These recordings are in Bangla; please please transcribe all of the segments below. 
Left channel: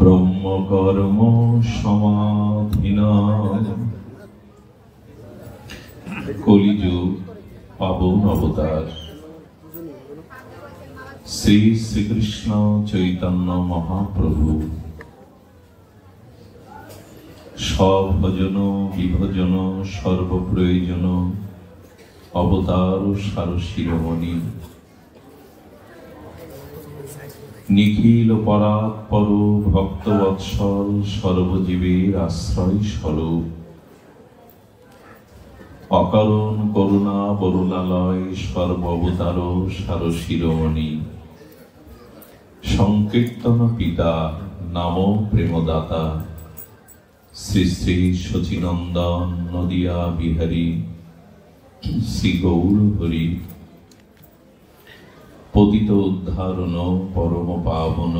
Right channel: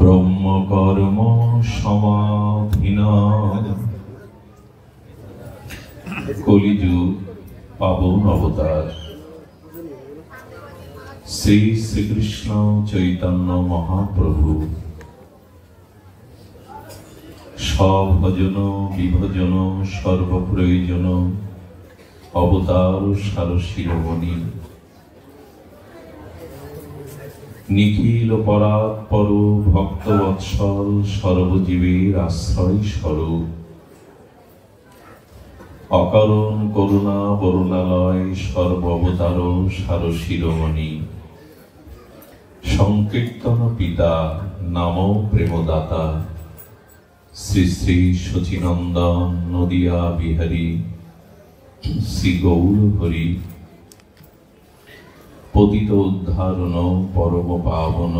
ব্রহ্মকর্ম সমাধিনাম কলিযুগ পাবন অবতার শ্রী শ্রীকৃষ্ণ চৈতন্য মহাপ্রভু স্বভজন বিভজন সর্বপ্রয়োজন অবতার সার শিরোমণি নিখিল পরাৎপর ভক্তবৎসল সর্বজীবের আশ্রয় স্বরূপ অকারণ করুণা বরুণালয় সর্ববতার সার শিরোমণি সংকীর্তন পিতা নাম প্রেমদাতা শ্রী শ্রী শচীনন্দন নদিয়া বিহারী শ্রী গৌর হরি পতিত উদ্ধারণ পরম পাবন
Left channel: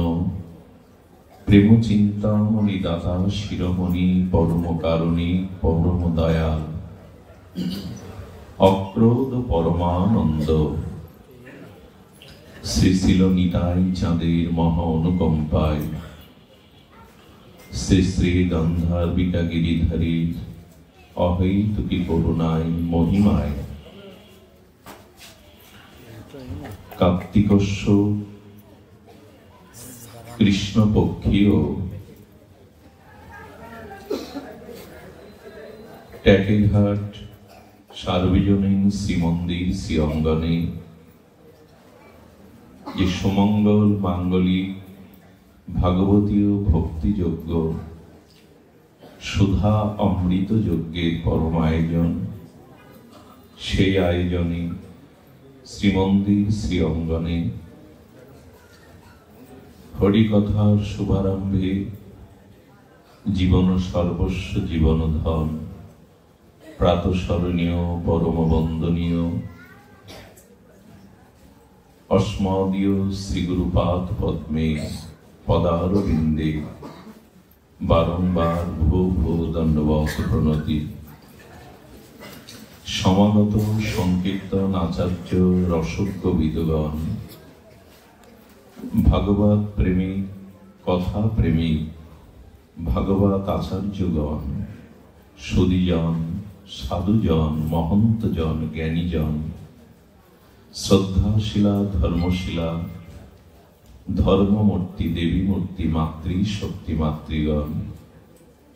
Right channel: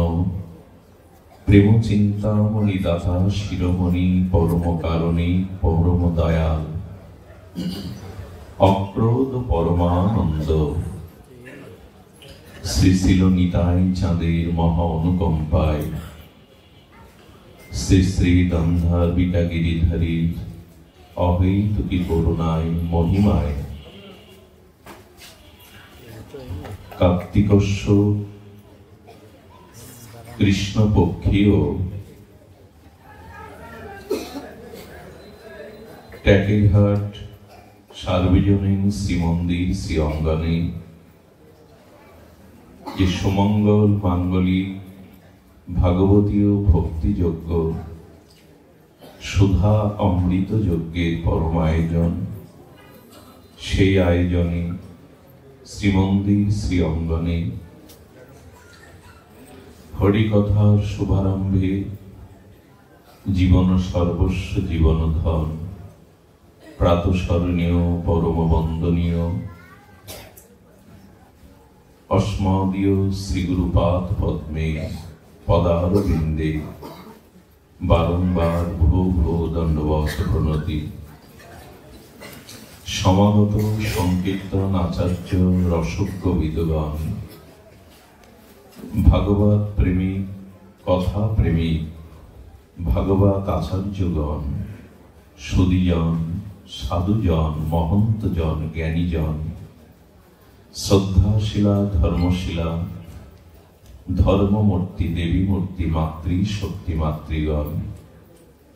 প্রেম চিন্তামণি দাতা শিরোমণি পরম কারণী পরম দয়াল অক্রোধ পরমানন্দ শ্রী শিল নিতাই চাঁদের মহা অনুকম্পায় শ্রী শ্রী গন্ধার্বিকা গিরিধারীর অহৈতুকী করুণায় মহিমায় কার্তিকস্য কৃষ্ণপক্ষীয় ট্যাকেলঘাট সার্বজনীন শ্রীমন্দির শ্রী অঙ্গনে যে সুমঙ্গল মাঙ্গলিক ভাগবতীয় ভক্তিযজ্ঞ সুধা অমৃত যজ্ঞের পরম আয়োজন, সেই আয়োজনে শ্রীমন্দির শ্রী অঙ্গনে হরিকথার শুভারম্ভে জীবন সর্বস্ব জীবন ধন প্রাতঃস্মরণীয় পরম বন্দনীয় অস্মদীয় শ্রীগুরুপাদ পদ্মে পদারবিন্দে বারংবার ভূ ভূ দণ্ডবত প্রণতি। সমাগত সংকীর্তন আচার্য রসজ্ঞ বিদ্বান ভাগবত প্রেমিক কথা প্রেমিক ভাগবত আচার্যগণ সুদীজন সাধুজন মহন্তজন জ্ঞানীজন শ্রদ্ধাশীলা ধর্মশীলা ধর্মমূর্তি দেবী মূর্তি মাতৃ শক্তি মাতৃগণ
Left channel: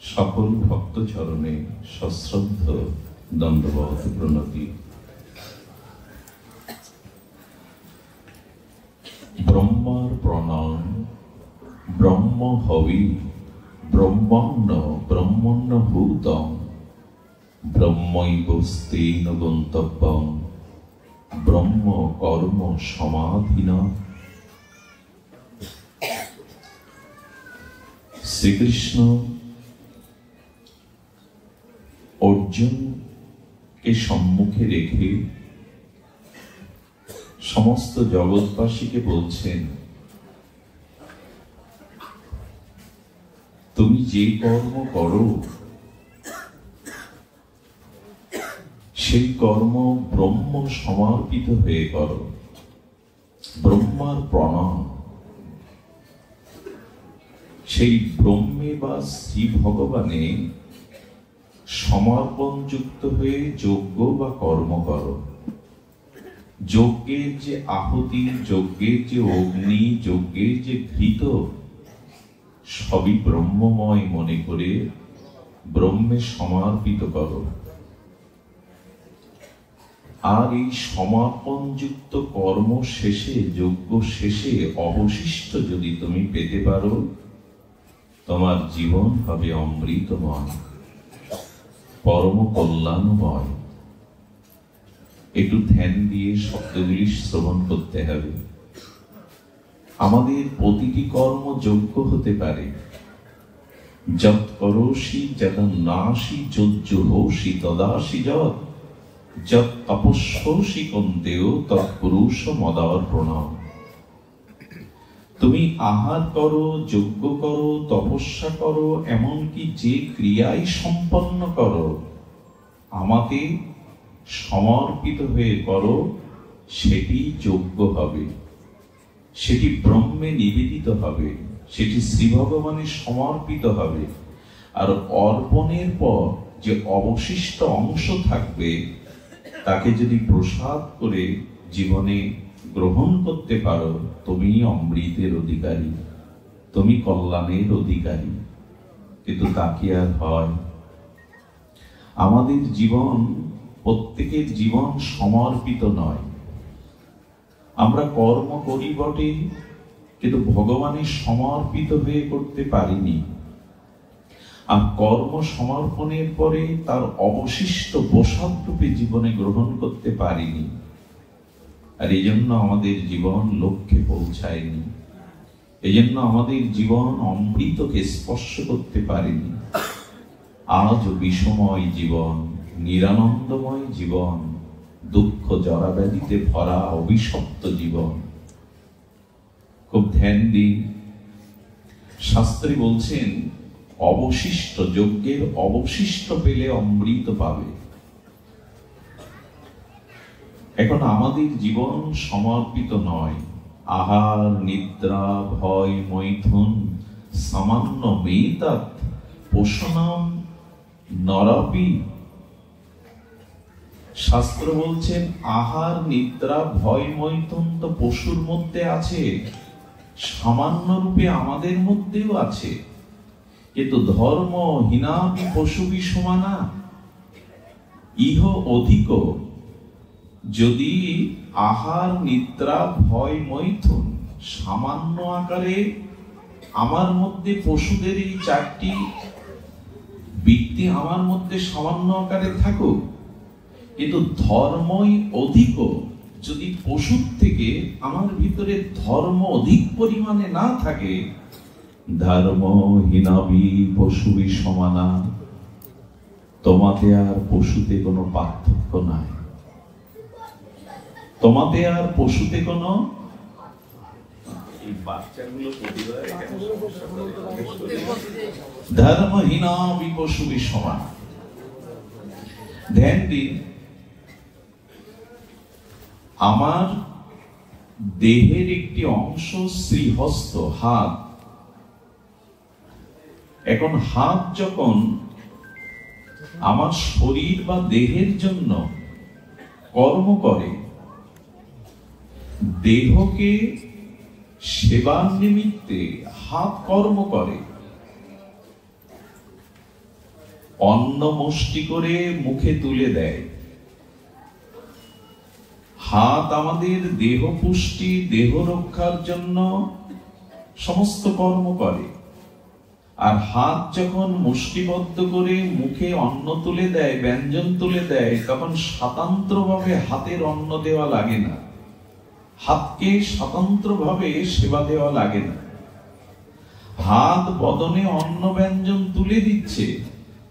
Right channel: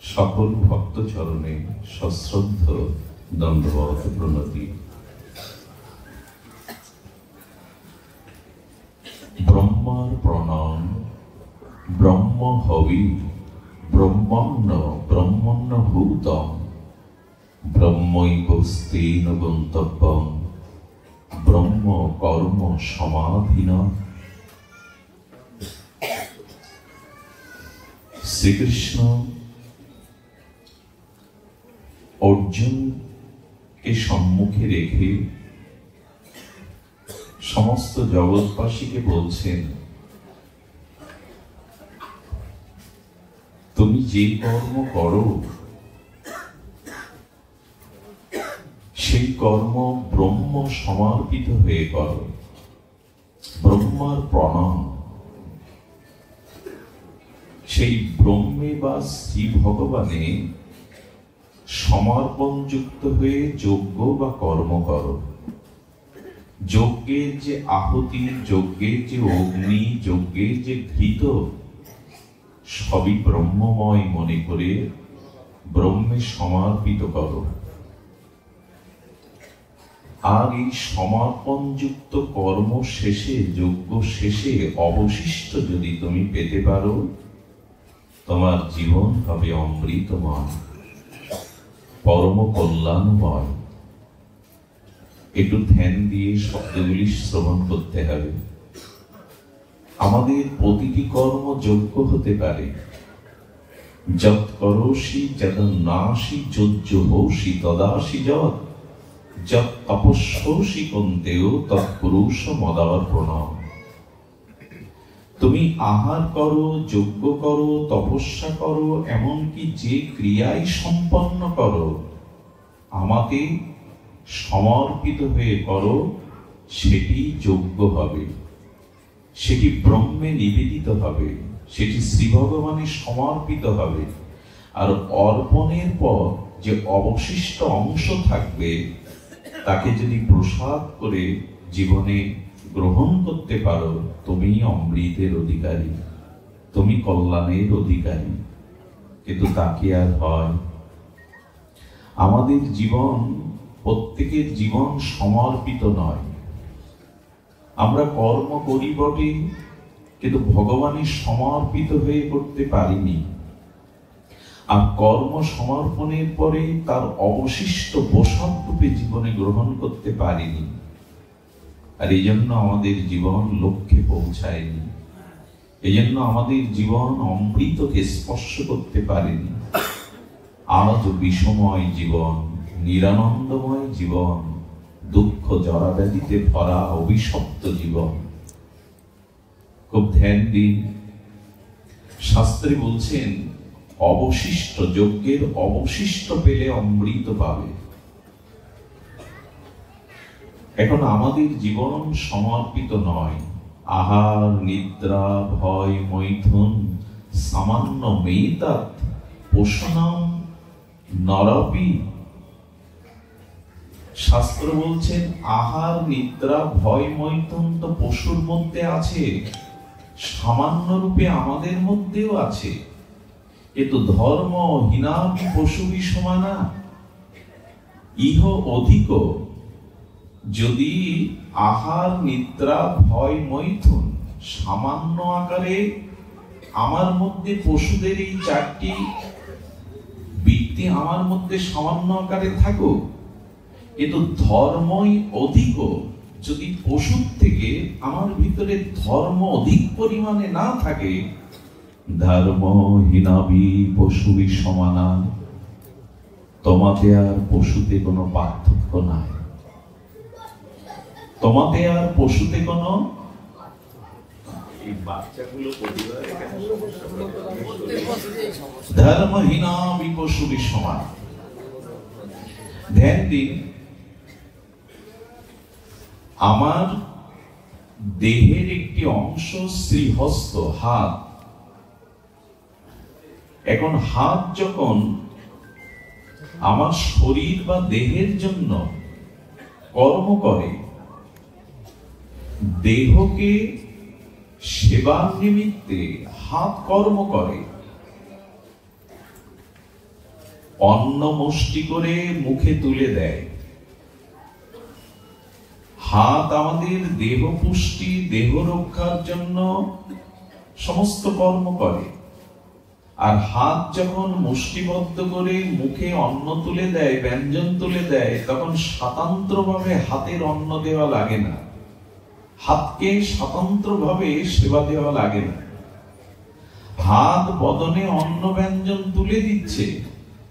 সকল ভক্তচরণে সশ্রদ্ধ দণ্ডবত প্রণতি। ব্রহ্মার প্রণাম ব্রহ্ম হবি ব্রহ্মণ্য ব্রহ্মণ্য ভূতং ব্রহ্মৈবস্তেন গন্তব্যং ব্রহ্ম কর্ম সমাধিন। শ্রীকৃষ্ণ অর্জুনকে সম্মুখে রেখে সমস্ত জগৎবাসীকে বলছেন, তুমি যে কর্ম করো সেই কর্ম ব্রহ্ম সমর্পিত হয়ে করো। ব্রহ্মার প্রণাম। সেই ব্রহ্মে বা শ্রী ভগবানে সমর্পণ যুক্ত হয়ে যজ্ঞ বা কর্ম করো। যজ্ঞের যে আহুতি, যজ্ঞের যে অগ্নি, যজ্ঞের যে ঘৃত সবই ব্রহ্মময় মনে করে ব্রহ্মে সমর্পিত করো। আর এই সমাপন যুক্ত কর্ম শেষে, যজ্ঞ শেষে অবশিষ্ট যদি তুমি পেতে পারো, তোমার জীবন হবে অমৃতময়, পরম কল্যাণময়। একটু ধ্যান দিয়ে শব্দগুলি শ্রবণ করতে হবে। আমাদের প্রতিটি কর্ম যোগ্য হতে পারে। যৎ করোষি যদ নাসি যজ্জোষি তদাসি যৎ যৎ তপস্যসি কন্তেয় তৎপুরুষ মদার্পণম। তুমি আহার করো, যজ্ঞ করো, তপস্যা করো, এমনকি যে ক্রিয়াই সম্পন্ন করো, আমাকে সমর্পিত হয়ে করো, সেটি যজ্ঞ হবে। সেটি ব্রহ্মে নিবেদিত হবে। সেটি শ্রী ভগবানের সমর্পিত হবে। আর অর্পণের পর যে অবশিষ্ট অংশ থাকবে তাকে যদি প্রসাদ করে জীবনে গ্রহণ করতে পারো, তুমি অমৃতের অধিকারী, তুমি কল্যাণের অধিকারী। কিন্তু তাকে আর হয়? আমাদের জীবন, প্রত্যেকের জীবন সমর্পিত নয়। আমরা কর্ম করি বটে, কিন্তু ভগবানের সমর্পিত হয়ে করতে পারিনি। আর কর্ম সমর্পণের পরে তার অবশিষ্ট বসত রূপে জীবনে গ্রহণ করতে পারিনি। আর এই জন্য আমাদের জীবন লক্ষ্যে পৌঁছায়নি, এই জন্য আমাদের জীবন অমৃতকে স্পর্শ করতে পারেনি। আজ বিষময় জীবন, নিরানন্দময় জীবন, দুঃখ জরাব্যাধিতে ভরা অভিশপ্ত জীবন। খুব ধ্যান দিন। শাস্ত্রে বলছেন অবশিষ্ট, যজ্ঞের অবশিষ্ট পেলে অমৃত পাবে। এখন আমাদের জীবন সমর্পিত নয়। আহার, নিদ্রা, ভয়, মৈথুন, সামান্য মেইতাত পোষণম নরপি। শাস্ত্র বলছেন আহার, নিদ্রা, ভয়, মৈথুন তো পশুর মধ্যে আছে, সামান্য রূপে আমাদের মধ্যেও আছে। কিন্তু ধর্ম হীনাপি পশুবি সমানা, ইহ অধিক। যদি আহার, নিদ্রা, ভয়, মৈথুন সামান্য আকারে আমার মধ্যে, পশুদের এই চারটি বৃত্তি আমার মধ্যে সামান্য আকারে থাকুক, কিন্তু ধর্মই অধিক। যদি পশুর থেকে আমার ভিতরে ধর্ম অধিক পরিমাণে না থাকে, ধর্ম হীনাবি পশুবি সমানা, তোমাতে আর পশুতে কোনো পার্থক্য নাই। তোমাতে আর পশুতে কোনো, এই বাচ্চাগুলো প্রতিবার এখানে সমস্যা করে, ধর্মহীনাবি পশুবি সমান। ধ্যান দিন। আমার দেহের একটি অংশ শ্রীহস্ত, হাত। এখন হাত যখন আমার শরীর বা দেহের জন্য কর্ম করে, দেহকে সেবার নিমিত্তে হাত কর্ম করে। অন্ন মুষ্টি করে মুখে তুলে দেয়। হাত আমাদের দেহ পুষ্টি, দেহ রক্ষার জন্য সমস্ত কর্ম করে। আর হাত যখন মুষ্টিবদ্ধ করে মুখে অন্ন তুলে দেয়, ব্যঞ্জন তুলে দেয়, তখন স্বতন্ত্রভাবে হাতের অন্ন দেওয়া লাগে না, হাতকে স্বতন্ত্রভাবে সেবা দেওয়া লাগে না। হাত বদনে অন্ন ব্যঞ্জন তুলে দিচ্ছে,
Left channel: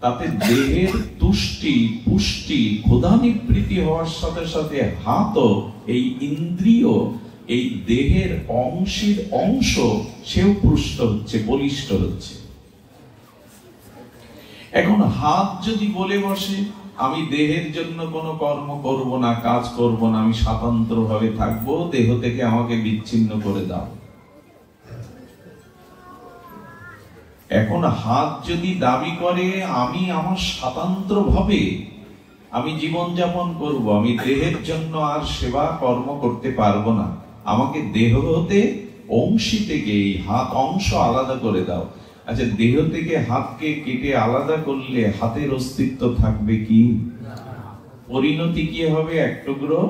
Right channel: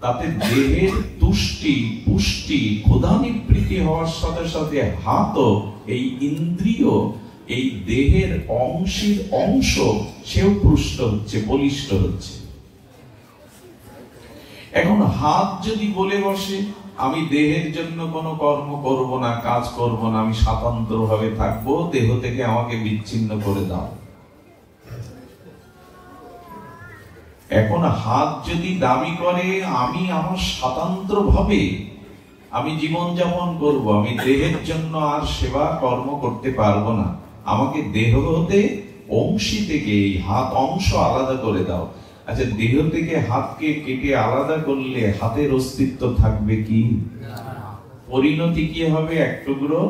তাতে দেহের তুষ্টি, পুষ্টি, ক্ষুধা নিবৃত্তি হওয়ার সাথে সাথে হাতও এই ইন্দ্রিয়, এই দেহের অংশের অংশ, সেও পুষ্ট হচ্ছে, বলিষ্ঠ হচ্ছে। এখন হাত যদি বলে বসে আমি দেহের জন্য কোনো কর্ম করব না, কাজ করব না, আমি স্বতন্ত্র ভাবে থাকবো, দেহ থেকে আমাকে বিচ্ছিন্ন করে দাও। এখন হাত যদি দাবি করে আমি আমার স্বতন্ত্র ভাবে আমি জীবন যাপন করব, আমি দেহের জন্য আর সেবা কর্ম করতে পারবো না, আমাকে দেহ হতে অংশী থেকে এই হাত অংশ আলাদা করে দাও। আচ্ছা, দেহ থেকে হাতকে কেটে আলাদা করলে হাতের অস্তিত্ব থাকবে কি? পরিণতি কি হবে? এক টুকরো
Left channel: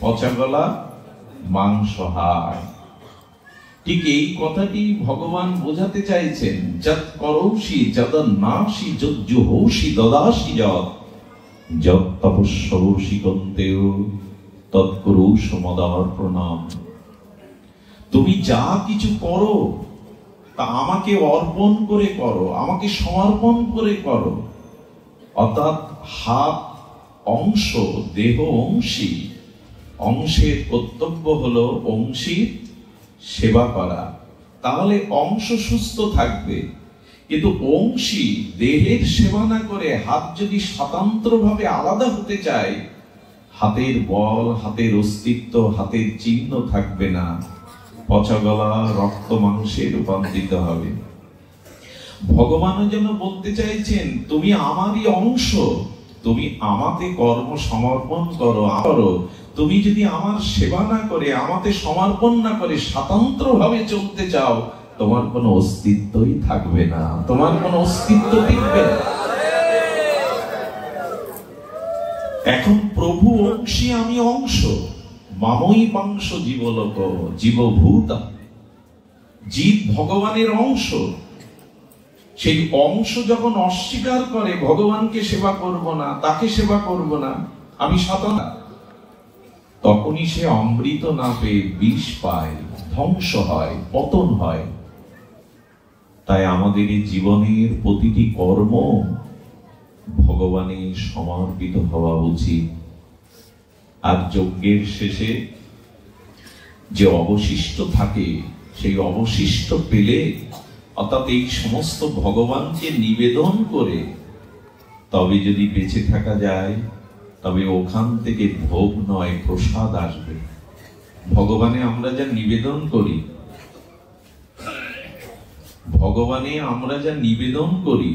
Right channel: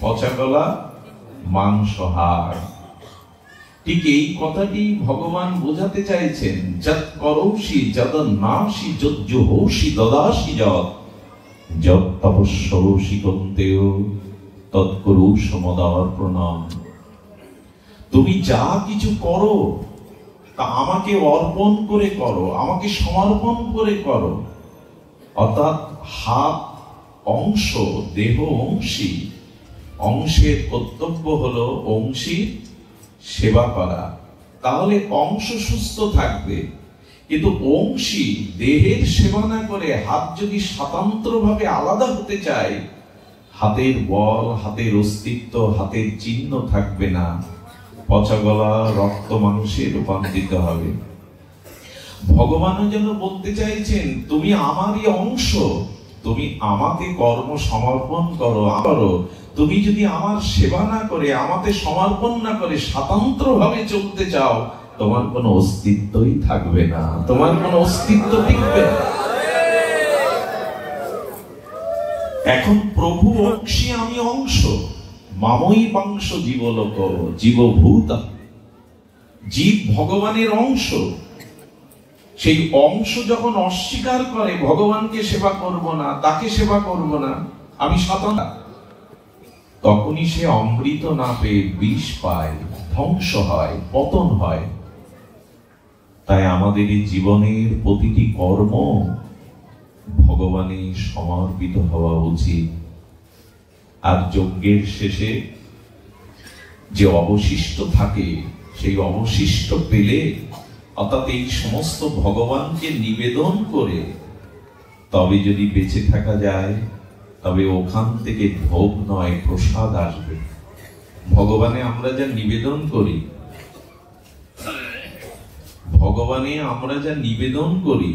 পচা গলা মাংস হাড়। ঠিক এই কথাটি ভগবান বোঝাতে চাইছেন। যৎ করৌষি যদন্নাসি যজ্জুহৌষি দদাসি যৎ তপস্যৌষি কন্তেয় তৎকুরুষ মদার্পণম। তুমি যা কিছু করো তা আমাকে অর্পণ করে করো, আমাকে সমর্পণ করে করো। অর্থাৎ হাত অংশ, দেহ অংশী, অংশের কর্তব্য হলো অংশী সেবা করা, তাহলে অংশ সুস্থ থাকবে। কিন্তু অংশী দেহের সেবা না করে হাত যদি স্বতন্ত্রভাবে আলাদা হতে চায়, হাতের বল, হাতের অস্তিত্ব, হাতের চিহ্ন থাকবে না। পচা গলা রক্ত মাংসে রূপান্তরিত হবে। ভগবানও যেন বলতে চাইছেন, তুমি আমারই অংশ, তুমি আমাকে কর্ম সমর্পণ করো। তুমি যদি আমার সেবা না করে, আমাকে সমর্পণ না করে স্বতন্ত্র ভাবে চলতে চাও, তোমার কোনো অস্তিত্বই থাকবে না, তোমার কোনো অস্তিত্ব টিকবে না। এখন প্রভু অংশী, আমি অংশ। মামই পাংশ জীবলোক জীবভূত। জীব ভগবানের অংশ। সেই অংশ যখন অস্বীকার করে, ভগবানকে সেবা করব না, তাকে সেবা করব না, আমি স্বতন্ত্র, তখনই সে অমৃত না পেয়ে বিষ পায়, ধ্বংস হয়, পতন হয়। তাই আমাদের এই জীবনের প্রতিটি কর্ম ভগবানের সমর্পিত হওয়া উচিত। আর যজ্ঞের শেষে যে অবশিষ্ট থাকে, সেই অবশিষ্ট পেলে, অর্থাৎ এই সমস্ত ভগবানকে নিবেদন করে তবে যদি বেঁচে থাকা যায়, তবে ওখান থেকে ভোগ নয়, প্রসাদ আসবে। ভগবানে আমরা যা নিবেদন করি, ভগবানে আমরা যা নিবেদন করি,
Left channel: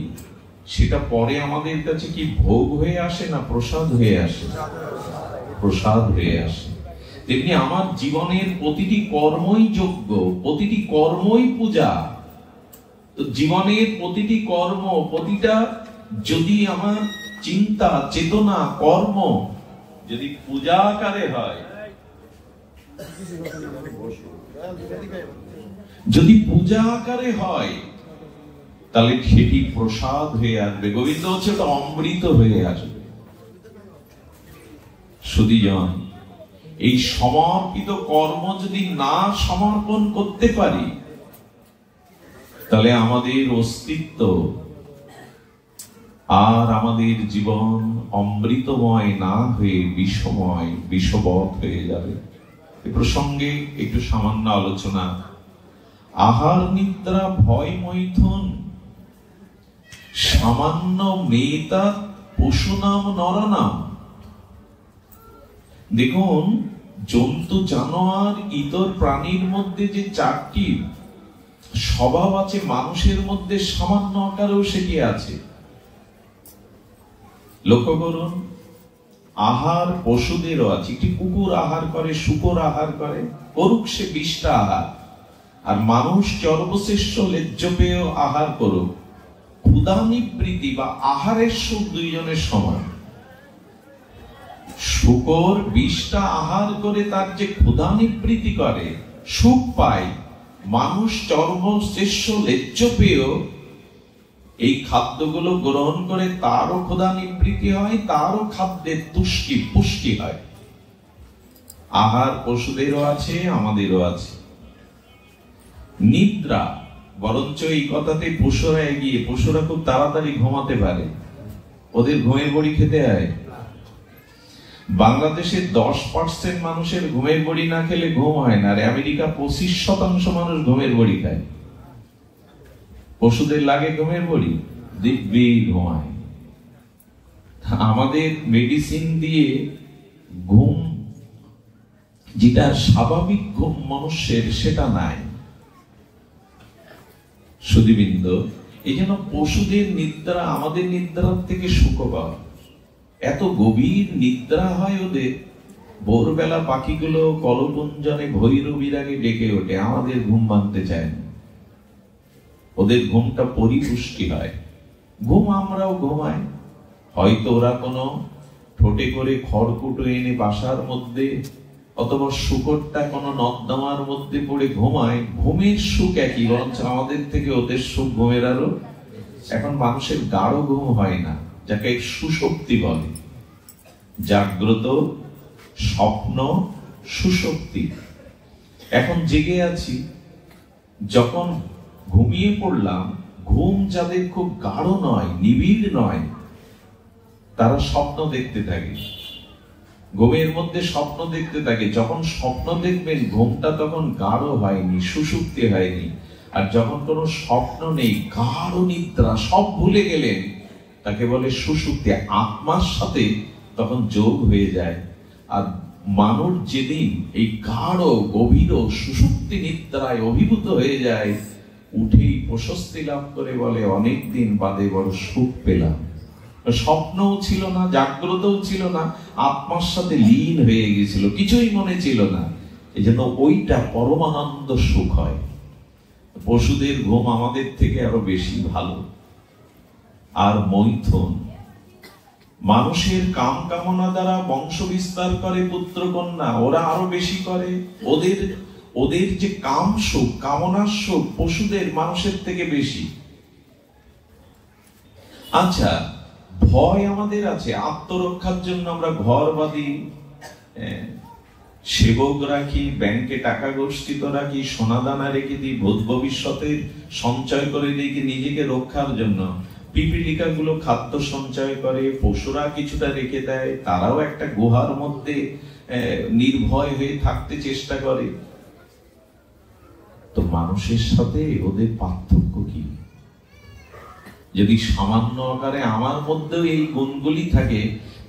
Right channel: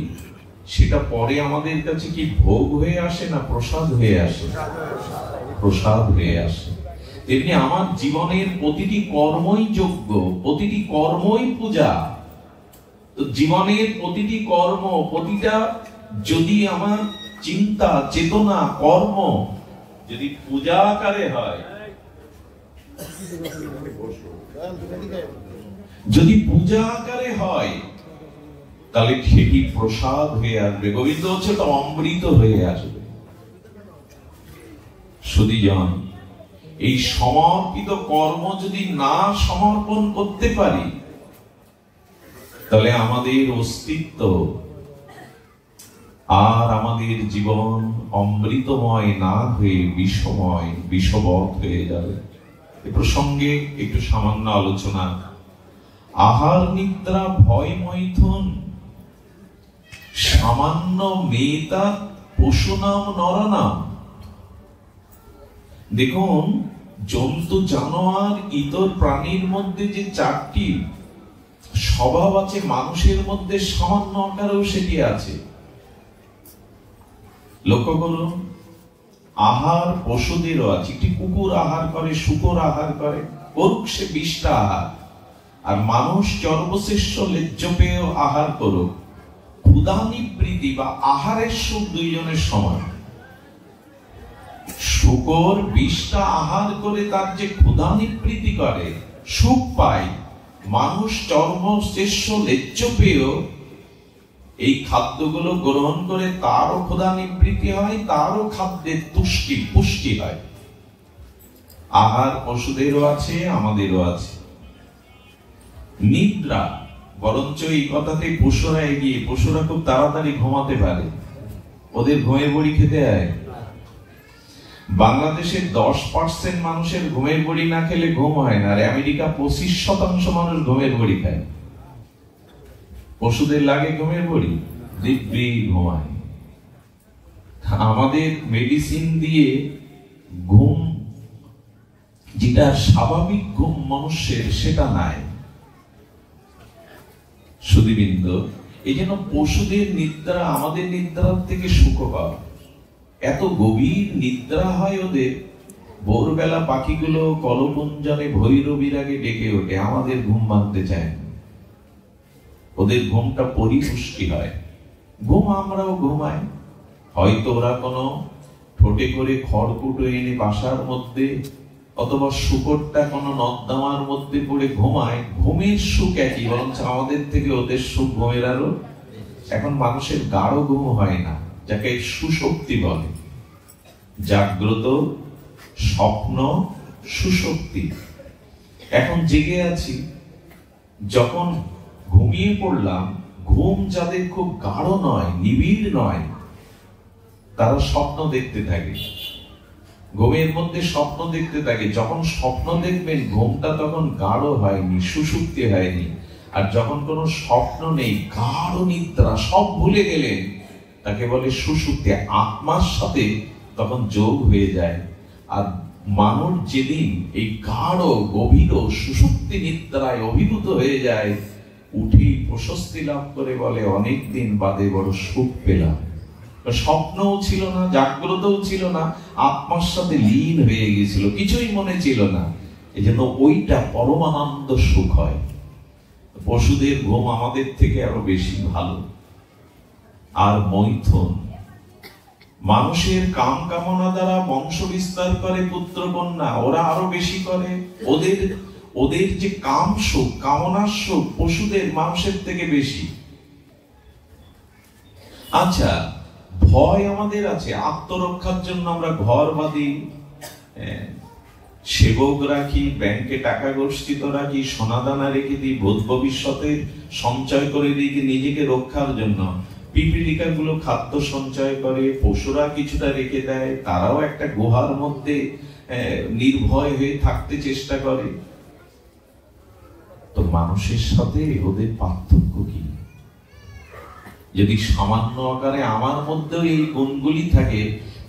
সেটা পরে আমাদের কাছে কি ভোগ হয়ে আসে না প্রসাদ হয়ে আসে? প্রসাদ হয়ে আসে। তেমনি আমার জীবনের প্রতিটি কর্মই যজ্ঞ, প্রতিটি কর্মই পূজা। তো জীবনের প্রতিটি কর্ম, প্রতিটা যদি আমার চিন্তা, চেতনা, কর্ম যদি পূজা আকারে হয়, যদি পূজা আকারে হয়, তাহলে সেটি প্রসাদ হয়ে আসবে। গোবিন্দ হচ্ছে তো অমৃত হয়ে আসবে। সুধীজন, এই সমর্পিত কর্ম যদি না সমর্পণ করতে পারি, তাহলে আমাদের অস্তিত্ব আর আমাদের জীবন অমৃতময় না হয়ে বিষময়, বিষবৎ হয়ে যাবে। এ প্রসঙ্গে একটু সামান্য আলোচনা। আহার নিদ্রা ভয় মৈথুন সামান্য মেতা পশুনাম নরনাম। দেখুন, জন্তু, জানোয়ার, ইতর প্রাণীর মধ্যে যে চারটি স্বভাব আছে, মানুষের মধ্যে সামান্য আকারেও সেটি আছে। লক্ষ্য করুন, আহার পশুদেরও আছে। একটি কুকুর আহার করে, শূকর আহার করে, করুক সে 20টা আহার। আর মানুষ সর্বশ্রেষ্ঠ লেজ্জ পেয়েও আহার করুক। ক্ষুধা নিবৃত্তি বা আহারের সুখ দুইজনের সমান। শূকর 20টা আহার করে তার যে ক্ষুধা নিবৃত্তি করে, সুখ পায়, মানুষ সর্বশ্রেষ্ঠ লেজ্জ পেয়েও এই খাদ্যগুলো গ্রহণ করে তারও ক্ষুধা নিবৃত্তি হয়, তারও খাদ্যের পুষ্টি হয়। আহার পশুদেরও আছে, আমাদেরও আছে। নিদ্রা, বরঞ্চ এই কথাতে পশুরা এগিয়ে। পশুরা খুব তাড়াতাড়ি ঘুমাতে পারে, ওদের ঘুমের বড়ি খেতে হয়। বাংলাদেশের 10% মানুষের ঘুমের বড়ি না খেলে ঘুম হয় না, আর আমেরিকা 25% মানুষ ঘুমের বড়ি খায়। পশুদের লাগে ঘুমের বড়ি, দিব্যি ঘুমায়। আমাদের মেডিসিন দিয়ে ঘুম, যেটা স্বাভাবিক ঘুম মানুষের, সেটা নাই। সুধীবৃন্দ, এই জন্য পশুদের নিদ্রা আমাদের নিদ্রার থেকে সুখকর। এত গভীর নিদ্রা হয় ওদের, ভোরবেলা পাখিগুলো কলকুঞ্জনে ভৈরবীর আগে ডেকে ওঠে, আমাদের ঘুম ভাঙতে চায় না। ওদের ঘুমটা পরিপুষ্টি হয়। ঘুম আমরাও ঘুমাই, হয়তো ওরা কোনো ঠোঁটে করে খড়কুটো এনে বাসার মধ্যে, অথবা শুকরটা কোনো নর্দমার মধ্যে পড়ে ঘুমায়। ঘুমের সুখ একই, বরঞ্চ আমাদের থেকে ওদের সুখ ঘুমের আরো। এখন মানুষের গাঢ় ঘুম হয় না, যাকে সুশক্তি বলে। জাগ্রত, স্বপ্ন, সুশক্তি। এখন জেগে আছি, যখন ঘুমিয়ে পড়লাম, ঘুম যাদের খুব গাঢ় নয়, নিবিড় নয়, তারা স্বপ্ন দেখতে থাকে। ঘুমের মধ্যে স্বপ্ন দেখতে থাকে। যখন স্বপ্ন দেখবেন, ঘুমটা তখন গাঢ় হয়নি, সুষুপ্তি হয়নি। আর যখন কোনো স্বপ্ন নেই, গাঢ় নিদ্রা, সব ভুলে গেলেন, তাকে বলে সুষুপ্তি। আত্মার সাথে তখন যোগ হয়ে যায়। আর মানুষ যেদিন এই গাঢ় গভীর সুষুপ্তি নিদ্রায় অভিভূত হয়ে যায়, উঠেই প্রশস্তি লাভ করে বলে, অনেকদিন বাদে বড় সুখ পেলাম। স্বপ্নও ছিল না, জাগ্রতও ছিল না, আত্মার সাথে লীন হয়ে গেছিল, কিছুই মনে ছিল না। এই জন্য ওইটা পরমানন্দ সুখ হয়। পশুদের ঘুম আমাদের থেকে আরো বেশি ভালো। আর মৈথুন, মানুষের কাম কামনা দ্বারা বংশ বিস্তার করে পুত্র কন্যা, ওরা আরো বেশি করে। ওদের যে কাম সুখ, কামনার সুখ পশুদের মানুষের থেকে বেশি। আচ্ছা, ভয় আমাদের আছে, আত্মরক্ষার জন্য আমরা ঘর বাঁধি, সেবক রাখি, ব্যাংকে টাকা গচ্ছিত রাখি, সোনাদানা রেখে দিই, ভূত ভবিষ্যতের সঞ্চয় করে দিই নিজেকে রক্ষার জন্য। পিপিলিকা গুলো খাদ্য সঞ্চয় করে, পশুরা কিছুটা রেখে দেয়, তারাও একটা গুহার মধ্যে নির্ভয় হয়ে থাকতে চেষ্টা করে। তো মানুষের সাথে ওদের পার্থক্য কি? যদি সামান্য আকারে আমার মধ্যেও এই গুণগুলি থাকে,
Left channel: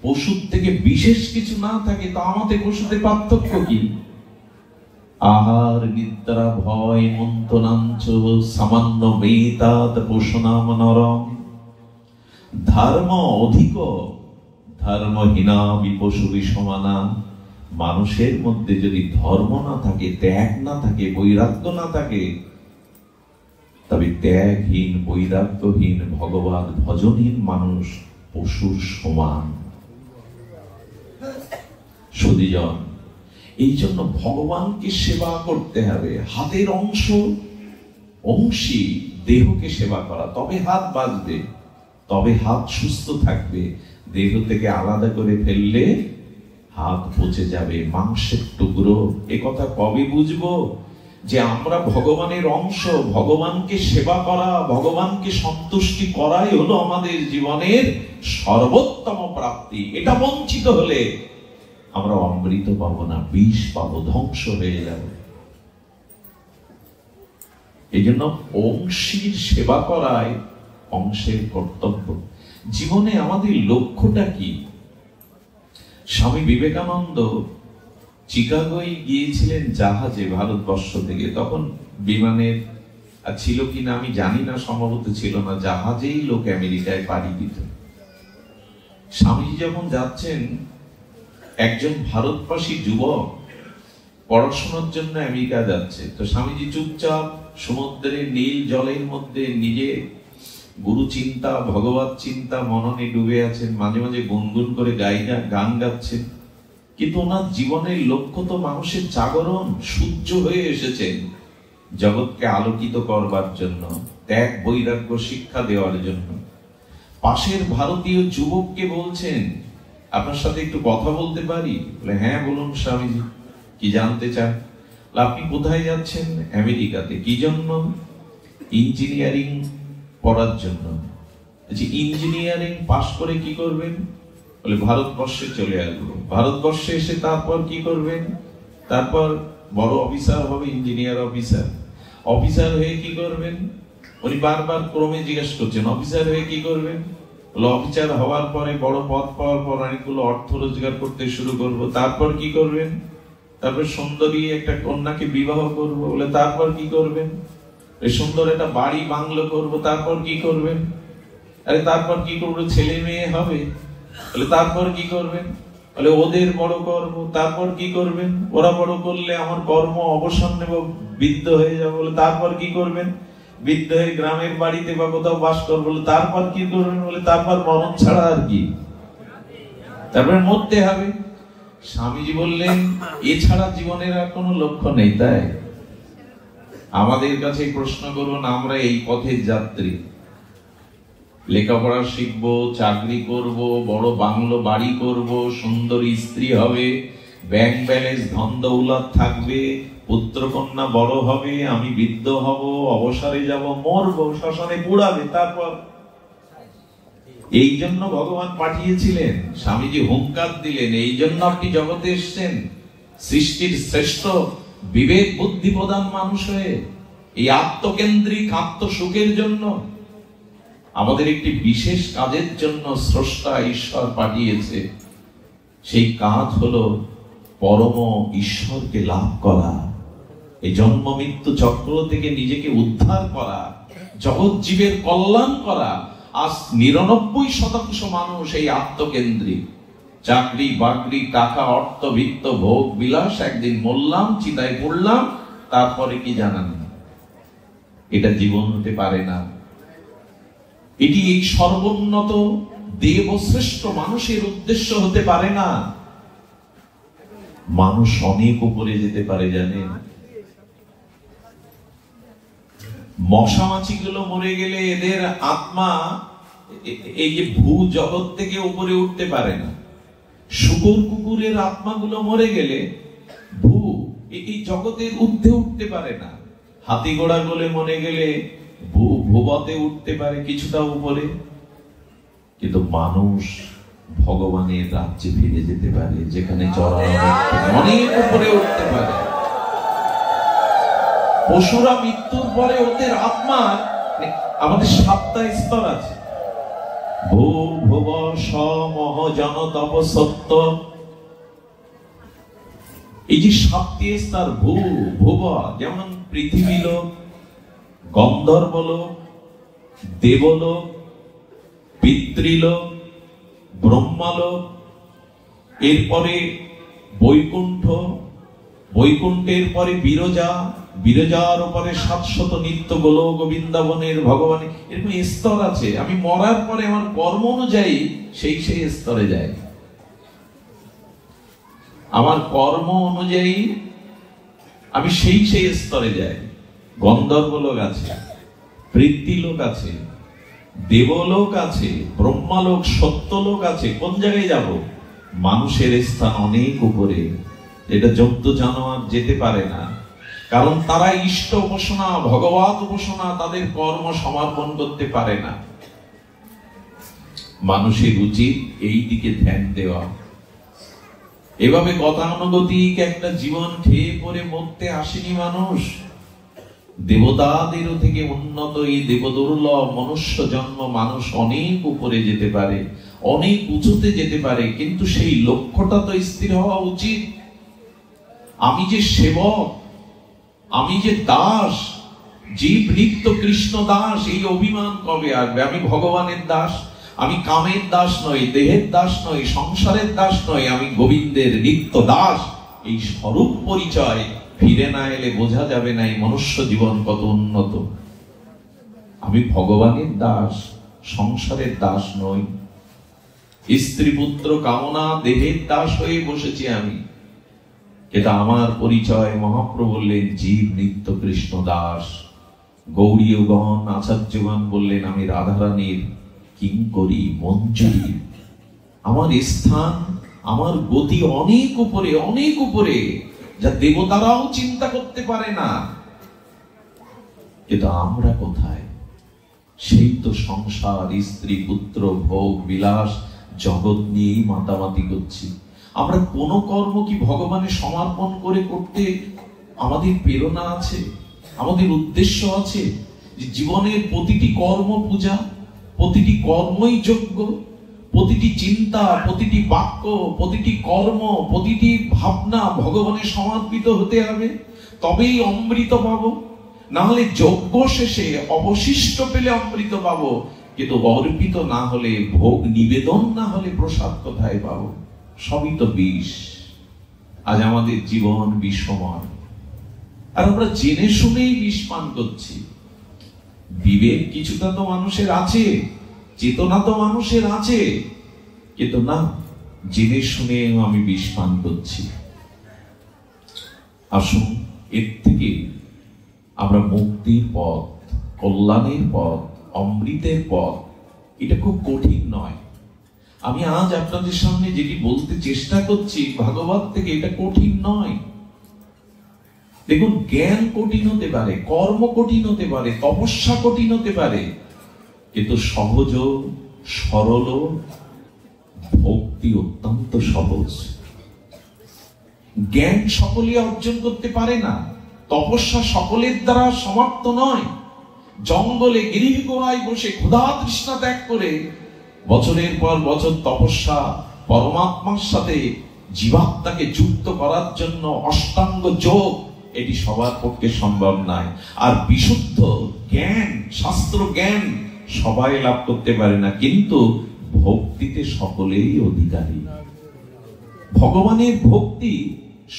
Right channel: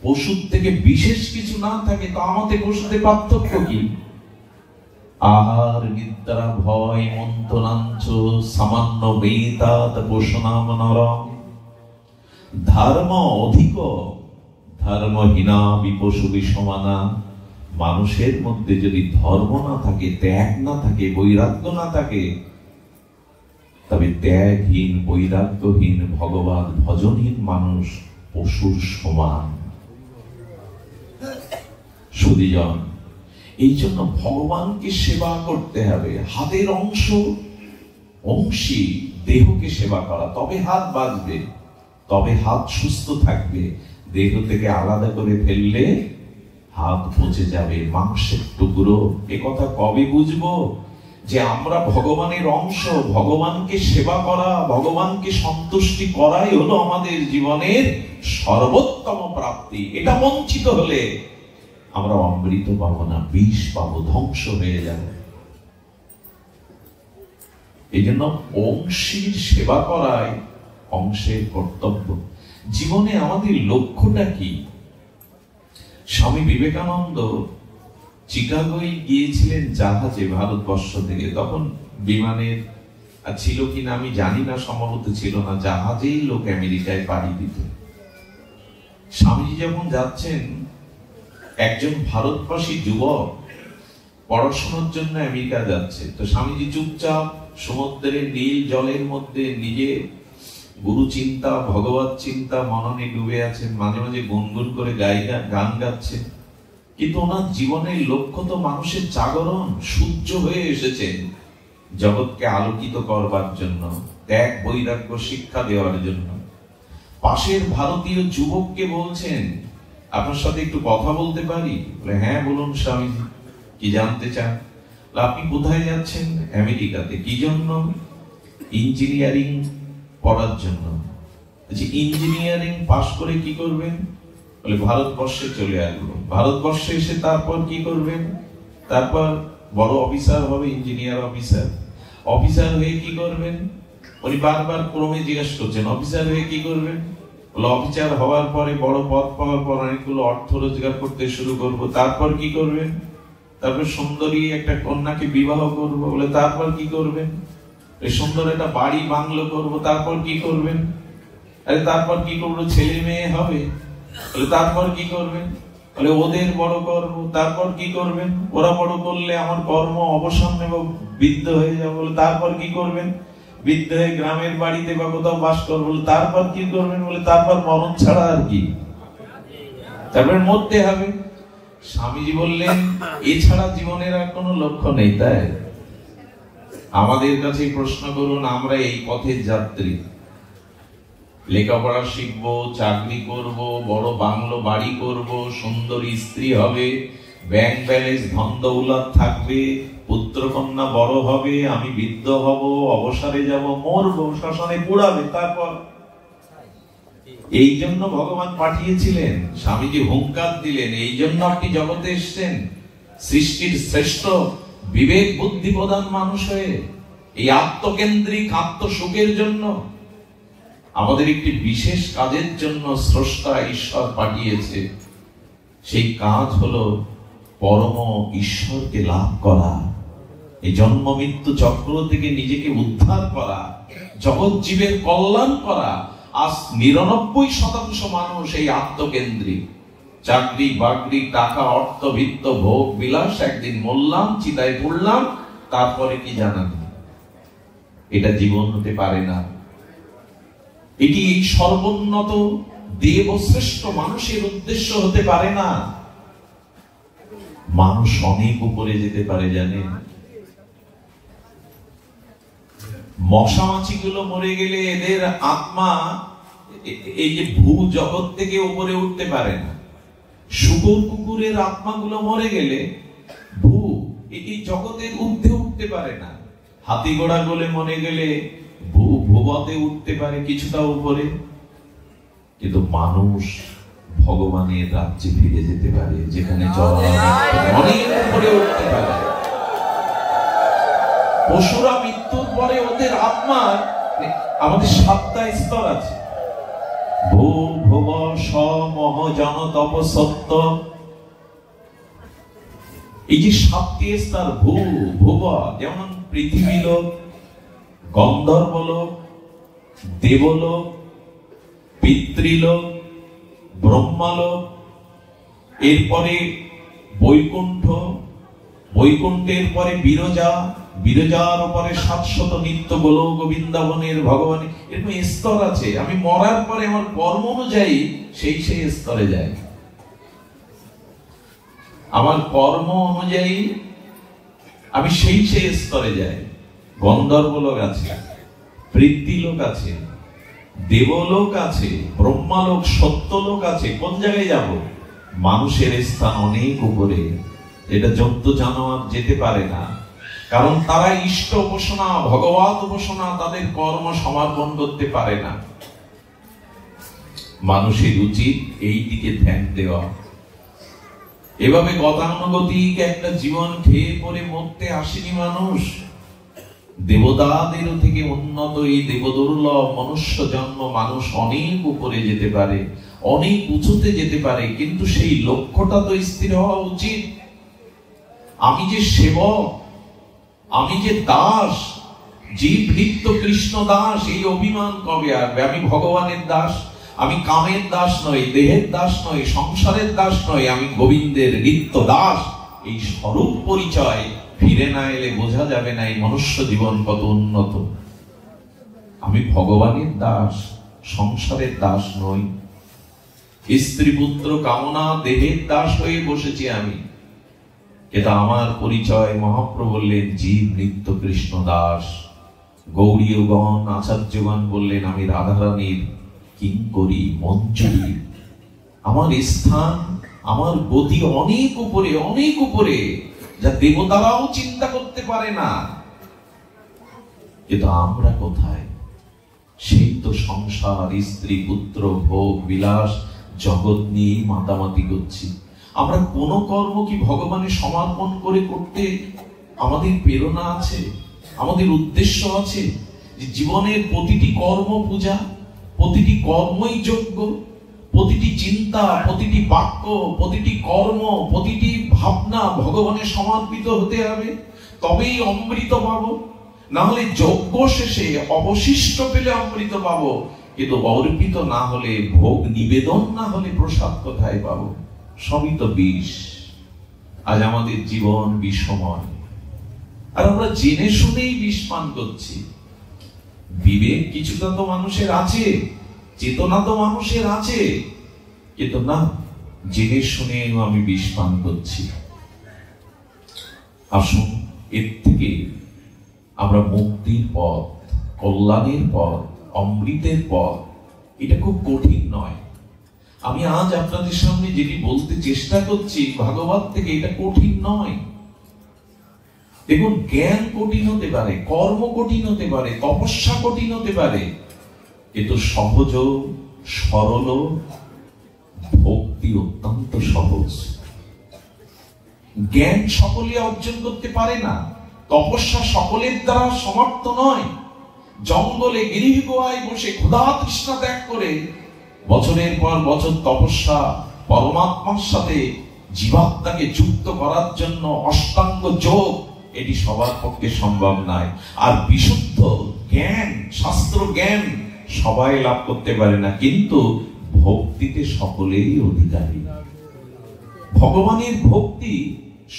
পশুর থেকে বিশেষ কিছু না থাকে, তো আমাদের পশুতে পার্থক্য কি? আহার নিদ্রা ভয় মন্থনাঞ্চ সামান্য মেতাদ পোষণাম নরম, ধর্ম অধিক ধর্মহীনা বিপশু বিষমানা। মানুষের মধ্যে যদি ধর্ম না থাকে, ত্যাগ না থাকে, বৈরাগ্য না থাকে, তবে ত্যাগহীন বৈরাগ্যহীন ভগবান ভজনহীন মানুষ পশুর সমান। সুধীজন, এই জন্য ভগবানকে সেবা করতে হবে। হাতের অংশী দেহকে সেবা করা, তবে হাত বাঁচবে, তবে হাত সুস্থ থাকবে। দেহ থেকে আলাদা করে ফেললে হাত পচে যাবে, মাংসের টুকরো। এ কথা কবে বুঝবো যে আমরা ভগবানের অংশ? ভগবানকে সেবা করা, ভগবানকে সন্তুষ্টি করাই হলো আমাদের জীবনের সর্বোত্তম প্রাপ্তি। এটা বঞ্চিত হলে আমরা অমৃত পাবো না, বিষ পাবো, ধ্বংস হয়ে যাবে। এই জন্য অংশীর সেবা করাই অংশের কর্তব্য। জীবনে আমাদের লক্ষ্যটা কি? স্বামী বিবেকানন্দ চিকাগোয় গিয়েছিলেন জাহাজে ভারতবর্ষ থেকে। তখন বিমানের ছিল কিনা আমি জানি না, সম্ভবত ছিল না, জাহাজেই লোক আমেরিকায় পাড়ি দিত। স্বামীজি যখন যাচ্ছেন, একজন ভারতবাসী যুবক পড়াশোনার জন্য আমেরিকা যাচ্ছে। তো স্বামীজি চুপচাপ সমুদ্রের নীল জলের মধ্যে নিজে গুরু চিন্তা, ভগবত চিন্তা মননে ডুবে আছেন, মাঝে মাঝে গুনগুন করে গান গাচ্ছেন। কিন্তু ওনার জীবনের লক্ষ্য তো মানুষের জাগরণ। সূর্য হয়ে এসেছেন জগৎকে আলোকিত করবার জন্য, ত্যাগ বৈরাগ্য শিক্ষা দেওয়ার জন্য। পাশের ভারতীয় যুবককে বলছেন, আপনার সাথে একটু কথা বলতে পারি? বলে, হ্যাঁ বলুন স্বামীজি, কি জানতে চান? আপনি কোথায় যাচ্ছেন? আমেরিকাতে। কি জন্য? ইঞ্জিনিয়ারিং পড়ার জন্য। ইঞ্জিনিয়ারিং পাশ করে কি করবেন? বলে, ভারতবর্ষে চলে আসবো। ভারতবর্ষে এসে তারপর কি করবেন? তারপর বড় অফিসার হবে, ইঞ্জিনিয়ার অফিসার। অফিসার হয়ে কি করবেন? উনি বারবার ক্রমে জিজ্ঞেস করছেন, অফিসার হয়ে কি করবেন? বলে, অফিসার হওয়ার পরে বড় পদ পাওয়ার পর অনেকগুলো অর্থ রোজগার করতে শুরু করব। তারপর কি করবেন? তারপর সুন্দরী একটা কন্যাকে বিবাহ করব। বলে, তারপর কি করবেন? সুন্দর একটা বাড়ি বাংলো করব। তারপর কি করবেন? আরে তারপর কি করবো? ছেলে মেয়ে হবে। বলে, তারপর কি করবেন? বলে, ওদের বড় করব। তারপর কি করবেন? ওরা বড় করলে আমার কর্ম অবসান নেব, বৃদ্ধ হয়ে যাবো। বলে, তারপর কি করবেন? বৃদ্ধ হয়ে গ্রামের বাড়িতে বা কোথাও বাস করবো। বলে, তারপর কি করবেন? বলে, তারপর মরণ ছাড়া আর কি? তারপরে মরতে হবে। স্বামীজি বললেন, এছাড়া জীবনের আর কোনো লক্ষ্য নেই। তাই আমাদের কাছে প্রশ্ন করুন, আমরা এই পথের যাত্রী। লেখাপড়া শিখবো, চাকরি করব, বড় বাংলো বাড়ি করব, সুন্দরী স্ত্রী হবে, ব্যাংক ব্যালেন্স ধন দৌলত থাকবে, পুত্র কন্যা বড় হবে, আমি বৃদ্ধ হব, অবসরে যাব, মরবো, শ্মশানে পুড়াবে। তারপর এই জন্য ভগবান পাঠিয়েছিলেন। স্বামীজি হুঙ্কার দিলেন, এই জন্য আপনি জগতে এসছেন, সৃষ্টির শ্রেষ্ঠ বিবেক বুদ্ধি প্রধান মানুষ হয়ে, এই আত্মকেন্দ্রিক আত্মসুখের জন্য। আমাদের একটি বিশেষ কাজের জন্য স্রষ্টা ঈশ্বর পাঠিয়েছে। সেই কাজ হলো পরম ঈশ্বরকে লাভ করা, এই জন্ম মৃত্যু চক্র থেকে নিজেকে উদ্ধার করা, জগৎ জীবের কল্যাণ করা। আজ ৯৯% মানুষ এই আত্মকেন্দ্রিক। চাকরি বাকরি, টাকা, অর্থ, বিত্ত, ভোগ বিলাস, একদিন মরলাম, চিতায় পড়লাম, তারপরে কি জানা নেই। এটা জীবন হতে পারে না। এটি এই সর্বোন্নত দেবশ্রেষ্ঠ মানুষের উদ্দেশ্য হতে পারে না। মানুষ অনেক উপরে যেতে পারে, জানেন? মশা মাছি গুলো মরে গেলে এদের আত্মা এই যে ভূ জগৎ থেকে উপরে উঠতে পারে না। শুকর কুকুরের আত্মাগুলো মরে গেলে ভূ এই জগতের ঊর্ধ্বে উঠতে পারে না। হাতি ঘোড়া গুলো মরে গেলে ভূবতে উঠতে পারে কিছুটা উপরে, কিন্তু মানুষ ভগবানের রাজ্যে ফিরে যেতে পারে, যেখানে অনেক উপরে উঠতে পারে। পশুরা মৃত্যুর পরে ওদের আত্মার আমাদের ৭টা স্তর আছে। ভূ ভুব সমহ জন তপ সত্য। এই যে ৭টি স্তর, ভূ ভুব, যেমন পৃথিবী লোক, গন্ধর্ব লোক, দেবলোক, পিতৃলোক, ব্রহ্মালোক, এরপরে বৈকুণ্ঠ, বৈকুণ্ঠের পরে বিরজা, বিরজার উপরে ৭০০ নিত্য গোলক বৃন্দাবনের ভগবান। এরকম স্তর আছে। আমি মরার পরে আমার কর্ম অনুযায়ী সেই স্তরে যাই। আমার কর্ম অনুযায়ী আমি সেই স্তরে যাই। গন্ধর্ব লোক আছে, পৃথ্বীলোক আছে, দেবলোক আছে, ব্রহ্মালোক, সত্যলোক আছে। কোন জায়গায় যাব? মানুষের স্থান অনেক উপরে, এটা জন্তু জানোয়ার যেতে পারে না। কারণ তারা ইষ্ট উপাসনা, ভগবত উপাসনা, তাদের কর্ম সমর্পণ করতে পারে না। মানুষের উচিত এই দিকে ধ্যান দেওয়া। এভাবে গতানুগতিক একটা জীবন খেয়ে পরে মরতে আসেনি মানুষ। দেবতাদেরও থেকে উন্নত এই দেবদুর্লভ মনুষ্য জন্ম মানুষ অনেক উপরে যেতে পারে, অনেক উঁচুতে যেতে পারে, কিন্তু সেই লক্ষ্যটা তো স্থির হওয়া উচিত। আমি যে সেবক, আমি যে দাস, জীব নিত্য কৃষ্ণ দাস, এই অভিমান কবে আসবে? আমি ভগবানের দাস, আমি কামের দাস নই, দেহের দাস নই, সংসারের দাস নই, আমি গোবিন্দের নিত্য দাস। এই স্বরূপ পরিচয় ফিরে না এলে বোঝা যাবে না এই মনুষ্য জীবন কত উন্নত। আমি ভগবানের দাস, সংসারের দাস নই। স্ত্রী পুত্র কামনা দেহের দাস হয়ে বসেছি আমি। এটা আমার পরিচয়। মহাপ্রভু বললেন জীব নিত্য কৃষ্ণ দাস। গৌড়ীয়গণ, আচার্যগণ বললেন আমি রাধারানীর কিঙ্করী, মঞ্জুরি। আমার স্থান, আমার গতি অনেক উপরে, অনেক উপরে, যা দেবতারাও চিন্তা করতে পারে না। কিন্তু আমরা কোথায়? সেই তো সংসার, স্ত্রী পুত্র, ভোগ বিলাস, জগৎ নিয়ে মাতামাতি করছি। আমরা কোন কর্ম কি ভগবানের সমর্পণ করে করতে আমাদের প্রেরণা আছে, আমাদের উদ্দেশ্য আছে? যে জীবনের প্রতিটি কর্ম পূজা, প্রতিটি কর্মই যজ্ঞ, প্রতিটি চিন্তা, প্রতিটি বাক্য, প্রতিটি কর্ম, প্রতিটি ভাবনা ভগবানের সমর্পিত হতে হবে, তবেই অমৃত পাবো। না হলে যজ্ঞ শেষে অবশিষ্ট পেলে অমৃত পাবো, কিন্তু অর্পিত না হলে, ভোগ নিবেদন না হলে প্রসাদ কোথায় পাবো? সবই তো বিষ। আজ আমাদের জীবন বিষময়, আর আমরা জেনে শুনেই বিষ পান করছি। বিবেক কিছুটা তো মানুষের আছে, চেতনা তো মানুষের আছে, কিন্তু না, জেনে শুনে আমি বিষ পান করছি। আসুন এর থেকে আমরা মুক্তির পথ, কল্যাণের পথ, অমৃতের পথ, এটা খুব কঠিন নয়। আমি আজ আপনাদের সামনে যেটি বলতে চেষ্টা করছি ভাগবত থেকে, এটা কঠিন নয়। দেখুন, জ্ঞান কঠিন হতে পারে, কর্ম কঠিন হতে পারে, তপস্যা কঠিন হতে পারে, কিন্তু সহজ, সরল, ভক্তি অত্যন্ত সহজ। জ্ঞান সকলে অর্জন করতে পারে না, তপস্যা সকলের দ্বারা সমাপ্ত নয়। জঙ্গলে গিরিহ গুহায় বসে ক্ষুধা তৃষ্ণা ত্যাগ করে বছরের পর বছর তপস্যা, পরমাত্মার সাথে জীবাত্মাকে যুক্ত করার জন্য অষ্টাঙ্গ যোগ, এটি সবার পক্ষে সম্ভব নয়। আর বিশুদ্ধ জ্ঞান, শাস্ত্র জ্ঞান সবাই লাভ করতে পারে না, কিন্তু ভক্তিতে সকলেই অধিকারী। ভগবানের ভক্তি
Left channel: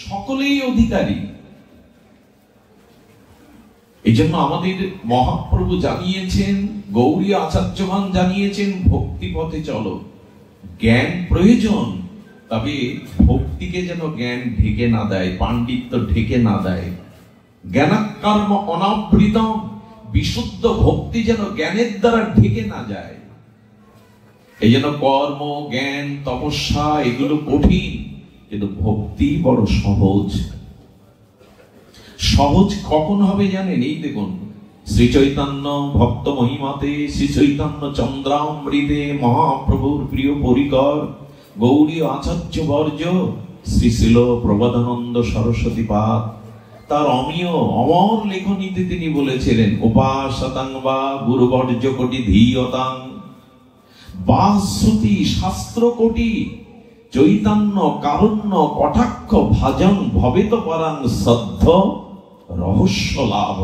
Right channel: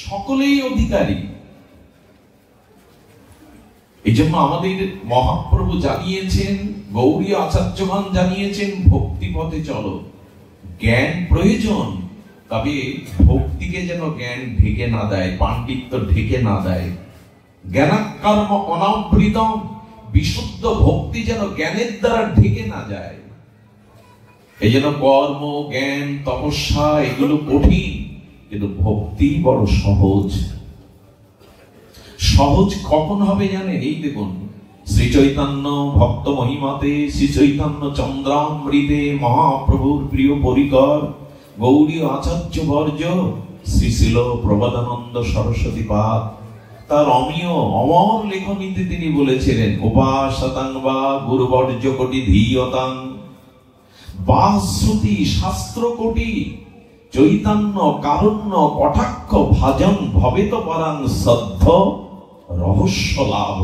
সকলেই অধিকারী। এই জন্য আমাদের মহাপ্রভু জানিয়েছেন, গৌড়ীয় আচার্যগণ জানিয়েছেন, ভক্তি পথে চলো। জ্ঞান প্রয়োজন, তবে ভক্তিকে যেন জ্ঞান ঢেকে না দেয়, পাণ্ডিত্য ঢেকে না দেয়। জ্ঞানাকর্ম অনাবৃতম, বিশুদ্ধ ভক্তি যেন জ্ঞানের দ্বারা ঢেকে না যায়। এই জন্য কর্ম, জ্ঞান, তপস্যা এগুলো কঠিন, কিন্তু ভক্তি বড় সহজ। সহজ কখন হবে জানেন? এই দেখুন, শ্রী চৈতন্য ভক্ত মহিমাতে, শ্রী চৈতন্য চন্দ্রামৃতে, মহাপ্রভুর প্রিয় পরিকর গৌড়ীয় আচার্য বর্জ শ্রী শিল প্রবোধানন্দ সরস্বতী পাদ তার অমীয় অমর লেখনীতে তিনি বলেছিলেন, উপাসতাং বা গুরুবর্জ কোটি ধীয়তাং বা শ্রুতি শাস্ত্র কোটি চৈতন্য কারণ্য কটাক্ষ ভাজন ভবেত পরাং শ্রদ্ধ রহস্য লাভ।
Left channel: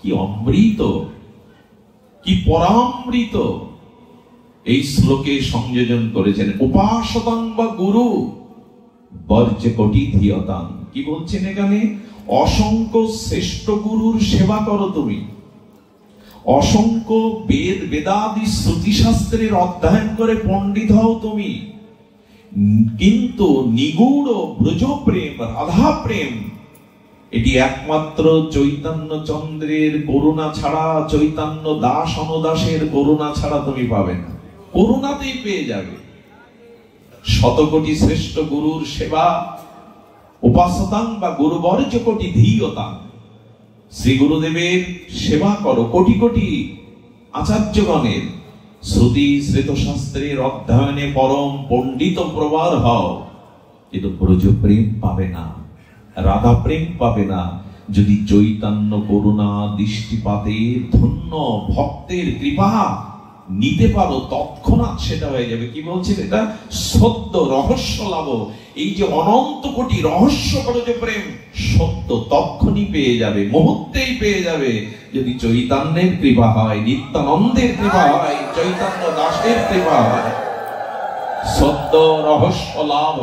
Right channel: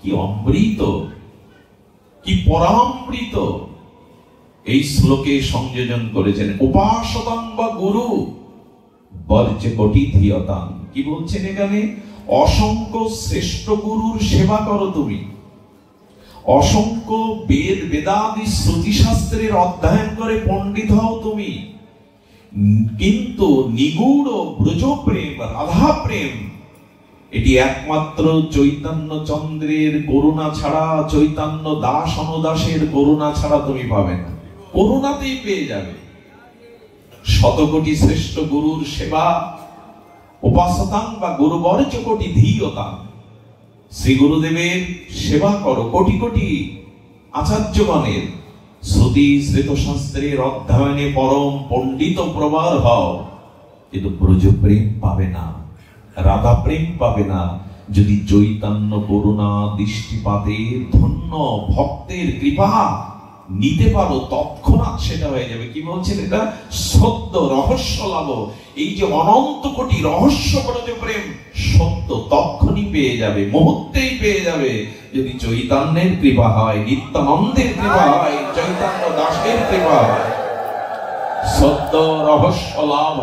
কি অমৃত, কি পরামৃত এই শ্লোকে সংযোজন করেছেন। উপাসতাং বা গুরু বর্জ কোটি ধীয়তাং, কি বলছেন এখানে? অসংখ্য শ্রেষ্ঠ গুরুর সেবা করো তুমি, অসংখ্য বেদ বেদাদি শ্রুতি শাস্ত্রের অধ্যয়ন করে পণ্ডিত হও তুমি, কিন্তু নিগূঢ় ব্রজ প্রেম, রাধা প্রেম, এটি একমাত্র চৈতন্য চন্দ্রের করুণা ছাড়া, চৈতন্য দাস অনুদাসের করুণা ছাড়া তুমি পাবে না। করুণাতেই পেয়ে যাবে। শতকোটি শ্রেষ্ঠ গুরুর সেবা, উপাসতাং বা গুরুবর্জ কোটি ধীয়তাং, শ্রী গুরুদেবের সেবা করো, কোটি কোটি আচার্যগণের শ্রুতি শ্রেত শাস্ত্রের অধ্যয়নে পরম পণ্ডিত প্রবার হও, কিন্তু ব্রজ প্রেম পাবে না, রাধা প্রেম পাবে না। যদি চৈতন্য করুণা দৃষ্টিপাতে ধন্য ভক্তের কৃপা নিতে পারো, তৎক্ষণাৎ সেটা হয়ে যাবে। কি বলছেন? এটা সত্য রহস্য লাভ। এই যে অনন্ত কোটি রহস্য ব্রজ প্রেম, সত্য তৎক্ষণই পেয়ে যাবে, মুহূর্তেই পেয়ে যাবে, যদি চৈতন্যের কৃপা হয়, নিত্যানন্দের কৃপা হয়, চৈতন্য দাসের কৃপা হয়। সত্য রহস্য লাভ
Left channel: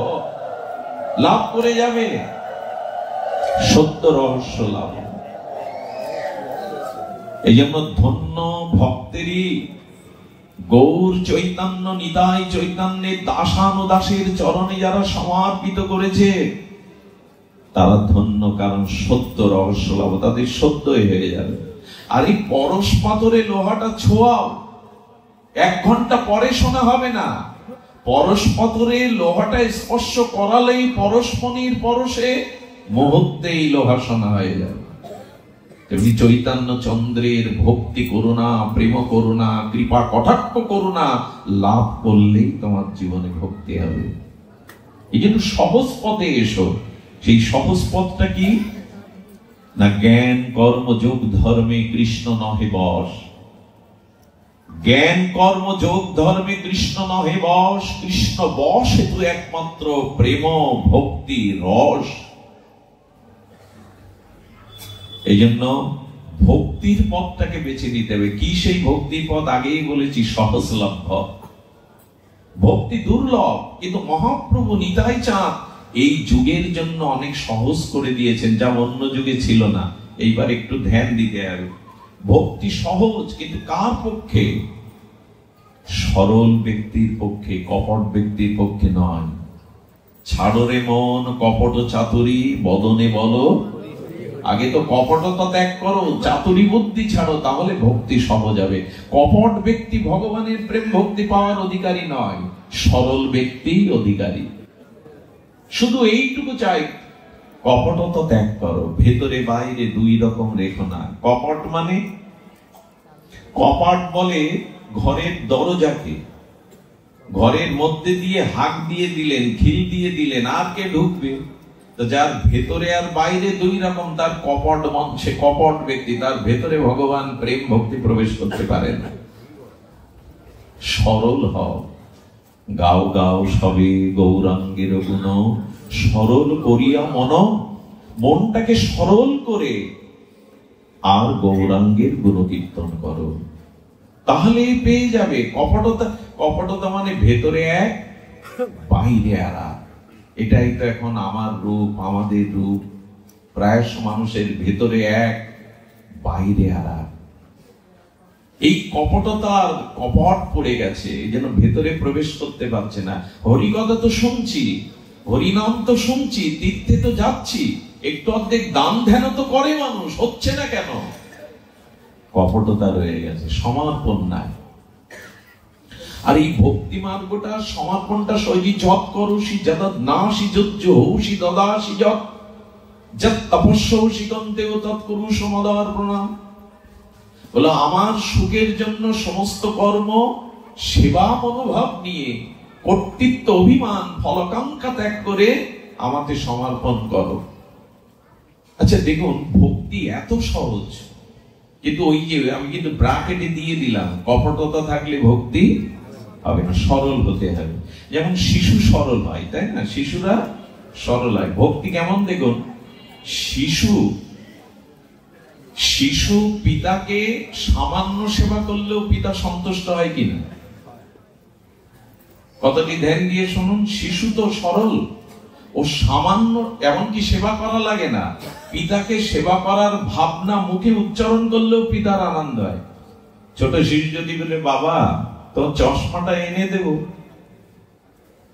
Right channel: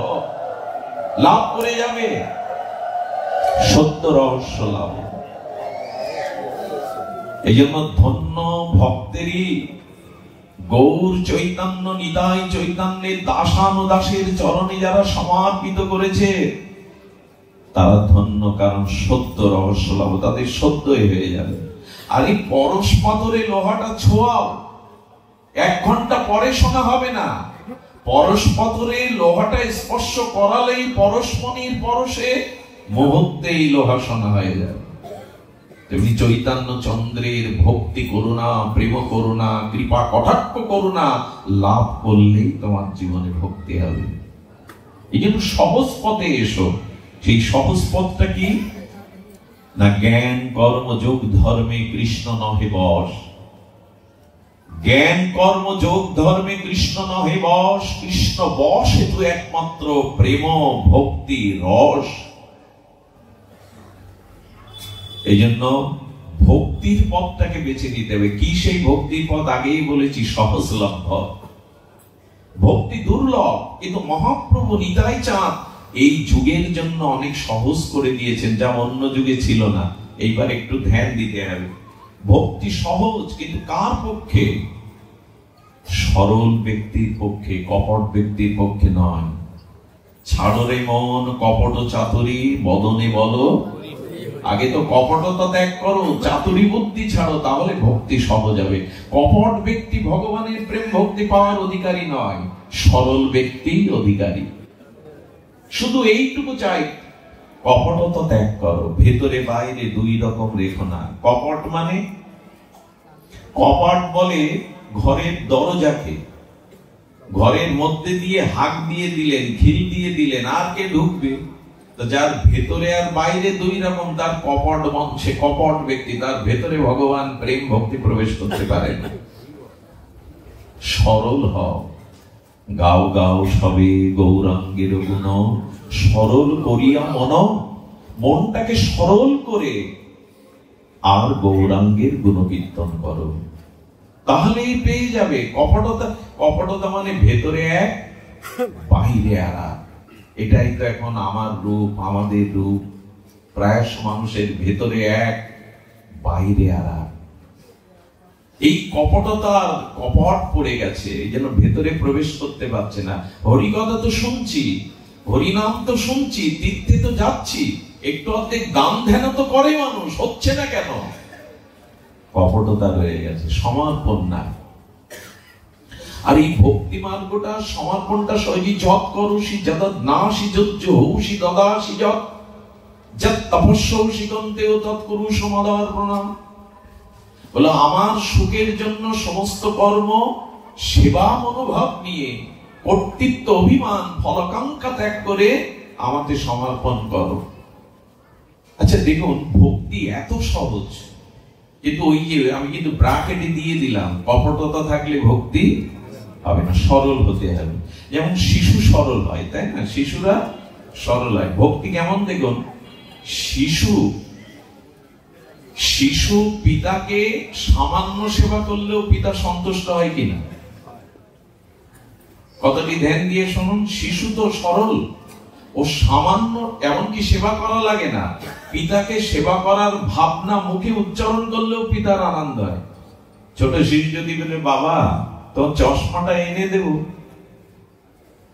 লাভ করে যাবে, সত্য রহস্য লাভ। এই জন্য ধন্য ভক্তেরই গৌর চৈতন্য নিতাই চৈতন্যের দাসানুদাসের চরণে যারা সমর্পিত করেছে তারা ধন্য, কারণ সত্য রহস্য লাভ তাদের সত্যই হয়ে যাবে। আর এই পরশ পাথরে লোহাটা ছোঁয়াও, 1 ঘন্টা পরে শোনা হবে না। পরশ পাথরে লোহাটা স্পর্শ করালেই পরশমণির পরশে মুহূর্তেই লোহা শোনা হয়ে যাবে। তেমনি চৈতন্য চন্দ্রের ভক্তি করুণা, প্রেম করুণা, কৃপা কটাক্ষ করুণা লাভ করলেই তোমার জীবনে ভক্তি হবে। এই জন্য সহজ পথে এসো। সেই সহজ পথটা কি না? জ্ঞান কর্ম যোগ ধর্মে কৃষ্ণ নহে বশ। জ্ঞান কর্ম যোগ ধর্মে কৃষ্ণ নহে বশ। কৃষ্ণ বশ হেতু একমাত্র প্রেম ভক্তি রস। এই জন্য ভক্তির পথটাকে বেছে নিতে হবে। কি সেই ভক্তির পথ? আগেই বলেছি, সহজলভ্য। ভক্তি দুর্লভ, কিন্তু মহাপ্রভু নিতাই চাঁদ এই যুগের জন্য অনেক সহজ করে দিয়েছেন, যা অন্য যুগে ছিল না। এইবার একটু ধ্যান দিতে হবে। ভক্তি সহজ, কিন্তু কার পক্ষে? সরল ব্যক্তির পক্ষে, কপট ব্যক্তির পক্ষে নয়। ছাড়রে মন কপট চাতুরী বদনে বলো। আগে তো কপটতা ত্যাগ করো, চাতুরী বুদ্ধি ছাড়ো, তাহলে ভক্তি সহজ হবে। কপট ব্যক্তি ভগবানের প্রেম ভক্তি পাওয়ার অধিকারী নয়, সরল ব্যক্তি অধিকারী। শুধু এইটুকু চাই, কপটতা ত্যাগ করো, ভেতরে বাইরে 2 রকম রেখো না। কপট মানে, কপট বলে ঘরের দরজাকে, ঘরের মধ্যে দিয়ে হাঁক দিয়ে দিলেন, খিল দিয়ে দিলেন, আর কে ঢুকবে? তো যার ভেতরে আর বাইরে 2 রকম, তার কপট মঞ্চে কপট ব্যক্তি, তার ভেতরে ভগবান প্রেম ভক্তি প্রবেশ করতে পারেন। সরল হও, গাও গাও সবে গৌরাঙ্গের গুণ, সরল করিয়া মনটাকে সরল করে আর গৌরাঙ্গের গুণকীর্তন করো, তাহলেই পেয়ে যাবে। কপটতা মানে ভেতরে এক বাইরে আলাদা। এটাই তো এখন আমার রূপ, আমাদের রূপ। প্রায় মানুষের ভেতরে এক বাইরে আলাদা। এই কপটতার কপট পড়ে গেছে, এই জন্য ভেতরে প্রবেশ করতে পারছে না। হরিকথা তো শুনছি, হরিনাম তো শুনছি, তীর্থে তো যাচ্ছি, একটু অর্ধেক দান ধ্যান তো করে মানুষ, হচ্ছে না কেন? কপটতা রয়ে গেছে, সমর্পণ নাই। আর এই ভক্তি মার্গটা, সমর্পণটা সহজে জপ করো, সি যতদ নাসি যজ্জ হৌসি দদাসি যত যত তপস্যৌসি কন্তেও তৎ কুরু সমদার প্রণাম। বলো আমার সুখের জন্য সমস্ত কর্ম সেবা মনোভাব নিয়ে, কর্তৃত্ব অভিমান ফলাকাঙ্ক্ষা ত্যাগ করে আমাকে সমর্পণ করো। আচ্ছা দেখুন, ভক্তি এত সহজ, কিন্তু ওই যে আমি কিন্তু ব্রাকেটে দিয়ে দিলাম, কপটতা থাকলে ভক্তি হবে না, সরল হতে হবে। যেমন শিশু সরল হয়, তাই না? শিশুরা সরল হয়। ভক্তি কেমন দেখুন, শিশু পিতাকে সামান্য সেবা করলেও পিতা সন্তুষ্ট হয় কিনা? কতটি ধ্যান দিয়ে শুনুন, শিশু তো সরল, ও সামান্য এমনকি সেবা করা লাগে না, পিতাকে সেবা করার ভাবনা মুখে উচ্চারণ করলেও পিতার আনন্দ হয়। ছোট শিশু যদি বলে বাবা তোর চশমাটা এনে দেব,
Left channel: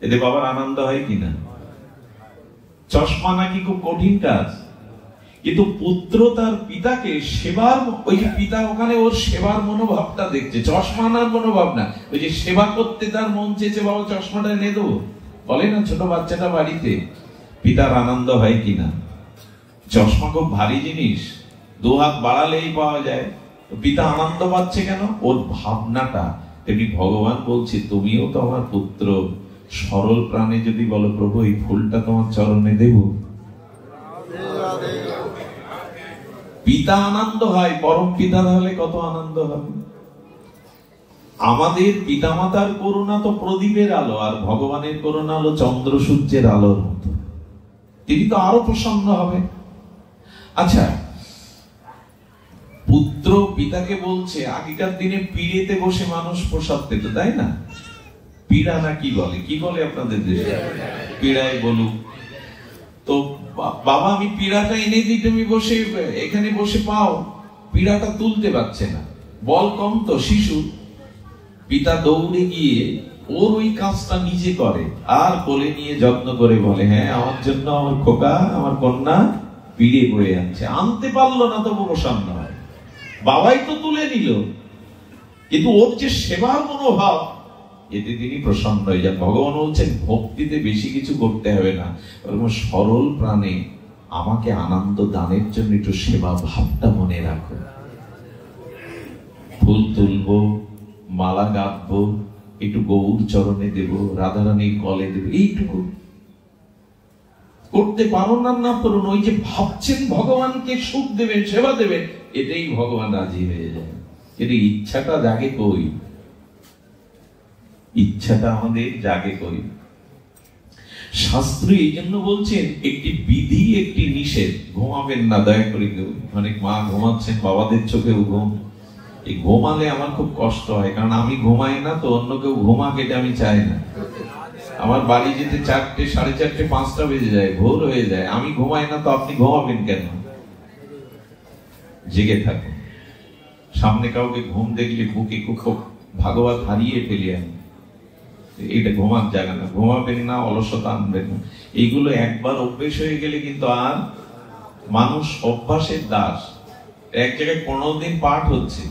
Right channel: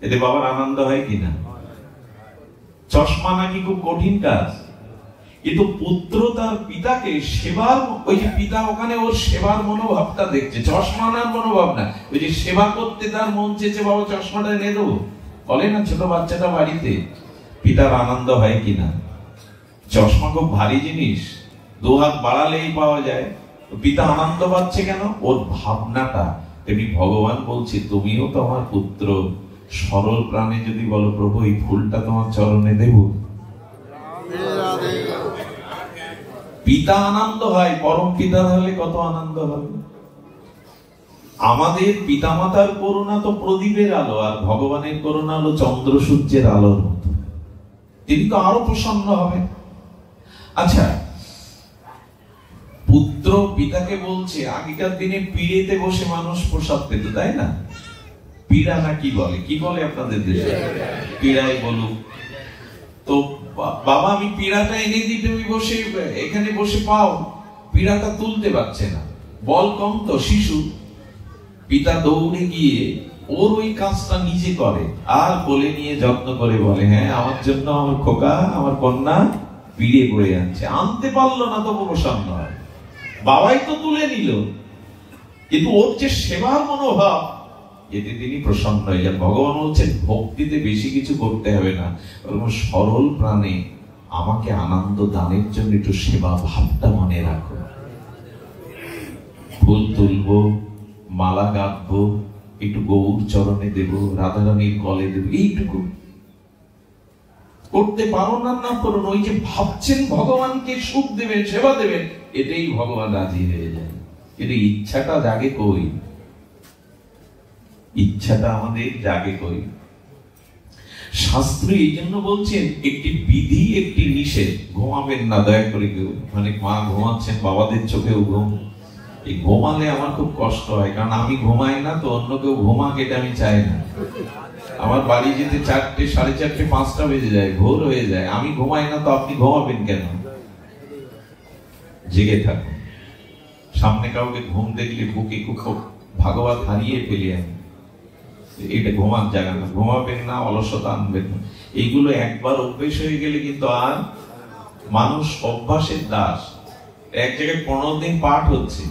এতে বাবার আনন্দ হয় কিনা? চশমা নাকি খুব কঠিন কাজ, কিন্তু পুত্র তার পিতাকে সেবার, ওই যে পিতা ওখানে ওর সেবার মনোভাবটা দেখছে, চশমা আনার মনোভাব না, ওই যে সেবা করতে তার মন চেয়েছে, বাবা চশমাটা এনে দেবো, বলে না ছোট বাচ্চাটা বাড়িতে, পিতার আনন্দ হয় কিনা? চশমা খুব ভারী জিনিস, দু হাত বাড়ালেই পাওয়া যায়, পিতা আনন্দ পাচ্ছে কেন? ওর ভাবনাটা। তেমনি ভগবান বলছে তুমিও তো আমার পুত্র, সরল প্রাণে যদি বলো প্রভু এই ফুলটা তোমার চরণে দেব, পিতা আনন্দ হয়, পরম পিতা হলে কত আনন্দ হবে। আমাদের পিতামাতার করুণা তো প্রদীপের আলো, আর ভগবানের করুণা হলো চন্দ্র সূর্যের আলোর মতো, তিনি তো আরো প্রসন্ন হবে। আচ্ছা, পুত্র পিতাকে বলছে, আগেকার দিনে পিড়েতে বসে মানুষ প্রসাদ পেত, তাই না? পিড়া না কি বলে আপনাদের দেশে? পিড়াই বলুক। তো বাবা আমি পিড়াটা এনে দিই, তুমি বসে এখানে বসে পাও। পিড়াটা তুলতে পারছে না, বল কম তো শিশু। পিতা দৌড়ে গিয়ে ওর ওই কাজটা নিজে করে, আর কোলে নিয়ে যত্ন করে বলে হ্যাঁ আমার জন্য আমার খোকা, আমার কন্যা পিড়ে বয়ে আনছে। আনতে পারলো না তবু প্রসন্ন হয়, বাবাই তো তুলে নিল, কিন্তু ওর যে সেবার মনোভাব, এতে তিনি প্রসন্ন হয়ে যান। ভগবান বলছেন ভক্তিতে বেশি কিছু করতে হবে না, সরল প্রাণে আমাকে আনন্দ দানের জন্য একটু সেবা ভাবটা মনে রাখো। ফুল তুলবো, মালা গাঁথবো, একটু গৌর চরণে দেব, রাধারানীর গলে দেব, এইটুকু করতে পারো না, না করুন, ওই যে ভাবছেন ভগবানকে সুখ দেবেন, সেবা দেবেন, এটাই ভগবান রাজি হয়ে যায়। কিন্তু ইচ্ছাটা জাগে কই? ইচ্ছাটা আমাদের জাগে কই? শাস্ত্র এই জন্য বলছেন একটি বিধি একটি নিষেধ। ঘুমাবেন না দয়া করে কেউ, অনেক মা ঘুমাচ্ছেন, বাবাদের চোখেও ঘুম। এই ঘুমালে আমার খুব কষ্ট হয়, কারণ আমি ঘুমাই না তো অন্য কেউ ঘুমাক, এটা আমি চাই না। আমার বাড়ি যেতে 4টে, 4:30, 5টা বেজে যায়, ভোর হয়ে যায়, আমি ঘুমাই না তো আপনি ঘুমাবেন কেন? জেগে থাকুন। সামনে কাউকে ঘুম দেখলে বুকে খুব ভাগবত হারিয়ে ফেলি আমি, এটা ঘুমার জায়গা না, ঘুমাবেন না, অলসতা আনবেন না। এইগুলো একবার অভ্যেস হয়ে গেলে কিন্তু আর মানুষ অভ্যাসের দাস। এক জায়গায় 15 দিন পাঠ হচ্ছে,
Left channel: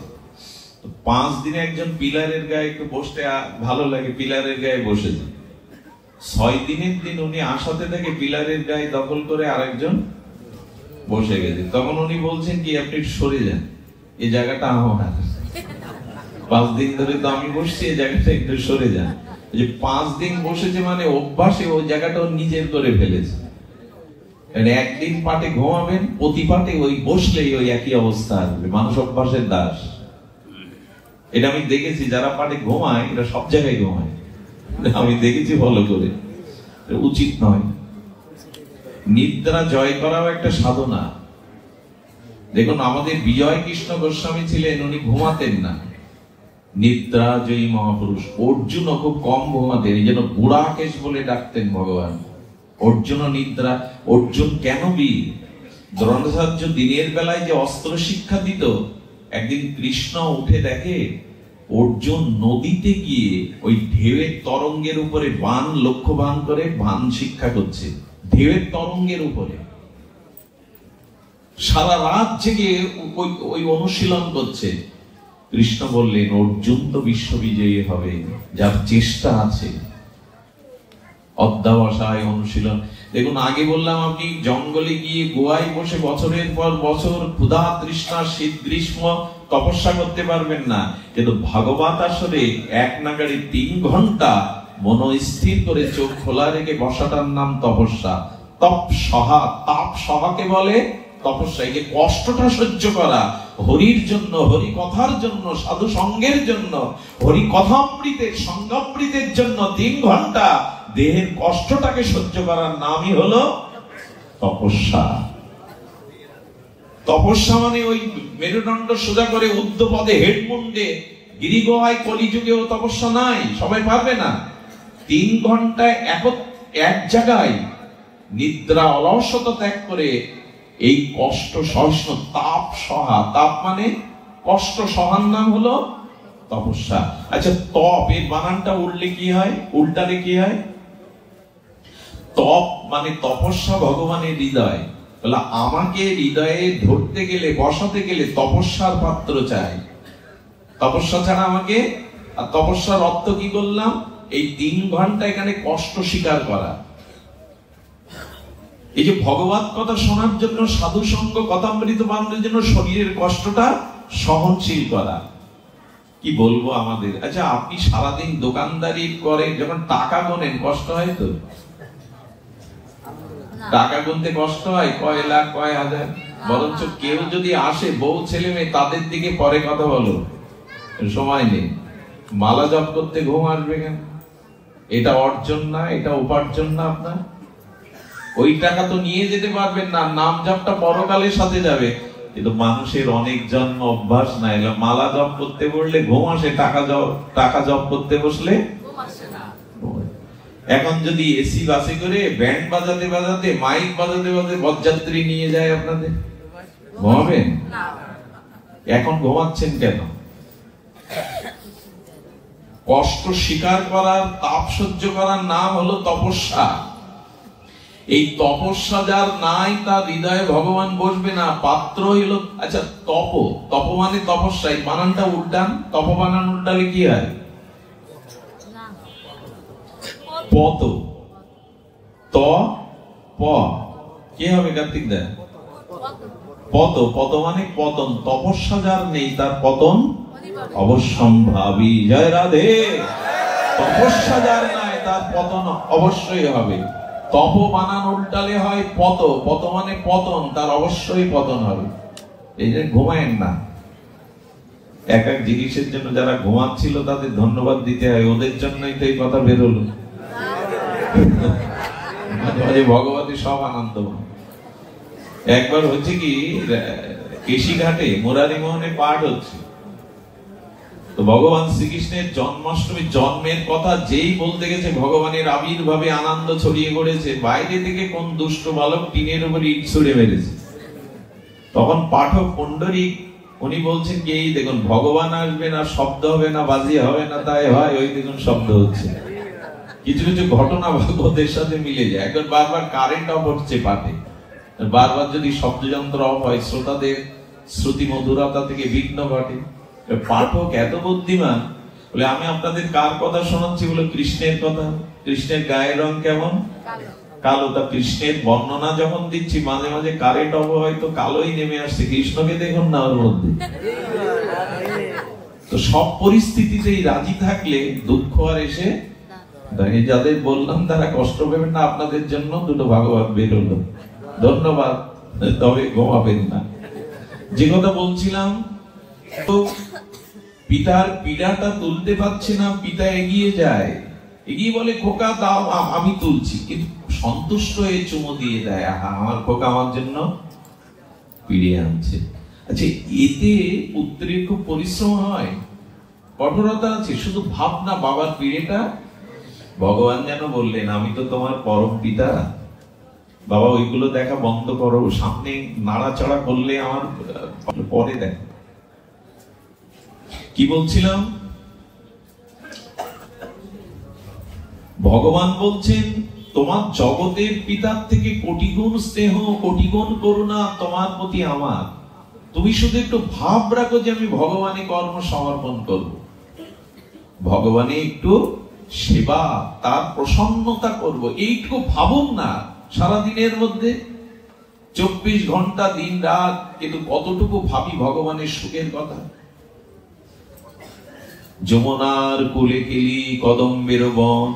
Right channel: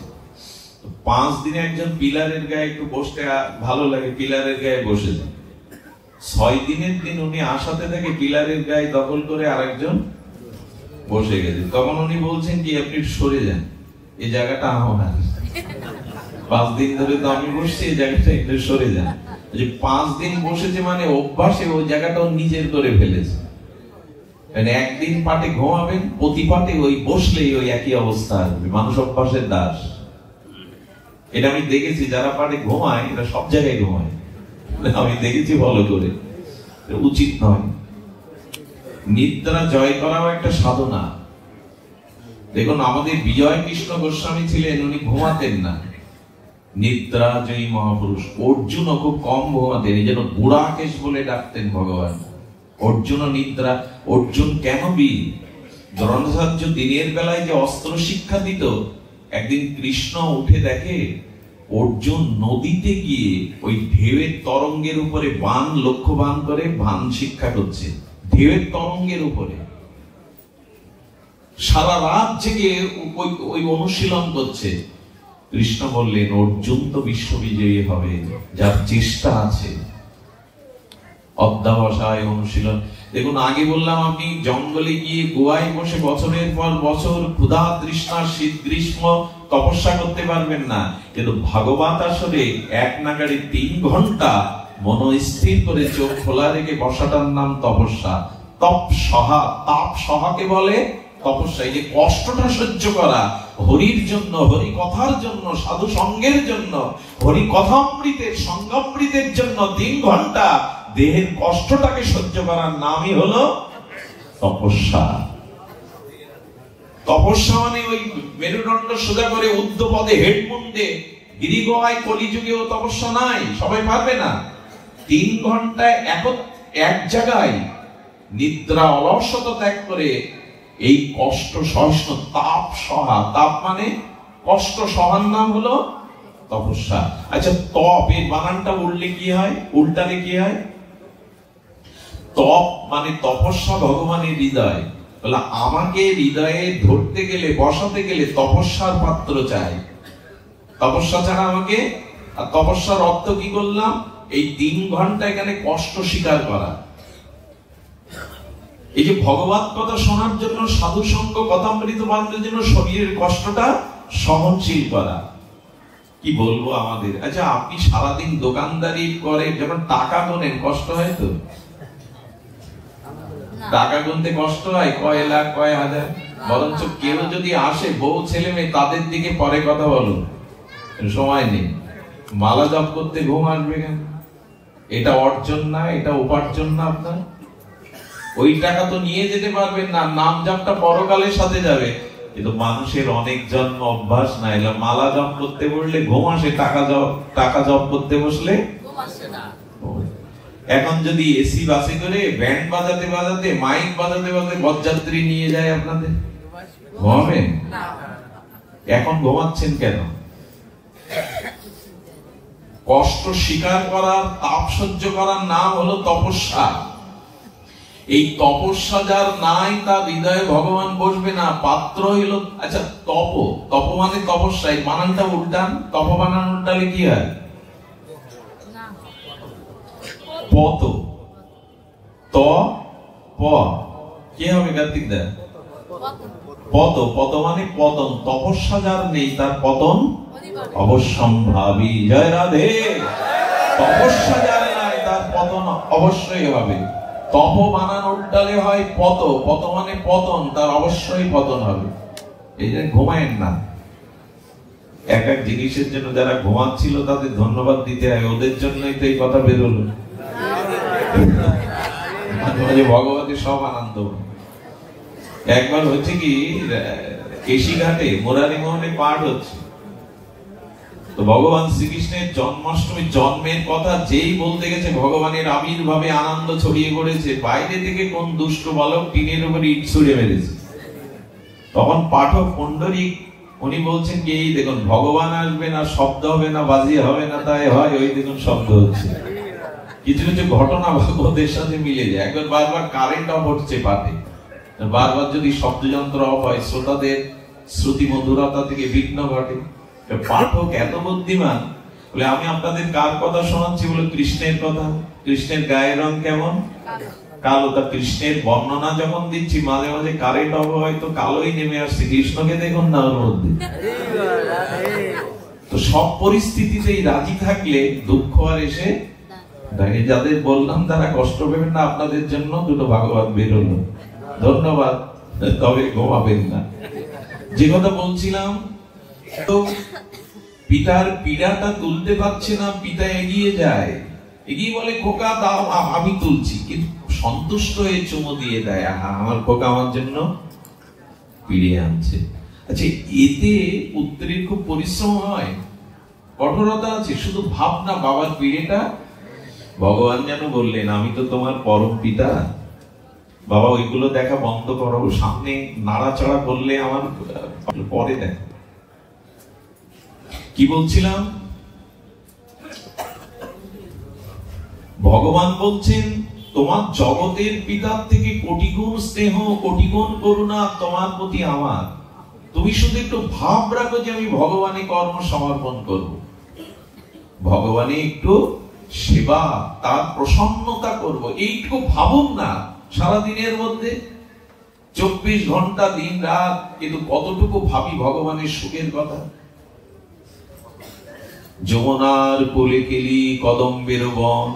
5 দিনে একজন পিলারের গায়ে একটু বসতে ভালো লাগে, পিলারের গায়ে বসেছে। 6 দিনের দিন উনি আসাতে থেকে পিলারের গায়ে দখল করে আরেকজন বসে গেছে। তখন উনি বলছেন কি আপনি সরে যান, এই জায়গাটা আমার। 5 দিন ধরে তো আমি বসছি, এই জায়গাটা একটু সরে যান। 5 দিন বসেছে মানে অভ্যাসে ওই জায়গাটা নিজের করে ফেলেছে। একদিন পাটে ঘুমাবেন, প্রতি পাটে ওই বসলেই ওই একই অবস্থা আসবে। মানুষ অভ্যাসের দাস, এটা আমি দেখেছি। যারা পাটে ঘুমায় এরা সব জায়গায় ঘুমায়, আমি দেখেছি ভালো করে, উচিত নয়। নিদ্রা জয় করাও একটা সাধনা। দেখুন, আমাদের বিজয় কৃষ্ণ গোস্বামী ছিলেন, উনি ঘুমাতেন না, নিদ্রা জয়ী মহাপুরুষ। অর্জুনও খুব কম ঘুমাতেন, এই জন্য বুড়াকেশ বলে ডাকতেন ভগবান। অর্জুনও নিদ্রা। অর্জুন কেন বীর? দ্রোণাচার্য দিনের বেলায় যে অস্ত্র শিক্ষা দিত, একদিন কৃষ্ণ উঠে দেখে অর্জুন নদীতে গিয়ে ওই ঢেউয়ের তরঙ্গের উপরে বাণ লক্ষ্য বাণ করে বাণ শিক্ষা করছে, ঢেউয়ের তরঙ্গের উপরে সারা রাত জেগে ওই অনুশীলন করছে। কৃষ্ণ বললেন, অর্জুন তো বিশ্ববিজয়ী হবে, যার চেষ্টা আছে। অধ্যাবসায় অনুশীলন। দেখুন, আগে বললাম আপনি জঙ্গলে গিয়ে গোয়ায় বসে বছরের পর বছর ক্ষুধা তৃষ্ণা শীত গ্রীষ্ম তপস্যা করতে পারবেন না, কিন্তু ভাগবত আসরে এক নাগাড়ে 3 ঘন্টা মনস্থির করে চোখ খোলা রেখে বসাটার নাম তপস্যা। তপ সহা, তাপ সহাকে বলে তপস্যা। এই যে কষ্টটা সহ্য করা, হরির জন্য, হরি কথার জন্য, সাধু সঙ্গের জন্য, হরি কথামৃতের সঙ্গামৃতের জন্য 3 ঘন্টা দেহের কষ্টটাকে সহ্য করার নামই হলো তপস্যা। তপস্যা মানে ওই মেরুদণ্ড সোজা করে ঊর্ধ্বপদে হেডমুন্ডে গিরিগোহায় কলিযুগেও তপস্যা নাই, সবাই পারবে না। 3 ঘন্টায় এক জায়গায় নিদ্রা অলসতা ত্যাগ করে এই কষ্ট সহিষ্ণু তাপ সহা, তাপ মানে কষ্ট সহার নাম হলো তপস্যা। আচ্ছা, তপ এর বানানটা উল্লে কি হয়, উল্টালে কি হয়? তপ মানে তপস্যা ভগবানের হৃদয়। বলে আমাকে হৃদয়ে ধরতে গেলে, বসাতে গেলে তপস্যার পাত্র চাই, তপস্যা ছাড়া আমাকে। আর তপস্যার অর্থ কি করলাম? এই 3 ঘন্টা এখানে কষ্ট স্বীকার করা। এই যে ভগবত কথা শোনার জন্য, সাধু সঙ্গ কথামৃত বান্ধবের জন্য শরীরের কষ্টটা সহনশীল করা। কি বলবো আমাদের। আচ্ছা, আপনি সারাদিন দোকানদারি করে যখন টাকা গোনেন, কষ্ট হয় তো? টাকা গুনতে কষ্ট হয়? কয় লাখ কয় হাজার? বরঞ্চ কেউ যদি আসে, বউ ছেলে মেয়ে, তাদের দিকে পরে কথা বলো, সময় নেই। মালা জপ করতে ঘুম আসবে কেন? এটা অর্জন না, এটা উপার্জন না আপনার? ওই টাকা তো নিয়ে যেতে পারবেন না, নাম জপটা পরকালের সাথে যাবে। কিন্তু মানুষের অনেক জন্ম অভ্যাস না, এগুলো মালা জপ করতে বললে ঘুম আসে, টাকা জপ করতে বসলে ঘুম আসে না। এখন যদি এসি বাসে করে ব্যান্ড বাজাতে বাজাতে, মাইক বাজাতে বাজাতে বরযাত্রী নিয়ে যায়, আপনাদের ঘুমাবেন? এখন ঘুমাচ্ছেন কেন? কষ্ট স্বীকার করার, তাপ সহ্য করার নাম হলো তপস্যা। এই তপস্যা যার নাই, তার হৃদয়ে ভগবান বসবে না, পাত্র হইল। আচ্ছা, তপ মানে তপস্যা, এই বানানটা উল্টান। তপ বানান উল্টালে কি হয়? পত, ত প, কি হবে কার্তিক দা? পত। পত মানে পতন। তপস্যা যার নেই, তার পতন অবশ্যম্ভাবী। জয় রাধে। তপস্যা যার নাই, তার পতন অবশ্যই হবে। তপ বানান উল্টালে হয় পত। পত মানে পতন, তার অবশ্যই পতন হবে। এই যে ঘুমায়েন না। এক এক জিনিসের জন্য যারা ঘুমাচ্ছিল তাদের ধন্যবাদ দিতে হয়, ওদের জন্যই তো এই কথা বেরোলো। ভগবতী সব আনন্দ। একবার হচ্ছে কি, কেশিঘাটে মুরারি মোহনে পাঠ হচ্ছে, তো ভগবান শ্রীকৃষ্ণের জন্মাষ্টমী জন্মের কথা যেই বলতে গেছে, ভগবানের আবির্ভাবে আনন্দ ছড়িয়ে পড়েছে। বাইরে থেকে কোন দুষ্ট বালক টিনের উপর ইট ছুড়ে মেরেছে। তখন পাঠক পণ্ডরিক উনি বলছেন কি, এই দেখুন ভগবান আসবে না, শব্দ হবে না, বাজি হবে না, তাই হয় ওই দেখুন শব্দ হচ্ছে। কিছু কিছু ঘটনা ভাগবতের সাথে মিলে যায়। একবার বারবার কারেন্ট অফ হচ্ছে পাঠে, বারবার যদি শব্দযন্ত্র অফ হয়, শ্রোতাদের শ্রুতি মধুরতা থেকে বিঘ্ন ঘটে। পাঠক এত বুদ্ধিমান, বলে আমি আপনাদের কার কথা শোনাচ্ছি? বলে কৃষ্ণের কথা। কৃষ্ণের গায়ের রং কেমন? কালো। তা কৃষ্ণের বর্ণনা যখন দিচ্ছি, মাঝে মাঝে কারেন্ট অফ হয় তো কালোই নেমে আসছে। কৃষ্ণকে দেখুন না ওর মধ্যে। তো সব পরিস্থিতিতেই রাজি থাকলে দুঃখ আর এসে দেখে। যাদের বললাম তারা কষ্ট পাবেন না, আপনাদের জন্য দুটো ভাগবত বের হলো। ধন্যবাদ। তবে ঘুমাবেন না। যে কথা বলছিলাম, তো পিতার পীড়াটা তুলতে পারছে না, পিতা এগিয়ে যায়, এগিয়ে বলে খোকা দাও, আমি তুলছি। কিন্তু সন্তুষ্ট হয়ে চুমো দিয়ে দেয়, আহা আমার খোকা আমার জন্য পিড়ে আনছে। আচ্ছা, এতে পুত্রের খুব পরিশ্রম হয়, কঠোরতা আছে, শুধু ভাবনা বাবার পিড়েটা। ভগবান যেন বললেন, আমি তো তোমার পরম পিতা, বাবা ওইগুলো দেখা বন্ধ করো, সামনে নাড়াচাড়া করলে আমার পরে দেখ। কি বলছিলাম? ভগবান বলছেন তোমার জগতের পিতার থেকে কোটি গুণ স্নেহ, কোটি গুণ করুণা তোমার প্রতি আমার। তুমি শুধু একটু ভাব রাখো যে আমি ভগবানে কর্ম সমর্পণ করব, ভগবানে একটু সেবা, তার প্রসন্নতা করব, এইটুকু ভাবুন না সারাদিনের মধ্যে। 24 ঘন্টা দিন রাত, কিন্তু কতটুকু ভাবি ভগবানের সুখের কথা। যমুনার কোলে কেলি কদম্বের বন,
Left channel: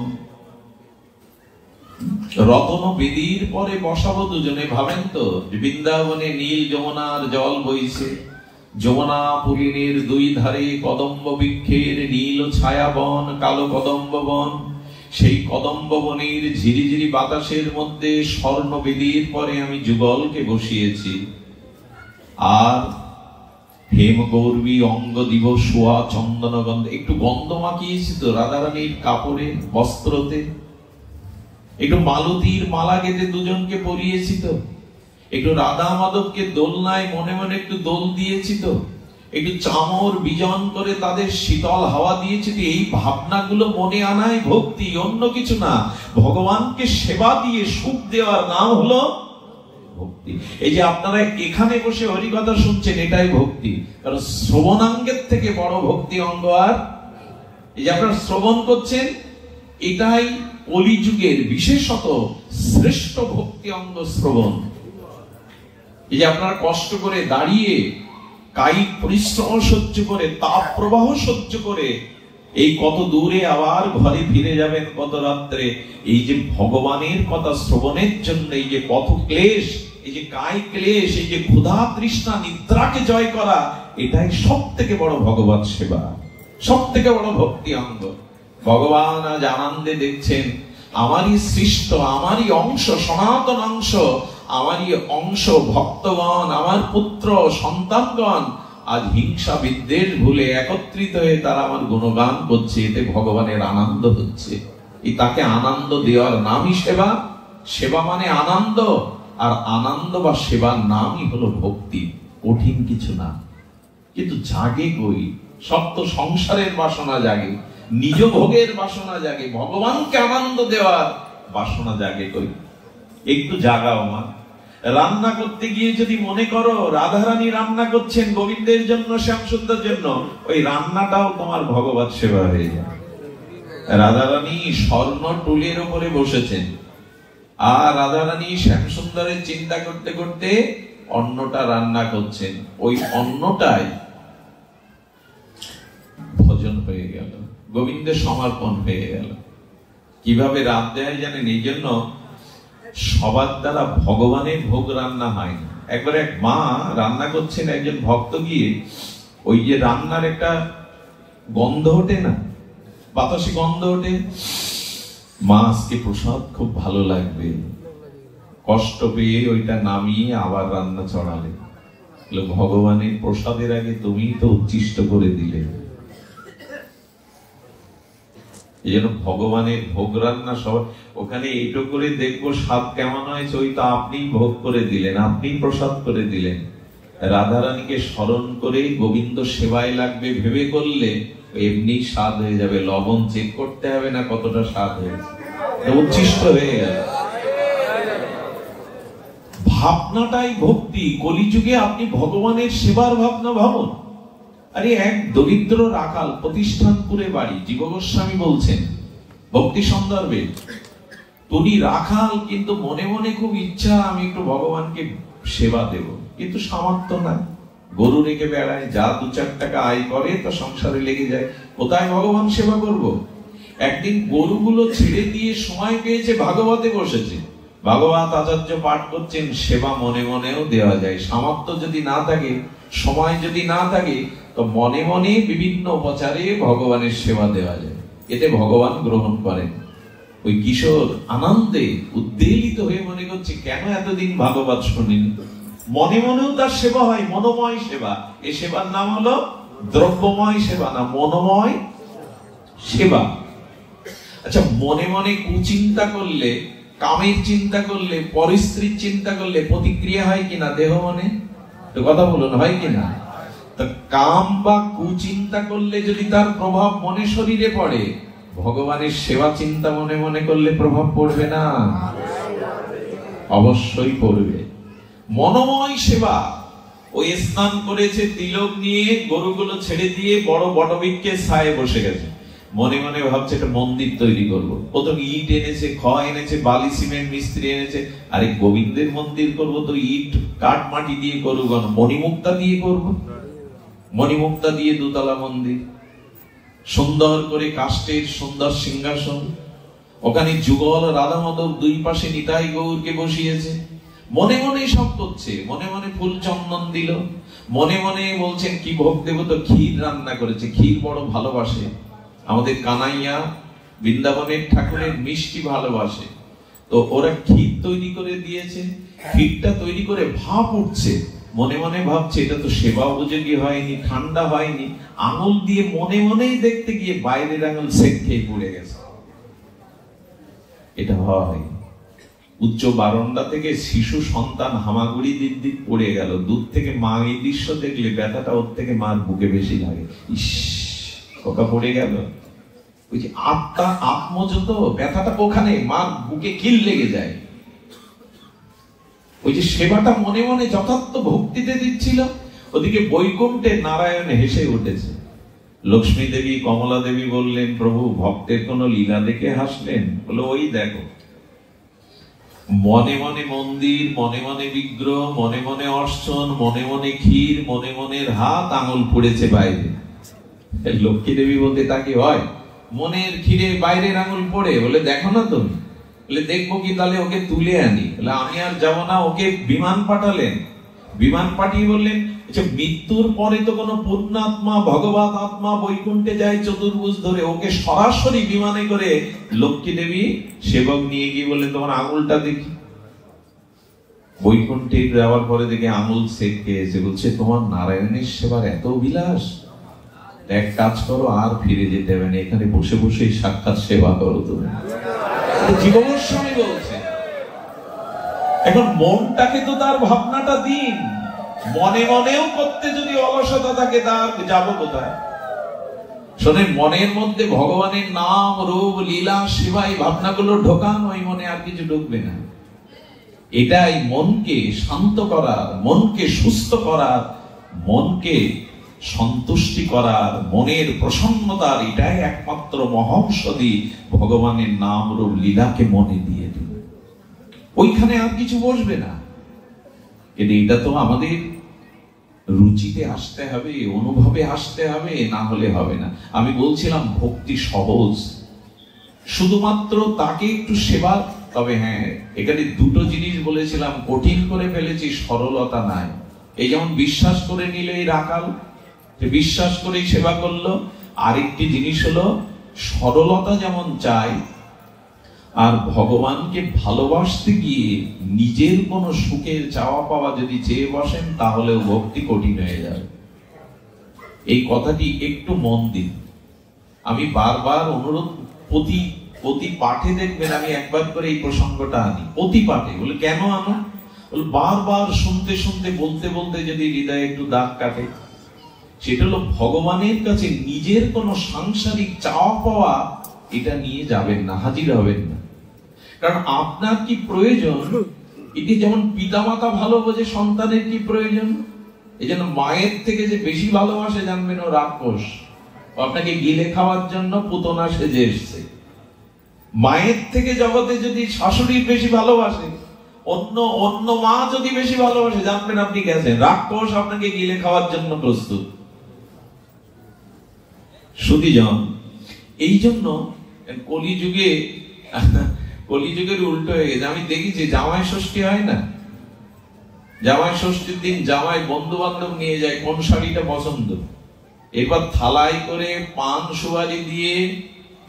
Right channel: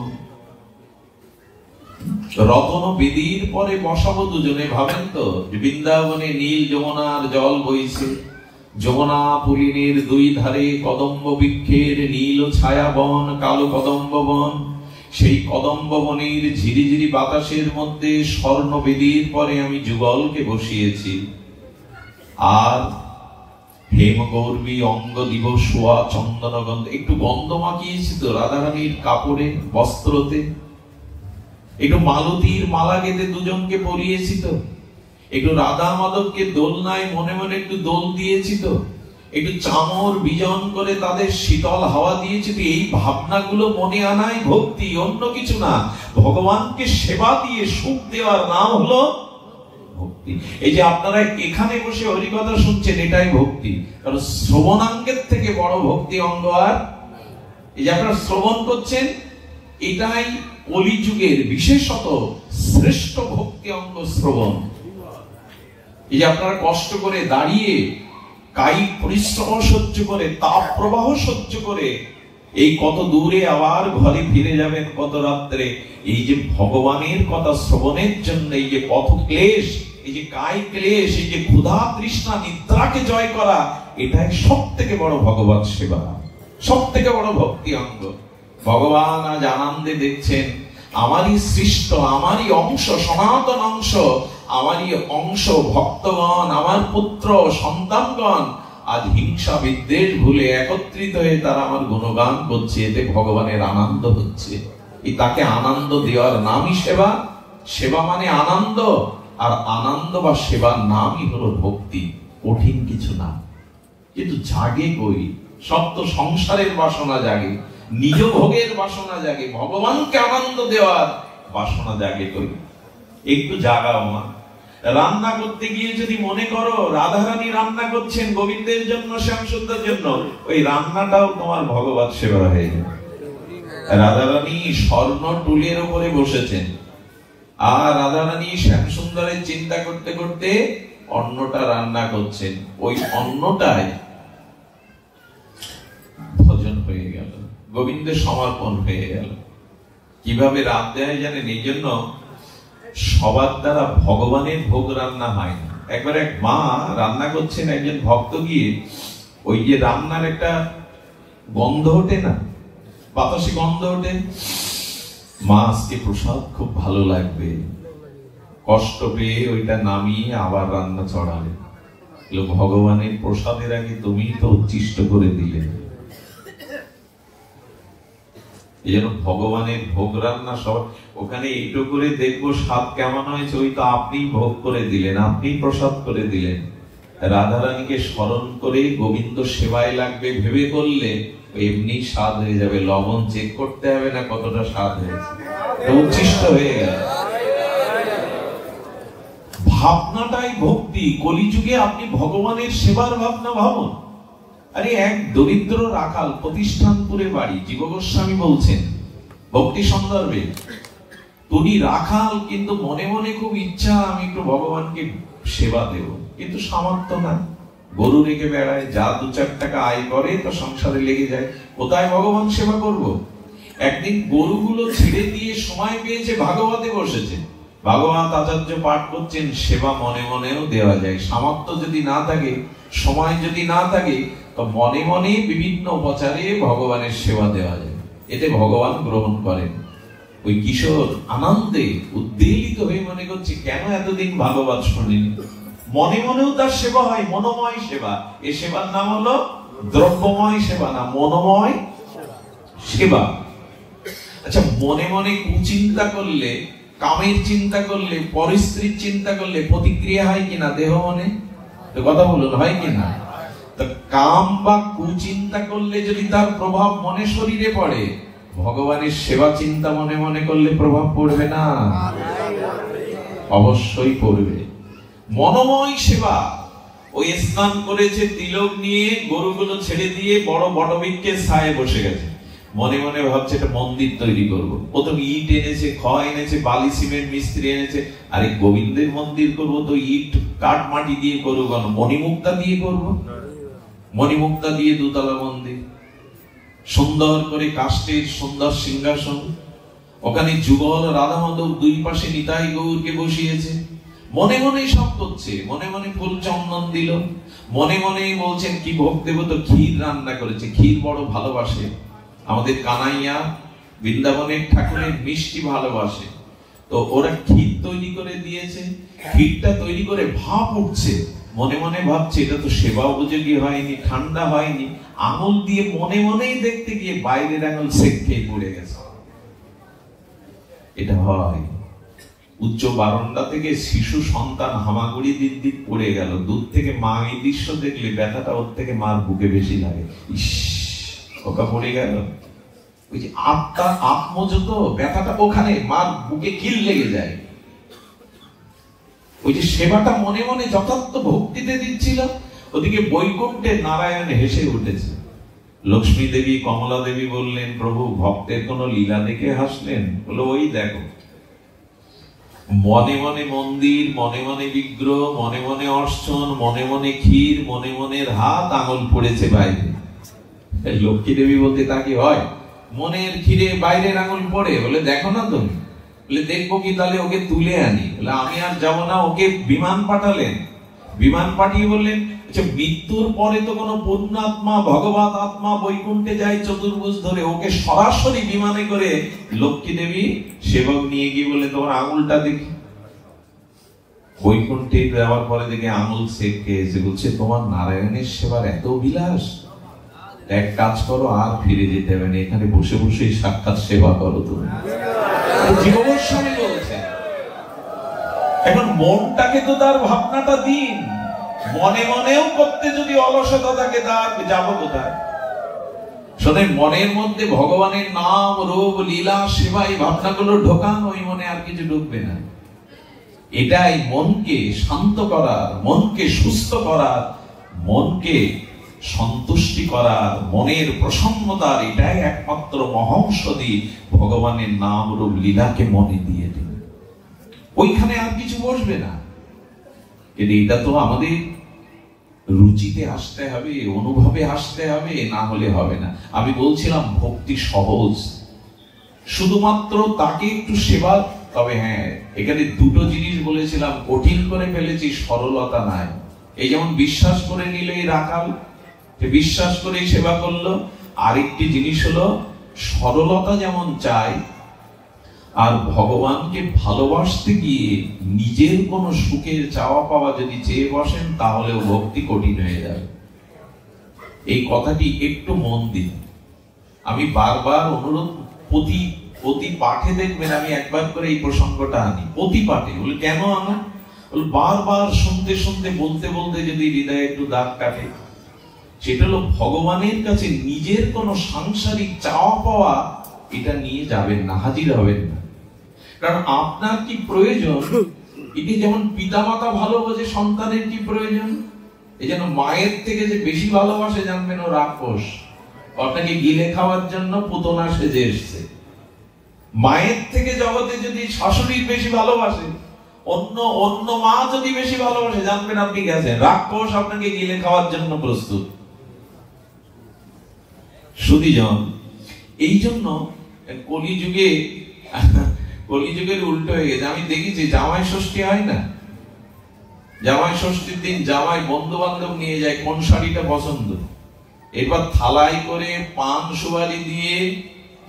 রতন বেদির পরে বসাবো দুজনে। ভাবেন তো, বৃন্দাবনে নীল যমুনার জল বইছে, যমুনা পুলিনের দুই ধারে কদম্ব বৃক্ষের নীল ছায়া বন, কালো কদম্ব বন। সেই কদম্ব বনের ঝিরিঝিরি বাতাসের মধ্যে স্বর্ণ বেদির পরে আমি যুগলকে বসিয়েছি, আর হেম গৌরবী অঙ্গ দিব সোয়া চন্দন গন্ধ। একটু গন্ধ মাখিয়েছি তো রাধারানীর কাপড়ে, বস্ত্রতে, একটু মালতীর মালা গেঁথে দুজনকে পরিয়েছি তো, একটু রাধা মাধবকে দোলনায় মনে মনে একটু দোল দিয়েছি তো, একটু চামর বিজন করে তাদের শীতল হাওয়া দিয়েছি তো। এই ভাবনাগুলো মনে আনাই ভক্তি, অন্য কিছু না। ভগবানকে সেবা দিয়ে সুখ দেওয়ার নাম হলো ভক্তি। এই যে আপনারা এখানে বসে হরিকথা শুনছেন, এটাই ভক্তি। কারণ শ্রবণাঙ্গের থেকে বড় ভক্তি অঙ্গ আর, এই যে আপনারা শ্রবণ করছেন, এটাই কলিযুগের বিশেষত শ্রেষ্ঠ ভক্তি অঙ্গ শ্রবণ। এই যে আপনারা কষ্ট করে দাঁড়িয়ে কায়িক পরিশ্রম সহ্য করে, তাপ প্রবাহ সহ্য করে এই কত দূরে আবার ঘরে ফিরে যাবেন কত রাত্রে, এই যে ভগবানের কথা শ্রবণের জন্য এই যে পথ ক্লেশ, এই যে কায়িক ক্লেশ, এই যে ক্ষুধা তৃষ্ণা নিদ্রাকে জয় করা, এটাই সব থেকে বড় ভগবত সেবা, সব থেকে বড় ভক্তি অঙ্গ। ভগবান আজ আনন্দে দেখছেন আমারই সৃষ্ট, আমারই অংশ, সনাতন অংশ, আমারই অংশ ভক্তগণ, আমার পুত্র সন্তানগণ আজ হিংসা বিদ্বেষ ভুলে একত্রিত হয়ে তারা আমার গুণগান করছে, এতে ভগবানের আনন্দ হচ্ছে। এই তাকে আনন্দ দেওয়ার নামই সেবা। সেবা মানে আনন্দ, আর আনন্দ বা সেবার নামই হলো ভক্তি। কঠিন কিছু না, কিন্তু জাগে কই? সব তো সংসারের বাসনা জাগে, নিজ ভোগের বাসনা জাগে, ভগবানকে আনন্দ দেওয়ার বাসনা জাগে কই? একটু জাগাও মা। রান্না করতে গিয়ে যদি মনে করো রাধারানী রান্না করছেন গোবিন্দের জন্য, শ্যামসুন্দর জন্য, ওই রান্নাটাও তোমার ভগবত সেবা হয়ে যাবে। রাধারানী স্বর্ণ টুলের উপরে বসেছেন, আর রাধারানী শ্যামসুন্দরের চিন্তা করতে করতে অন্নটা রান্না করছেন, ওই অন্নটাই ভজন হয়ে গেল, গোবিন্দের সমর্পণ হয়ে গেল। কিভাবে রাঁধতে হয় জানেন? এই জন্য সবার দ্বারা ভগবানের ভোগ রান্না হয় না। একবার এক মা রান্না করছেন, একজন ভক্ত গিয়ে ওই যে রান্নার একটা গন্ধ ওঠে না, বাতাসে গন্ধ ওঠে, মা আজকে প্রসাদ খুব ভালো লাগবে, কষ্ট পেয়ে ওইটা নামিয়ে আবার রান্না চড়ালে। ভগবানের প্রসাদের আগে তুমি তো উচ্ছিষ্ট করে দিলে। এই জন্য ভগবানের ভোগ রান্না সব ওখানে এইটু করে দেখবো স্বাদ কেমন হয়েছে, ওই তো আপনি ভোগ করে দিলেন, আপনি প্রসাদ করে দিলেন। রাধারানীকে স্মরণ করে গোবিন্দ সেবায় লাগবে ভেবে করলে এমনি স্বাদ হয়ে যাবে, লবণ চেক করতে হবে না কতটা স্বাদ হয়েছে, উচ্ছিষ্ট হয়ে গেল। ভাবনাটাই ভক্তি। কলিযুগে আপনি ভগবানের সেবার ভাবনা ভাবুন। আরে এক দরিদ্র রাখাল, প্রতিষ্ঠানপুরে বাড়ি, জীব গোস্বামী বলছেন ভক্তি সন্দর্ভে, তুমি রাখাল, কিন্তু মনে মনে খুব ইচ্ছা আমি একটু ভগবানকে সেবা দেব, কিন্তু সামর্থ্য না, গরু রেখে বেড়ায়, যা 2-4 টাকা আয় করে তো সংসারে লেগে যায়, কোথায় ভগবান সেবা করব? একদিন গরুগুলো ছেড়ে দিয়ে সময় পেয়েছে, ভাগবতে বসেছে, ভাগবত আচার্য পাঠ করছেন, সেবা মনে মনেও দেওয়া যায়। সামর্থ্য যদি না থাকে, সময় যদি না থাকে, তো মনে মনে বিভিন্ন উপচারে ভগবানের সেবা দেওয়া যায়, এতে ভগবান গ্রহণ করেন। ওই কিশোর আনন্দে উদ্বেলিত হয়ে মনে করছে কেন এতদিন ভাগবত শুনিনি। মনে মনেও তার সেবা হয়, মনোময় সেবা। এই সেবার নাম হলো দ্রব্যময় সেবা না, মনোময় সেবা। আচ্ছা, মনে মনে কুচিন্তা করলে, কামের চিন্তা করলে, পরিস্ত্রীর চিন্তা করলে প্রতিক্রিয়া হয় কিনা দেহ মনে? তো কথা বলুন, হয় কিনা? তো কাম বা কুচিন্তা করলে যদি তার প্রভাব মনে শরীরে পড়ে, ভগবানের সেবা চিন্তা মনে মনে করলে প্রভাব পড়বে না? অবশ্যই পড়বে। মনোময় সেবা। ওই স্নান করেছে, তিলক নিয়ে গরুগুলো ছেড়ে দিয়ে বড় বটবৃক্ষের ছায়ে বসে গেছে। মনে মনে ভাবছে একটা মন্দির তৈরি করবো। প্রথম ইট এনেছে, খড় এনেছে, বালি সিমেন্ট মিস্ত্রি এনেছে। আরে গোবিন্দের মন্দির করবো তো ইট কাঠ মাটি দিয়ে করবো কেন? মণিমুক্তা দিয়ে করবো। মণিমুক্তা দিয়ে দোতলা মন্দির, সুন্দর করে কাষ্ঠের সুন্দর সিংহাসন, ওখানে যুগল রাধা মাধব দুই পাশে নিতাই গৌরকে বসিয়েছে। মনে মনে সব করছে, মনে মনে ফুল চন্দন দিল, মনে মনে বলছেন কি ভোগ দেবো, তো ক্ষীর রান্না করেছে। ক্ষীর বড় ভালোবাসে আমাদের কানাইয়া, বৃন্দাবনের ঠাকুরের মিষ্টি ভালোবাসে। তো ওরা ক্ষীর তৈরি করে দিয়েছে। ক্ষীরটা তৈরি করে ভাপ উঠছে, মনে মনে ভাবছে এটা তো সেবা উপযোগী হয়নি, ঠান্ডা হয়নি। আঙুল দিয়ে মনে মনেই দেখতে গিয়ে বাইরের আঙুল সেক খেয়ে পড়ে গেছে। এটা হয়। উচ্চ বারান্দা থেকে শিশু সন্তান হামাগুড়ি দিক পড়ে গেল। দূর থেকে মা এই দৃশ্য দেখলে ব্যথাটা ওর থেকে মার বুকে বেশি লাগে। ইস, ওকা পড়ে গেল। ওই যে আত্মা আত্মযত ব্যথাটা ওখানে মার বুকে কিল লেগে যায়। ওই যে সেবাটা মনে মনে যথার্থ ভক্তিতে দিচ্ছিল, ওদিকে বৈকুণ্ঠে নারায়ণ হেসে উঠেছে। লক্ষ্মী দেবী, কমলা দেবী বললেন, প্রভু ভক্তের কোন লীলা দেখে হাসলেন? বলো, ওই দেখো, মনে মনে মন্দির, মনে মনে বিগ্রহ, মনে মনে অর্চন, মনে মনে ক্ষীর, মনে মনের হাত আঙুল পড়েছে বাইরে। লক্ষ্মী দেবী বলতে তা কি হয়? মনের ক্ষীরে বাইরের আঙুল পড়ে? বলে দেখো না তুমি। বলে দেখবো কি, তাহলে ওকে তুলে আনি। বলে আমি আর যাবো না। ওকে বিমান পাঠালেন। বিমান পাঠিয়ে বললেন, আচ্ছা মৃত্যুর পরে তো কোনো পুণ্যাত্মা, ভগবত আত্মা বৈকুণ্ঠে যায় চতুর্ভুজ ধরে। ওকে সরাসরি বিমানে করে লক্ষ্মী দেবী সেবক নিয়ে গিয়ে বলে তোমার আঙুলটা দেখি। বৈকুণ্ঠে যাওয়ার পরে দেখে আঙুল সেক খেয়েছে। বলছে তোমার নারায়ণের সেবার এত বিলাস, এক কাজ করো, আর ফিরে যেতে হবে না, এখানে বসে বসে সাক্ষাৎ সেবা করো তুমি। জীবগোস্বামী বলছে। এখন মনটাকে তো তার ভাবনাটা দিন। মনে মনেও করতে যদি অলসতা থাকে, তার যাবো কোথায়? শোনেন, মনের মধ্যে ভগবানের নাম, রূপ, লীলা, সেবা এই ভাবনাগুলো ঢোকান, ওই মনে আর কিছু ঢুকবে না। এটাই মনকে শান্ত করার, মনকে সুস্থ করার, মনকে সন্তুষ্টি করার, মনের প্রসন্নতার এটাই একমাত্র মহৌষধি। ভগবানের নাম, রূপ, লীলাকে মনে দিয়ে দিন, ওইখানে আর কিছু বসবে না। কিন্তু এটা তো আমাদের রুচিতে আসতে হবে, অনুভবে আসতে হবে, না হলে হবে না। আমি বলছিলাম ভক্তি সহজ, শুধুমাত্র তাকে একটু সেবা। তবে হ্যাঁ, এখানে দুটো জিনিস বলেছিলাম, কঠিন করে ফেলেছি, সরলতা নাই। এই যেমন বিশ্বাস করে নিলে এই রাখাল, বিশ্বাস করেই সেবা করলো। আরেকটি জিনিস হলো সরলতা যেমন চাই, আর ভগবানকে ভালোবাসতে গিয়ে নিজের কোন সুখের চাওয়া পাওয়া যদি চেয়ে বসেন, তাহলেও ভক্তি কঠিন হয়ে যাবে। এই কথাটি একটু মন দিন। আমি বারবার অনুরোধ, প্রতি পাঠে দেখবেন আমি একবার করে এই প্রসঙ্গটা আনি, প্রতি পাঠে। বলে কেন আনো? বারবার শুনতে শুনতে, বলতে বলতে যদি হৃদয়ে একটু দাগ কাটে, সেটা হলো ভগবানের কাছে নিজের কোন সাংসারিক চাওয়া পাওয়া এটা নিয়ে যাবেন না, হাজির হবেন না। কারণ আপনার কি প্রয়োজন, এটি যেমন পিতামাতা ভালো বোঝে সন্তানের কি প্রয়োজন। এই জন্য মায়ের থেকে যে বেশি ভালোবাসে, জানবেন ও রাক্ষস। আপনাকে গিলে খাওয়ার জন্য পুতনা সেজে এসছে। মায়ের থেকে জগতে যদি শাশুড়ির বেশি ভালোবাসে, অন্য মা যদি বেশি ভালোবাসে, জানবেন আপনি গেছেন। রাক্ষস আপনাকে গিলে খাওয়ার জন্য প্রস্তুত। সুধীজন, এই জন্য কলিযুগের উল্টো হয়ে গেছে। আমি দেখেছি জামাই ষষ্ঠী হয় না, জামাই ষষ্ঠীর দিন জামাই বন্ধু বান্ধব নিয়ে যায় কোন শাড়িটা পছন্দ, এরপর থালাই করে পান সুপারি দিয়ে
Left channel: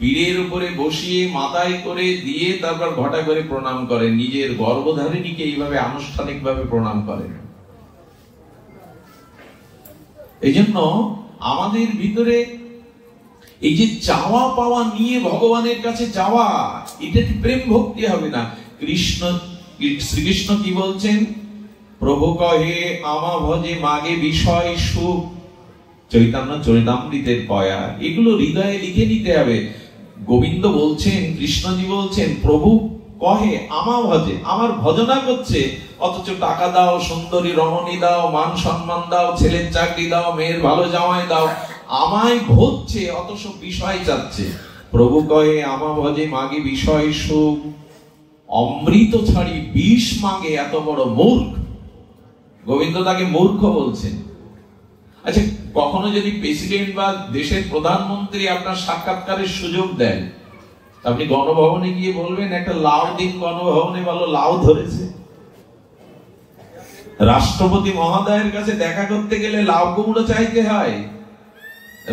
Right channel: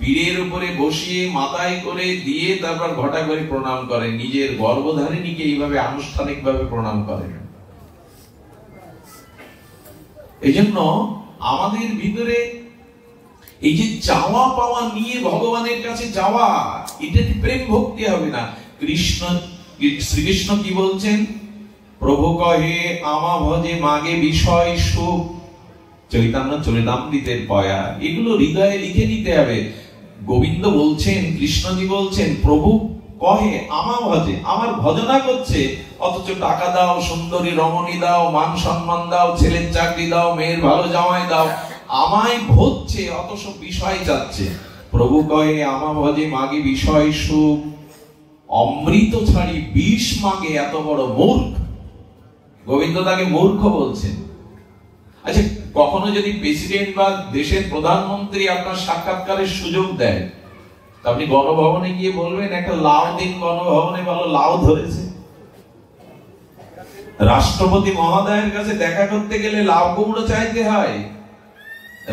পীরের উপরে বসিয়ে মাথায় করে দিয়ে তারপর ঘটা করে প্রণাম করেন, নিজের গর্ভধারিণীকে এইভাবে আনুষ্ঠানিক ভাবে প্রণাম করেন। এই জন্য আমাদের ভিতরে এই যে চাওয়া পাওয়া নিয়ে ভগবানের কাছে যাওয়া, এটা প্রেম ভক্তি হবে না। শ্রীকৃষ্ণ কি বলছেন? প্রভু কহে আমা ভজে মাগে বিষয় সুখ, চৈতন্য চরিতামৃতের পয়া। এগুলো হৃদয়ে লিখে নিতে হবে। গোবিন্দ বলছেন, কৃষ্ণজি বলছেন, প্রভু কহে আমা ভজে, আমার ভজনা করছে, অথচ টাকা দাও, সুন্দরী রমণী দাও, মান সম্মান দাও, ছেলের চাকরি দাও, মেয়ের ভালো জামাই দাও, আমায় ভজছে, অথচ বিষয় চাচ্ছে। প্রভু কহে আমা ভজে মাগে বিষয় সুখ, অমৃত ছাড়ি বিষ মাগে এত বড় মূর্খ। গোবিন্দ তাকে মূর্খ বলছেন। আচ্ছা, কখনো যদি প্রেসিডেন্ট বা দেশের প্রধানমন্ত্রী আপনার সাক্ষাৎকারের সুযোগ দেন, আপনি গণভবনে গিয়ে বলবেন একটা লাউ দিন, গণভবনে ভালো লাউ ধরেছে। রাষ্ট্রপতি মহোদয়ের কাছে দেখা করতে গেলে লাউ কুমড়ো চাইতে হয়,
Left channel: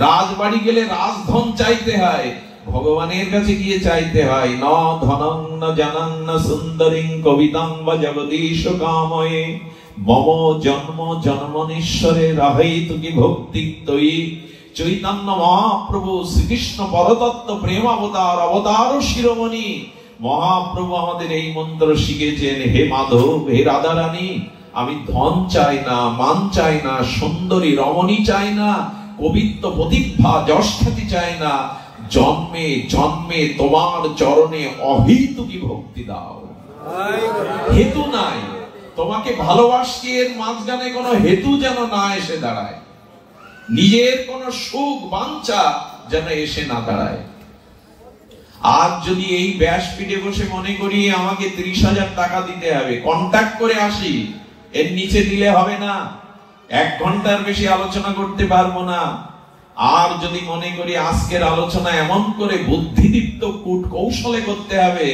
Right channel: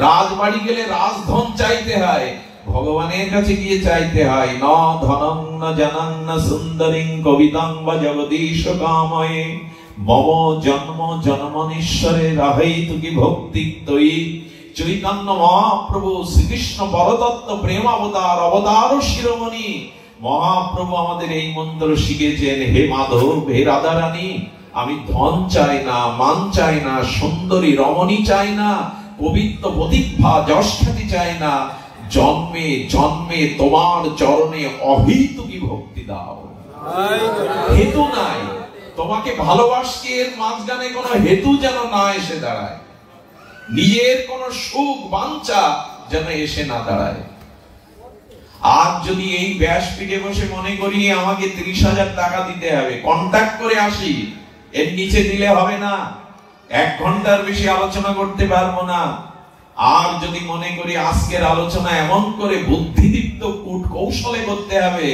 রাজবাড়ি গেলে রাজধন চাইতে হয়, ভগবানের কাছে গিয়ে চাইতে হয় ন ধনং ন জনং ন সুন্দরীং কবিতাং বা জগদীশ কাময়ে মম জন্ম জন্মনীশ্বরে রাহৈতু কি ভক্তি তৈ। চৈতন্য মহাপ্রভু শ্রীকৃষ্ণ পরতত্ত্ব প্রেম অবতার, অবতার শিরোমণি মহাপ্রভু আমাদের এই মন্ত্র শিখেছেন। হে মাধব, হে রাধারানী, আমি ধন চাই না, মান চাই না, সুন্দরী রমণী চাই না, পবিত্র প্রতিভা যশ খ্যাতি চাই না, জন্মে জন্মে তোমার চরণে অহেতুকি ভক্তি দাও। হেতু নাই, তোমাকে ভালোবাসছি এর মাঝখানে কোনো হেতু যেন না এসে দাঁড়ায়, নিজের কোন সুখ বাঞ্ছা যেন এসে না দাঁড়ায়। আজ যদি এই ব্যাসপীঠে বসে মনে করি আমাকে 30,000 টাকা দিতে হবে, কন্ট্যাক্ট করে আসি, এর নিচে দিলে হবে না, 1 ঘন্টার বেশি আলোচনা করতে পারবো না। আর যদি মনে করি আজকের আলোচনা এমন করে বুদ্ধিদীপ্ত কূট কৌশলে করতে হবে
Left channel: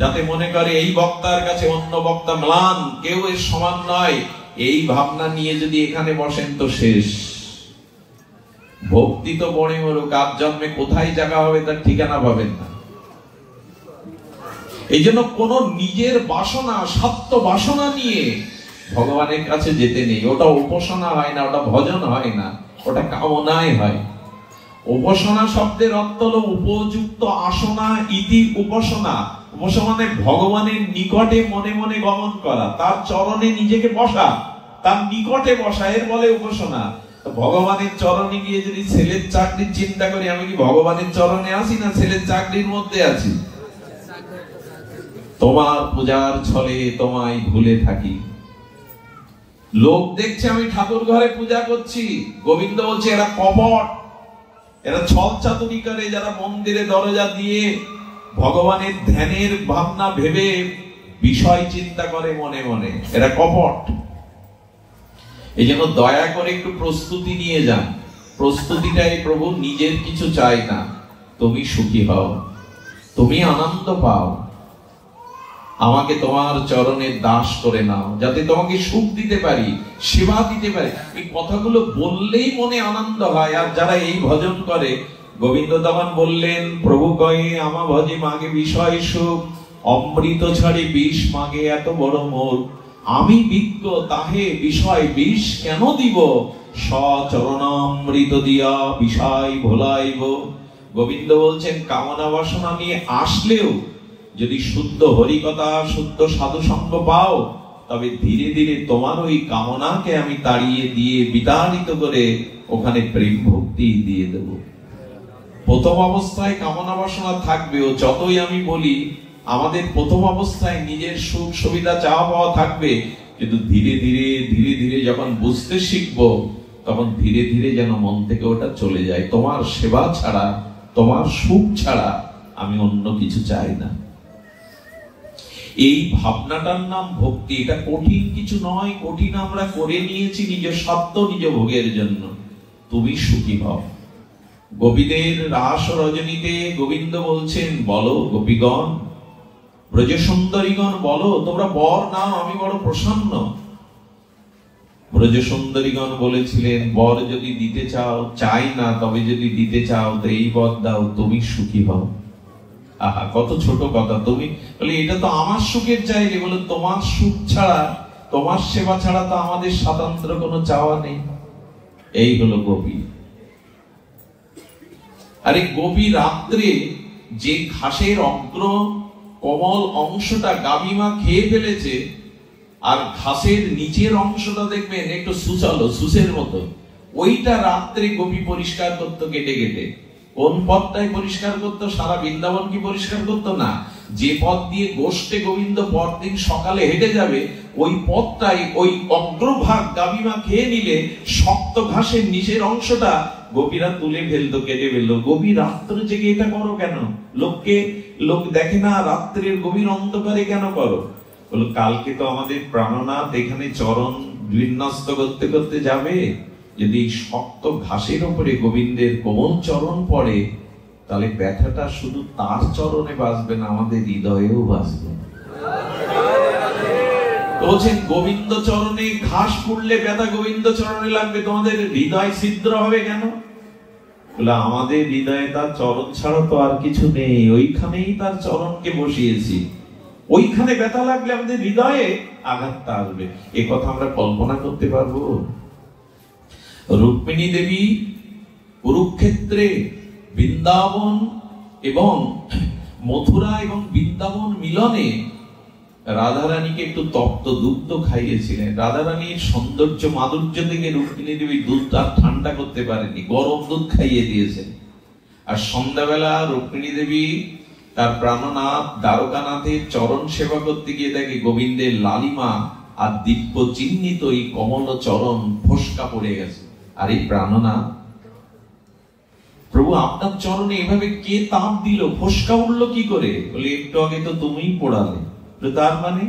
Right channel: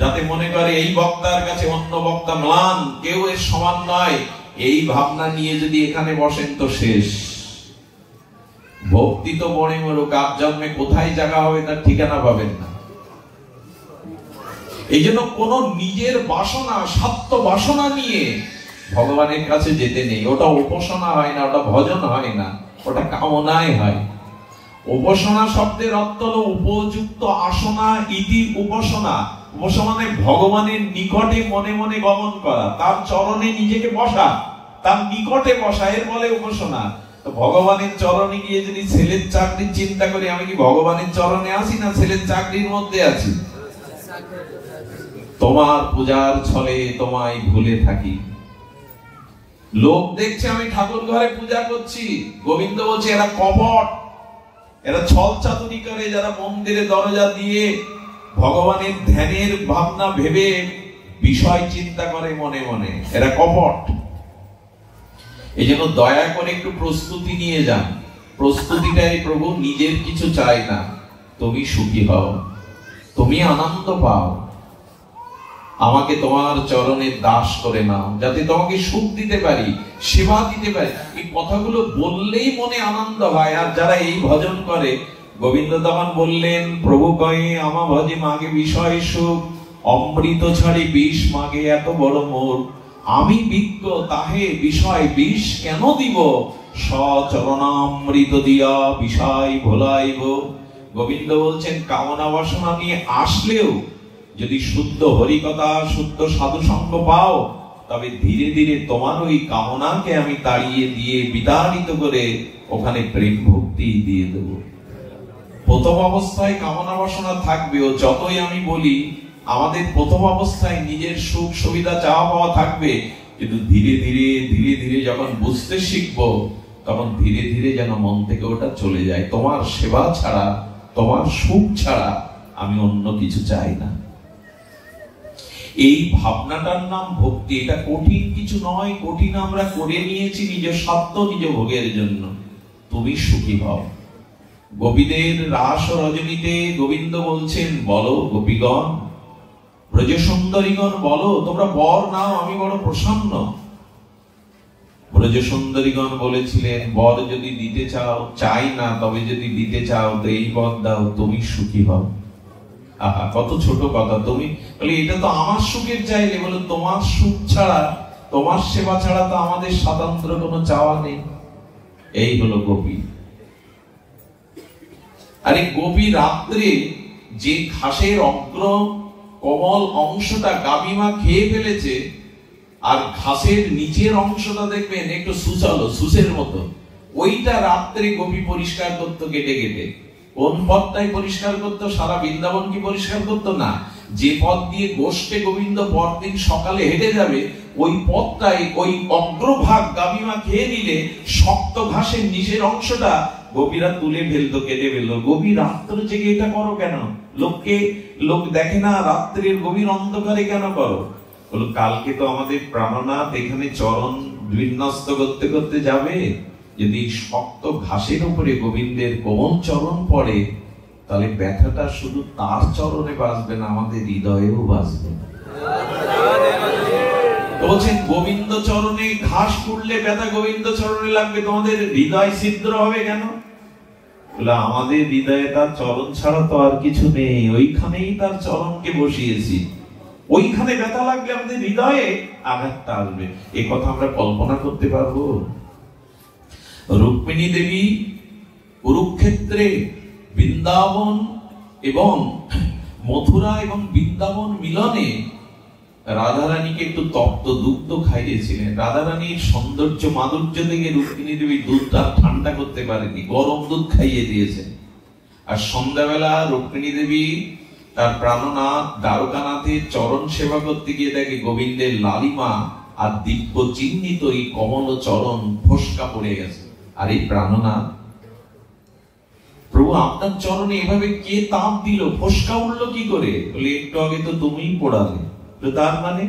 যাতে মনে করে এই বক্তার কাছে অন্য বক্তা ম্লান, কেউ এর সমান নয়, এই ভাবনা নিয়ে যদি এখানে বসেন তো শেষ। ভক্তি তো বড় বড় কাপ জন্মে কোথায় জায়গা হবে তার ঠিকানা পাবেন না। এই জন্য কোন নিজের বাসনা, স্বার্থ বাসনা নিয়ে ভগবানের কাছে যেতে নেই। ওটা উপাসনা হয় না, ওটা ভজন হয় না, ওটা কামনায় হয়। উপাসনা শব্দের অর্থ হলো উপযুক্ত আসনা ইতি উপাসনা। উপাসনা মানে ভগবানের নিকটে মনে মনে গমন করা, তার চরণে নিজেকে বসা, তার নিকটে বসা, এর বলে উপাসনা। তো ভগবানের চরণে গিয়ে যদি ছেলের চাকরির চিন্তা করি, আমি কি ভগবানের চরণে আছি না ছেলের চাকরির মধ্যে আছি? তোমার পূজার ছলে তোমায় ভুলে থাকি। লোক দেখছে আমি ঠাকুর ঘরে পূজা করছি, গোবিন্দ বলছে এরা কপট, এরা ছল চাতুরি করে, যারা মন্দিরে দরজা দিয়ে ভগবানের ধ্যানের ভাবনা ভেবে বিষয় চিন্তা করে মনে মনে, এরা কপট। এই জন্য দয়া করে একটু প্রস্তুতি নিয়ে যান। প্রস্তুতিটাই প্রভু, নিজের কিছু চাই না, তুমি সুখী হও, তুমি আনন্দ পাও, আমাকে তোমার চরণের দাস করে নাও, যাতে তোমাকে সুখ দিতে পারি, সেবা দিতে পারি। এই কথাগুলো বললেই মনে আনন্দ হয়। আর যারা এই ভজন করে, গোবিন্দ তখন বললেন, প্রভু কয়ে আমা ভজে মাগে বিষয় সুখ, অমৃত ছাড়ি বিষ মাগে এত বড় মোর, আমি বিজ্ঞ তাহে বিষয় বিষ কেন দিব, সচরণামৃত দিয়া বিষয় ভোলাইব। গোবিন্দ বলছেন কামনা বাসনা নিয়ে আসলেও যদি শুদ্ধ হরিকথা, শুদ্ধ সাধু সঙ্গ পাও, তবে ধীরে ধীরে তোমার ওই কামনাকে আমি তাড়িয়ে দিয়ে বিতাড়িত করে ওখানে প্রেম ভক্তি দিয়ে দেব। প্রথম অবস্থায় কামনা বাসনা থাকবে, ও যতই আমি বলি আমাদের প্রথম অবস্থায় নিজের সুখ সুবিধা চাওয়া পাওয়া থাকবে, কিন্তু ধীরে ধীরে ধীরে ধীরে যখন বুঝতে শিখবো, তখন ধীরে ধীরে যেন মন থেকে ওটা চলে যায়। তোমার সেবা ছাড়া, তোমার সুখ ছাড়া আমি অন্য কিছু চাই না। এই ভাবনাটার নাম ভক্তি। এটা কঠিন কিছু নয়, কঠিন আমরা করে নিয়েছি নিজ স্বার্থ, নিজ ভোগের জন্য। তুমি সুখী হও। গোপীদের রাস রজনীতে গোবিন্দ বলছেন, বলো গোপীগণ, ব্রজ সুন্দরীগণ বলো, তোমরা বর নাও, আমি বড় প্রসন্ন। ব্রজ সুন্দরীগণ বলেছিলেন, বর যদি দিতে চাও, চাই না, তবে যদি দিতে চাও তো এই বর দাও, তুমি সুখী হও। আহা, কত ছোট কথা। তুমি বলে এটা তো আমার সুখের চাইলে, বলে তোমার সুখ ছাড়া, তোমার সেবা ছাড়া তো আমাদের স্বাতন্ত্র কোনো চাওয়া নেই। এই হলো গোপী। আরে গোপী রাত্রে যে ঘাসের অগ্র কোমল অংশটা গাভীমা খেয়ে ফেলেছে, আর ঘাসের নিচের অংশটা দেখবেন একটু সুচালো, সুসের মতো, ওইটা রাত্রে গোপী পরিষ্কার করতো কেটে কেটে। কোন পথটাই পরিষ্কার করতো? সারা বৃন্দাবন কি পরিষ্কার করতো না? যে পথ দিয়ে গোষ্ঠে গোবিন্দ পরদিন সকালে হেঁটে যাবে, ওই পথটাই, ওই অগ্রভাগ গাভীমা খেয়ে নিলে শক্ত ঘাসের নিচের অংশটা গোপীরা তুলে ফেলতো, কেটে ফেলতো। গোপী রাত্রে জেগে এটা করো কেন? লোক দেখে না রাত্রের গভীর অন্ধকারে কেন করো? বলো, কালকে তো আমাদের প্রাণনাথ এখানে চরণ বিন্যস্ত করতে করতে যাবে। যদি শক্ত ঘাসের উপরে গোবিন্দের কোমল চরণ পড়ে, তাহলে ব্যথাটা শুধু তার চরণে বাজবে না, আমাদের হৃদয়েও বাজবে। বলছেন গোবিন্দ চরণে ঘাস পুড়লে ব্যথা গোবিন্দ চরণে লাগবে, তোমাদের হৃদয় ছিদ্র হবে কেন? বলে, আমাদের হৃদয়ে তার চরণ ছাড়া তো আর কিছু নেই, ওইখানেই তার চরণকে বসিয়েছি। ওইখানে ব্যথা লাগলে আমাদের হৃদয়ে আঘাতটা আসবে। এই কথা আমরা কল্পনা করতে পারবো? রুক্মিণী দেবী কুরুক্ষেত্রে বৃন্দাবন এবং মথুরা এবং বৃন্দাবন মিলনে রাধারানীকে একটু তপ্ত দুগ্ধ খাইয়েছিলেন। রাধারানীর সৌন্দর্য মাধুর্য থেকে রুক্মিণী দেবী দুধটা ঠান্ডা করতে পারেনি, গরম দুধ খাইয়ে দিয়েছেন। আর সন্ধ্যাবেলা রুক্মিণী দেবী তার প্রাণনাথ দ্বারকানাথের চরণ সেবা করতে গিয়ে দেখে গোবিন্দের লালিমা আর দিব্য চিহ্নিত এই কমল চরণ ফোসকা পড়ে গেছে। আর এই প্রাণনাথ, প্রভু আপনার চরণে এভাবে কে তাপ দিল, ফোসকা উঠলো কি করে? বলে, একটু আগে তো তুমিই পড়ালে। তার মানে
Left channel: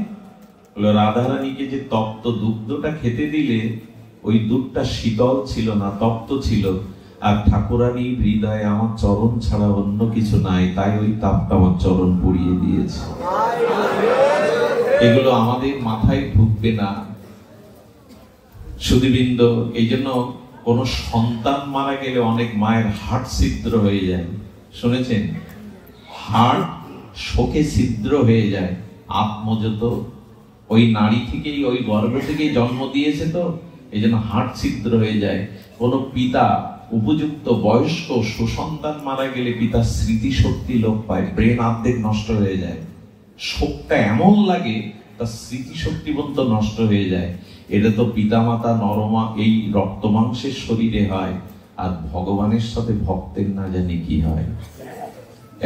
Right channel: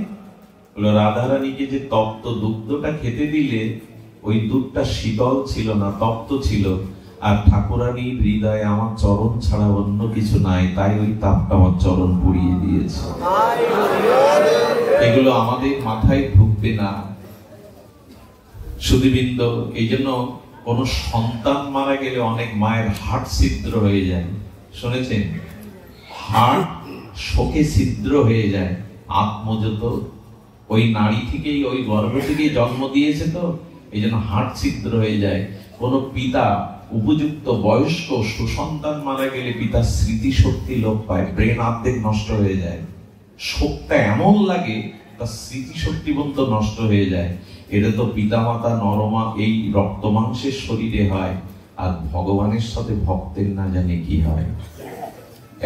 হলো রাধারানীকে যে তপ্ত দুগ্ধটা খেতে দিলে, ওই দুধটা শীতল ছিল না, তপ্ত ছিল। আর ঠাকুরানীর হৃদয়ে আমার চরণ ছাড়া অন্য কিছু নাই, তাই ওই তাপটা আমার চরণ পুড়িয়ে দিয়েছে। এগুলো আমাদের মাথায় ঢুকবে না সুধীবৃন্দ। এই জন্য কোন সন্তান মারা গেলে অনেক মায়ের হার্ট ছিদ্র হয়ে যায়, শুনেছেন? হার্ট শোকে ছিদ্র হয়ে যায়। আত্মজত ওই নারী থেকেই, ওই গর্ভ থেকেই জন্ম দিয়েছে, তো এই জন্য হার্ট ছিদ্র হয়ে যায়। কোন পিতা উপযুক্ত বয়স্ক সুসন্তান মারা গেলে পিতার স্মৃতি শক্তি লোপ পায়, ব্রেন অর্ধেক নষ্ট হয়ে যায়, শোকটা এমন লাগে তার স্মৃতি শক্তি পর্যন্ত নষ্ট হয়ে যায়। এটা তো পিতামাতা নরমা এই রক্ত মাংসের শরীরে হয়, আর ভগবানের সাথে ভক্তের না জানি কি হয়।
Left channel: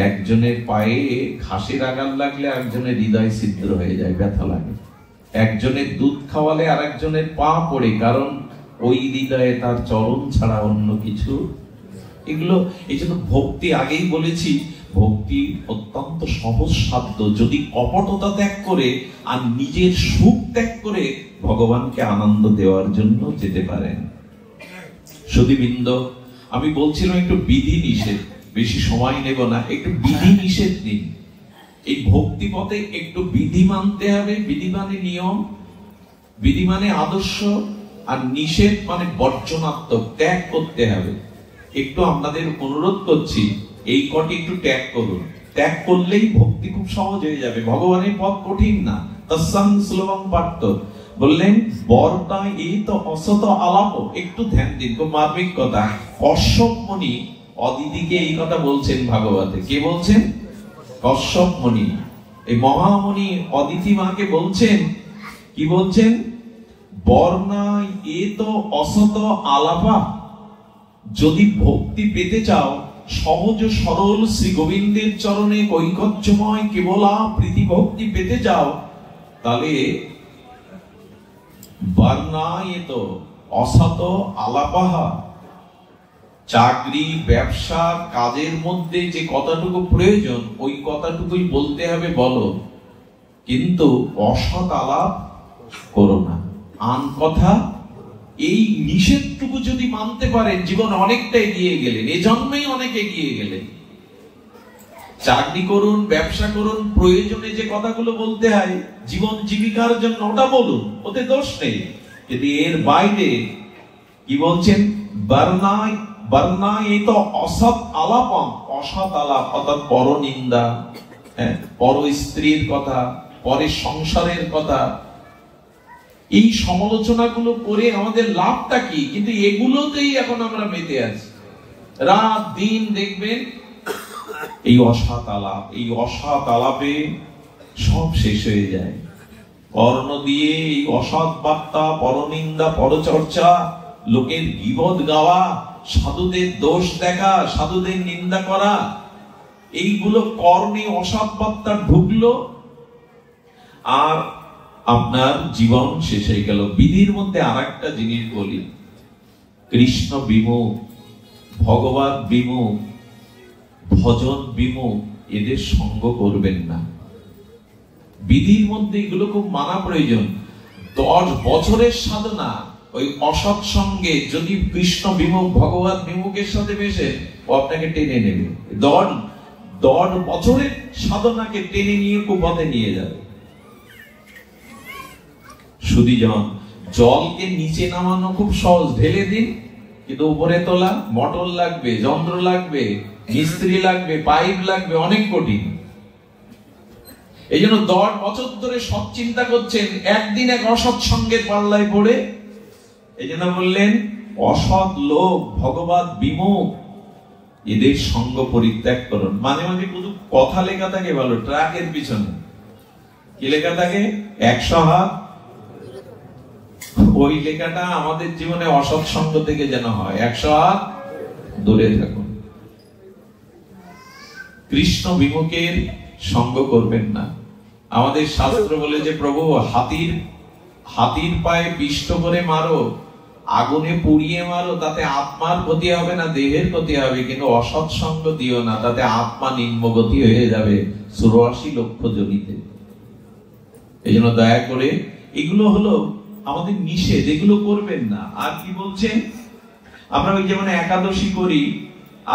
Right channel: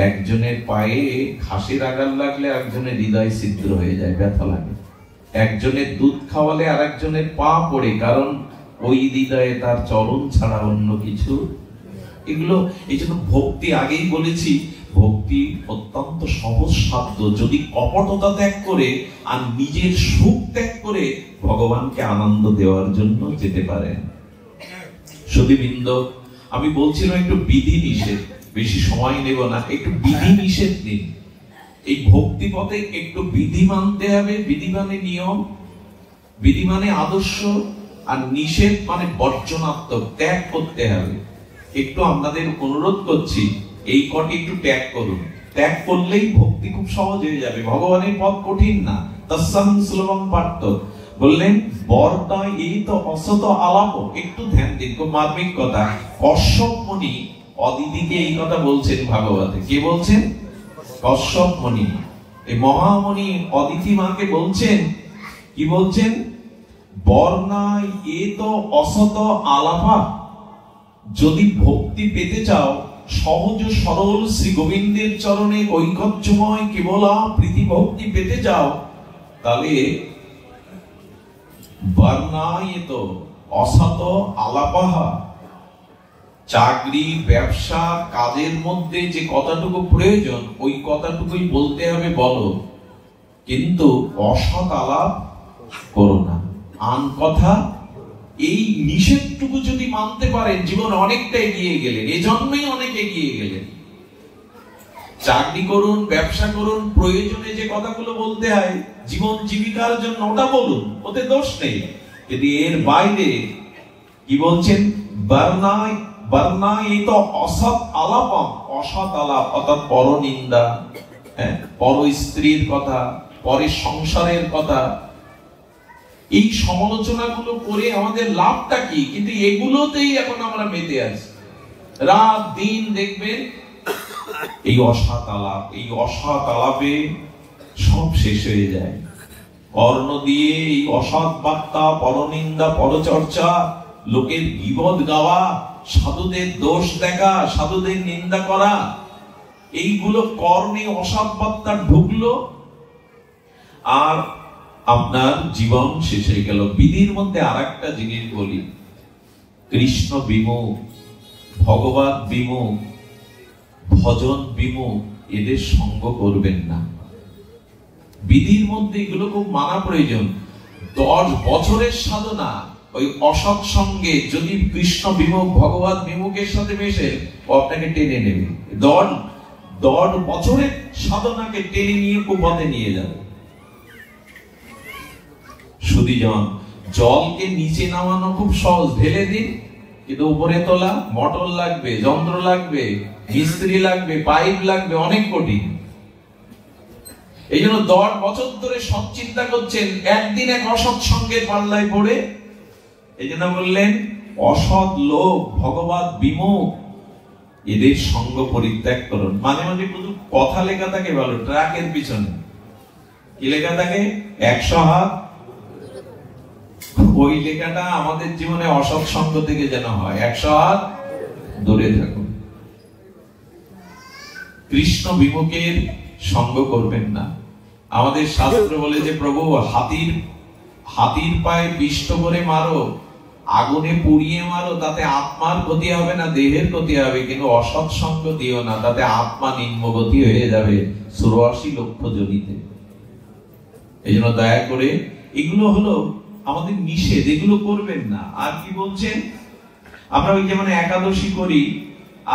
একজনের পায়ে ঘাসের আঘাত লাগলে একজনের হৃদয় ছিদ্র হয়ে যায়, ব্যথা লাগে। একজনের দুধ খাওয়ালে আর একজনের পা পড়ে, কারণ ওই হৃদয়ে তার চরণ ছাড়া অন্য কিছু। এগুলো এই জন্য ভক্তি, আগেই বলেছি, ভক্তি অত্যন্ত সহজ সাধ্য। যদি কপটতা ত্যাগ করে আর নিজের সুখ ত্যাগ করে ভগবানকে আনন্দ দেওয়ার জন্য যেতে পারেন। সুধীবৃন্দ, আমি বলছিলাম একটু বিধি নিষেধ, বেশি সময় নেব না, একটু বিধি নিষেধ দিন। এই ভক্তি পথে একটু বিধি মানতে হবে। বিধি মানে নিয়ম, বিধি মানে আদর্শ, আর নিষেধ মানে বর্জনাত্মক, ত্যাগ করতে হবে। একটু আপনাদের অনুরোধ করছি, এই কটি একটু ত্যাগ করুন। ত্যাগ করলেই ভক্তি খুব সহজ হয়ে যাবে। ভগবানের পথ কঠিন না, তস্যাং সুলভং পার্থ। বললেন বরটা এই তো অসত আলাপ। একটু ধ্যান দিন, খুব মার্মিক কথা। কশ্যপ মুনি অদিতিকে এই কথা বলছেন ভাগবতে। কে বলছেন? কশ্যপ মুনি। এই মহামুনি অদিতি মাকে বলছেন, কি বলছেন? বর্ণাই এ তো অসত আলাপা। যদি ভক্তি পেতে চাও, সহজ সরল শ্রী গোবিন্দের চরণে কৈঙ্কর্যময় কেবলা প্রীতি ভক্তি পেতে চাও, তাহলে বর্ণাই এ তো অসত আলাপাহা। চাকরি, ব্যবসা, কাজের মধ্যে যে কথাটুকু প্রয়োজন, ওই কথাটুকুই বলতে হবে, বলো, কিন্তু অসৎ আলাপ করো না। আন কথা, এই নিষেধটুকু যদি মানতে পারেন, জীবন অনেকটা এগিয়ে গেলেন, এই জন্মেই অনেক এগিয়ে গেলেন। চাকরি করুন, ব্যবসা করুন, প্রয়োজনে যে কথাগুলো বলতে হয় জীবন জীবিকার জন্য, ওটা বলুন, ওতে দোষ নেই। কিন্তু এর বাইরে কি বলছেন, বর্ণায় তো অসৎ আলাপম, অসৎ আলাপ অর্থাৎ পরনিন্দা, পর স্ত্রীর কথা, পরের সংসারের কথা, এই সমালোচনাগুলো করে আমাদের লাভটা কি? কিন্তু এগুলোতেই এখন আমরা মেতে আছি। রাত দিন দেখবেন এই অসৎ আলাপ, এই অসৎ আলাপে সব শেষ হয়ে যায়। কর্ণ দিয়ে এই অসৎ বার্তা, পরনিন্দা, পরচর্চা, লোকের গীবত গাওয়া, সাধুদের দোষ দেখা, সাধুদের নিন্দা করা, এইগুলো কর্ণে অসৎ বার্তা ঢুকলো আর আপনার জীবন শেষ হয়ে গেল। বিধির মধ্যে আর একটা জিনিস বলি, কৃষ্ণ বিমুখ, ভগবান বিমুখ, ভজন বিমুখ এদের সঙ্গ করবেন না। বিধির মধ্যে এগুলো খুব মানা প্রয়োজন। 10 বছরের সাধনা ওই অসৎ সঙ্গে যদি কৃষ্ণ বিমুখ, ভগবান বিমুখের সাথে মেশে, ও আপনাকে টেনে নেবে। 10 বছরের সাধনাকে টেনে নিয়ে কুপথে নিয়ে যাবে। সুধীজন, জলকে নিচে নামানো খুব সহজ, ঢেলে দিন, কিন্তু উপরে তোলা মোটর লাগবে, যন্ত্র লাগবে, মিস্ত্রি লাগবে, পাইপ লাগবে, অনেক কঠিন। এই জন্য 10 বছর ধরে সৎ চিন্তা করছেন, একদিন এক অসৎ সঙ্গের পাল্লায় পড়ে, এই জন্য বললেন অসৎ লোক, ভগবান বিমুখ, এদের সঙ্গ পরিত্যাগ করুন। মাঝে মাঝে শুধু কথা লেখা থাকে ভালো, ট্রাকের পিছনে কি লেখা থাকে, 100 হাত, ওই লেখাটা আমাদের জীবনে অসৎ সঙ্গ থেকে যেন হয়, 100 হাত দূরে থাকুন। কৃষ্ণ বিমুখের সঙ্গ করবেন না। আমাদের শাস্ত্র বলে যে প্রভু হাতির পায়ে পিষ্ট করে মারো, আগুনে পুড়িয়ে মারো, তাতে আত্মার ক্ষতি হবে না, দেহের ক্ষতি হবে, কিন্তু অসৎ সঙ্গ দিও না, তাতে আত্মা নিম্নগতি হয়ে যাবে 84 লক্ষ জনিতে। এই জন্য দয়া করে, এগুলো হলো আমাদের নিষেধ, এগুলো করবেন না। আর কি বলছেন, আমরা ওই যেমন একাদশী করি,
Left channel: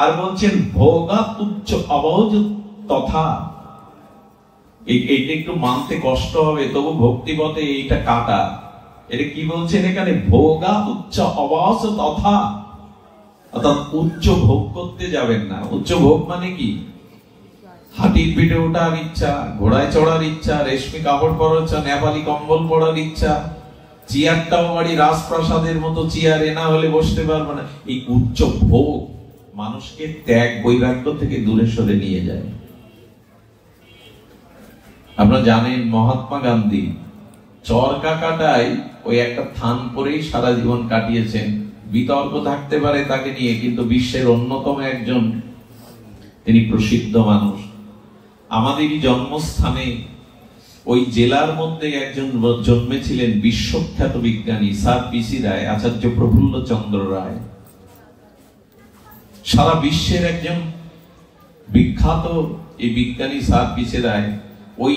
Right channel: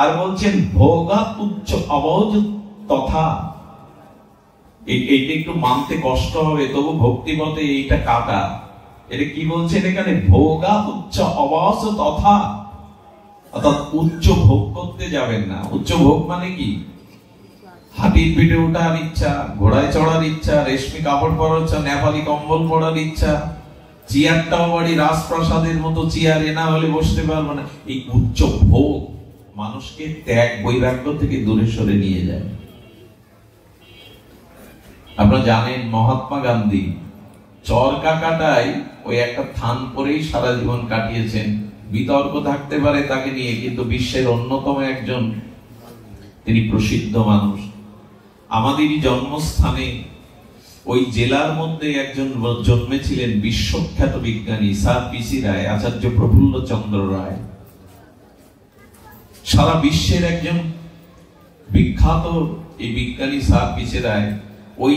আর বলছেন ভোগা উচ্চ অবজ তথা, এইটা একটু মানতে কষ্ট হবে, তবু ভক্তিপথে এইটা কাটা। এটা কি বলছেন এখানে, ভোগা উচ্চ অবজ তথা, অর্থাৎ উচ্চ ভোগ করতে যাবেন না। উচ্চ ভোগ মানে কি, হাতির পিঠে ওঠার ইচ্ছা, ঘোড়ায় চড়ার ইচ্ছা, রেশমি কাপড় পরার ইচ্ছা, নেপালি কম্বল পরার ইচ্ছা, চেয়ারটাও বাড়ি রাজপ্রাসাদের মতো চেয়ারে না হলে বসতে পারবো না, এই উচ্চ ভোগ মানুষকে ত্যাগ বৈরাগ্য থেকে দূরে সরে নিয়ে যায়। আপনারা জানেন মহাত্মা গান্ধী চরকা কাটায় ওই একটা থান পরেই সারা জীবন কাটিয়েছেন। বিতর্ক থাকতে পারে তাকে নিয়ে, কিন্তু বিশ্বের অন্যতম একজন তিনি প্রসিদ্ধ মানুষ। আমাদেরই জন্মস্থানে ওই জেলার মধ্যে একজন জন্মেছিলেন বিশ্বখ্যাত বিজ্ঞানী স্যার পিসি রায়, আচার্য প্রফুল্ল চন্দ্র রায়, সারা বিশ্বের একজন বিখ্যাত এই বিজ্ঞানী স্যার পিসি রায়। ওই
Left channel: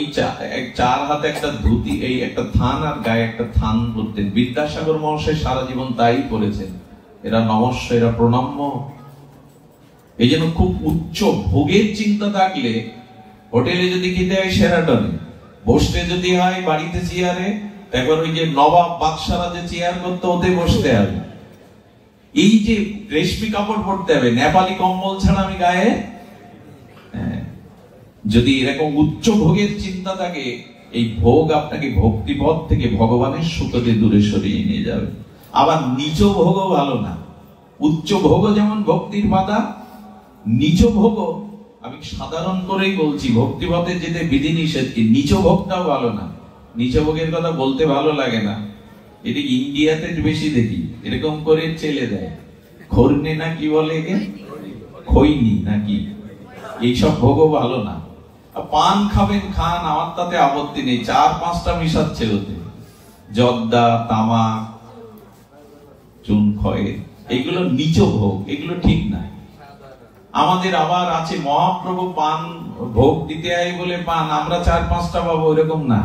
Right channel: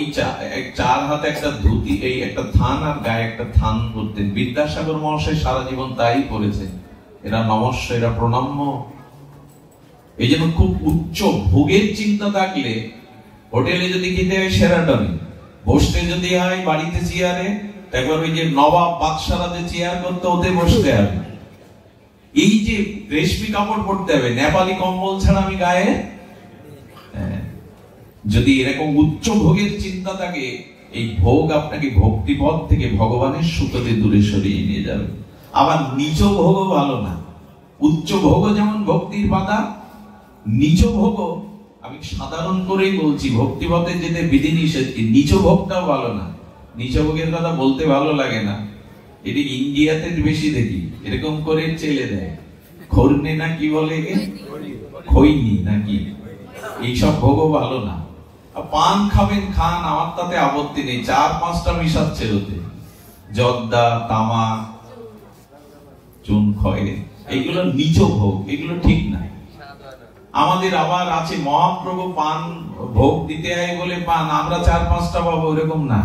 4 হাতে একটা ধুতি, এই একটা থান আর গায়ে একটা থান করতেন। বিদ্যাসাগর মহাশয় সারা জীবন তাই করেছেন। এরা নমস্য, এরা প্রণাম্য। এই জন্য খুব উচ্চ ভোগের চিন্তা থাকলে হোটেলে যদি খেতে হয় সেরাটনে, বসতে যদি হয় বাড়িতে চেয়ারে, তারপর ওই যে নবাব বাদশারা যে চেয়ার করতে, ওতে বসতে হবে। এই যে রেশমি কাপড় পরতে হবে, নেপালি কম্বল ছাড়া আমি গায়ে, যদি এরকম উচ্চ ভোগের চিন্তা থাকে, এই ভোগ আপনাকে ভক্তিপথ থেকে ভগবানের সুখতে দূরে সরিয়ে নিয়ে যাবে। আবার নিচ ভোগও ভালো না। উচ্চ ভোগও যেমন ভক্তির বাধা, নিচ ভোগও, আমি সাধারণ করেই বলছি, ভক্তিপথে যেতে বিধি নিষেধ, কি নিচ ভোগটাও ভালো না। নিচ ভোগের কথা বলতে ভালো লাগে না, এটি ইন্ডিয়াতে বেশি দেখি, এরকম করে চেলে দেয়, খর্নে না কি বলে, খৈনি নাকি, এইসব ভোগও ভালো না। পান খাবেন খান, আমার তাতে আপত্তি নেই, 4-5টা মিশাচ্ছে ওতে, জর্দা, তামাক, চুন খয়ে, এগুলো নিচ ভোগ, এগুলো ঠিক নাই। আমাদের আবার আছে মহাপ্রভু পান ভোগ দিতে হয় বলে পান, আমরা 4-5টা পাবো, এরকম না।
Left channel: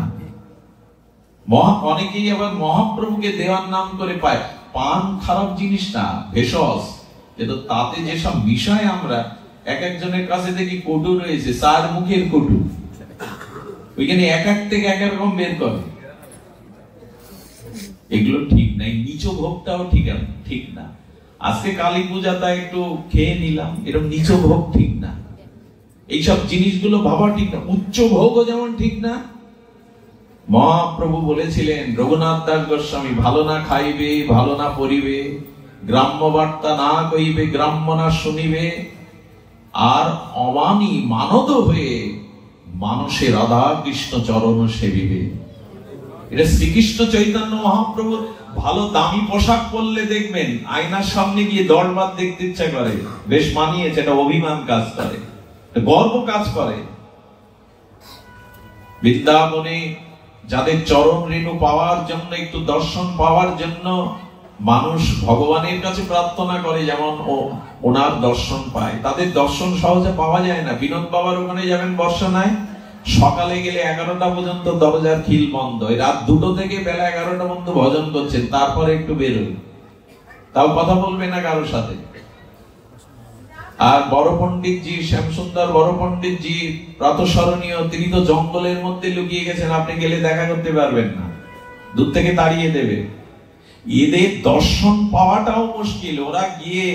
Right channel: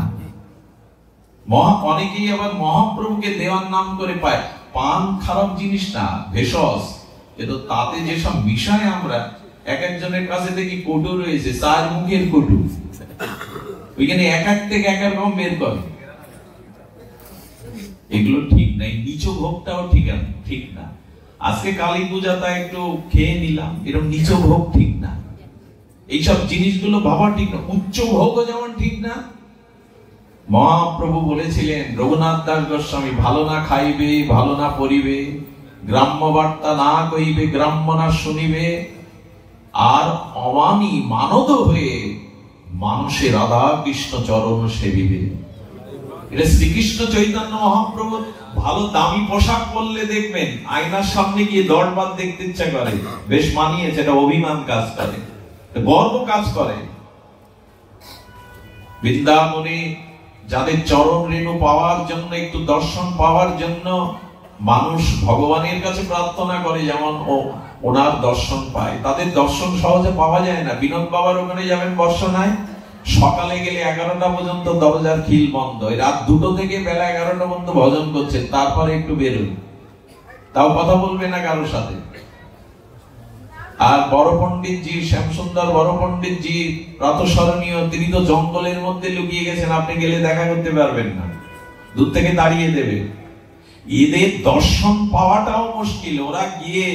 অনেকেই আবার মহাপ্রভুকে দেওয়ার নাম করে পায়। পান খারাপ জিনিস না, ভেষজ, কিন্তু তাতে যেসব বিষয় আমরা এক একজনের কাছে দেখি কটু রয়েছে, 4 মুখের কটু, ওইখানে এক এক থেকে এক এক রকম বের করে। এগুলো ঠিক নাই। নিচ ভোগটাও ঠিক না। আজকে কালী পূজা তাই একটু খেয়ে নিলাম, এরকম নিচ ভোগ ঠিক না। এইসব জিনিসগুলো ভাবা ঠিক না। উচ্চ ভোগও যেমন ঠিক না। মহাপ্রভু বলেছিলেন, রঘুনাথ দাস গোস্বামী, ভালো না খাইবে ভালো না পরিবে, গ্রাম্য বার্তা না কইবে গ্রাম্য না শুনিবে, আর অমানি মানদ হয়ে মানুষে রাধা কৃষ্ণ চরণ সেবিবে। এটা শ্রীকৃষ্ণ চৈতন্য মহাপ্রভু। ভালো দামি পোশাক পরলে দেখবেন আয়নার সামনে গিয়ে দরবার দেখতে ইচ্ছা করে, বেশ মানিয়েছে, এটা অভিমান কাজ করে, গর্ব কাজ করে। বৃন্দাবনে যাদের চরণ রেণু পাওয়ার জন্য, একটু দর্শন পাওয়ার জন্য মানুষ ভগবানের কাছে প্রার্থনা করে, যেমন ওনার দর্শন পায়, তাদের দর্শন সহজে পাওয়া যায় না। বিনোদ বাবার ওখানে যাবেন বর্ষনায়, সকালে গেলে 11টা পর্যন্ত দরজার খিল বন্ধ, রাত 2টো থেকে বেলা 11টা পর্যন্ত ভজন করছেন, তারপরে একটু বেরোয়, তাও কথা বলবে না কারোর সাথে। আর বড় পণ্ডিত জি, শ্যামসুন্দর বড় পণ্ডিত জি প্রাতঃস্মরণীয়, তিনি তো জঙ্গলের মধ্যে লুকিয়ে গেছেন, আপনি গেলে দেখা করতে পারবেন না, দূর থেকে তাড়িয়ে দেবে। এদের দর্শন পাওয়াটাও মুশকিল। ওরা গিয়ে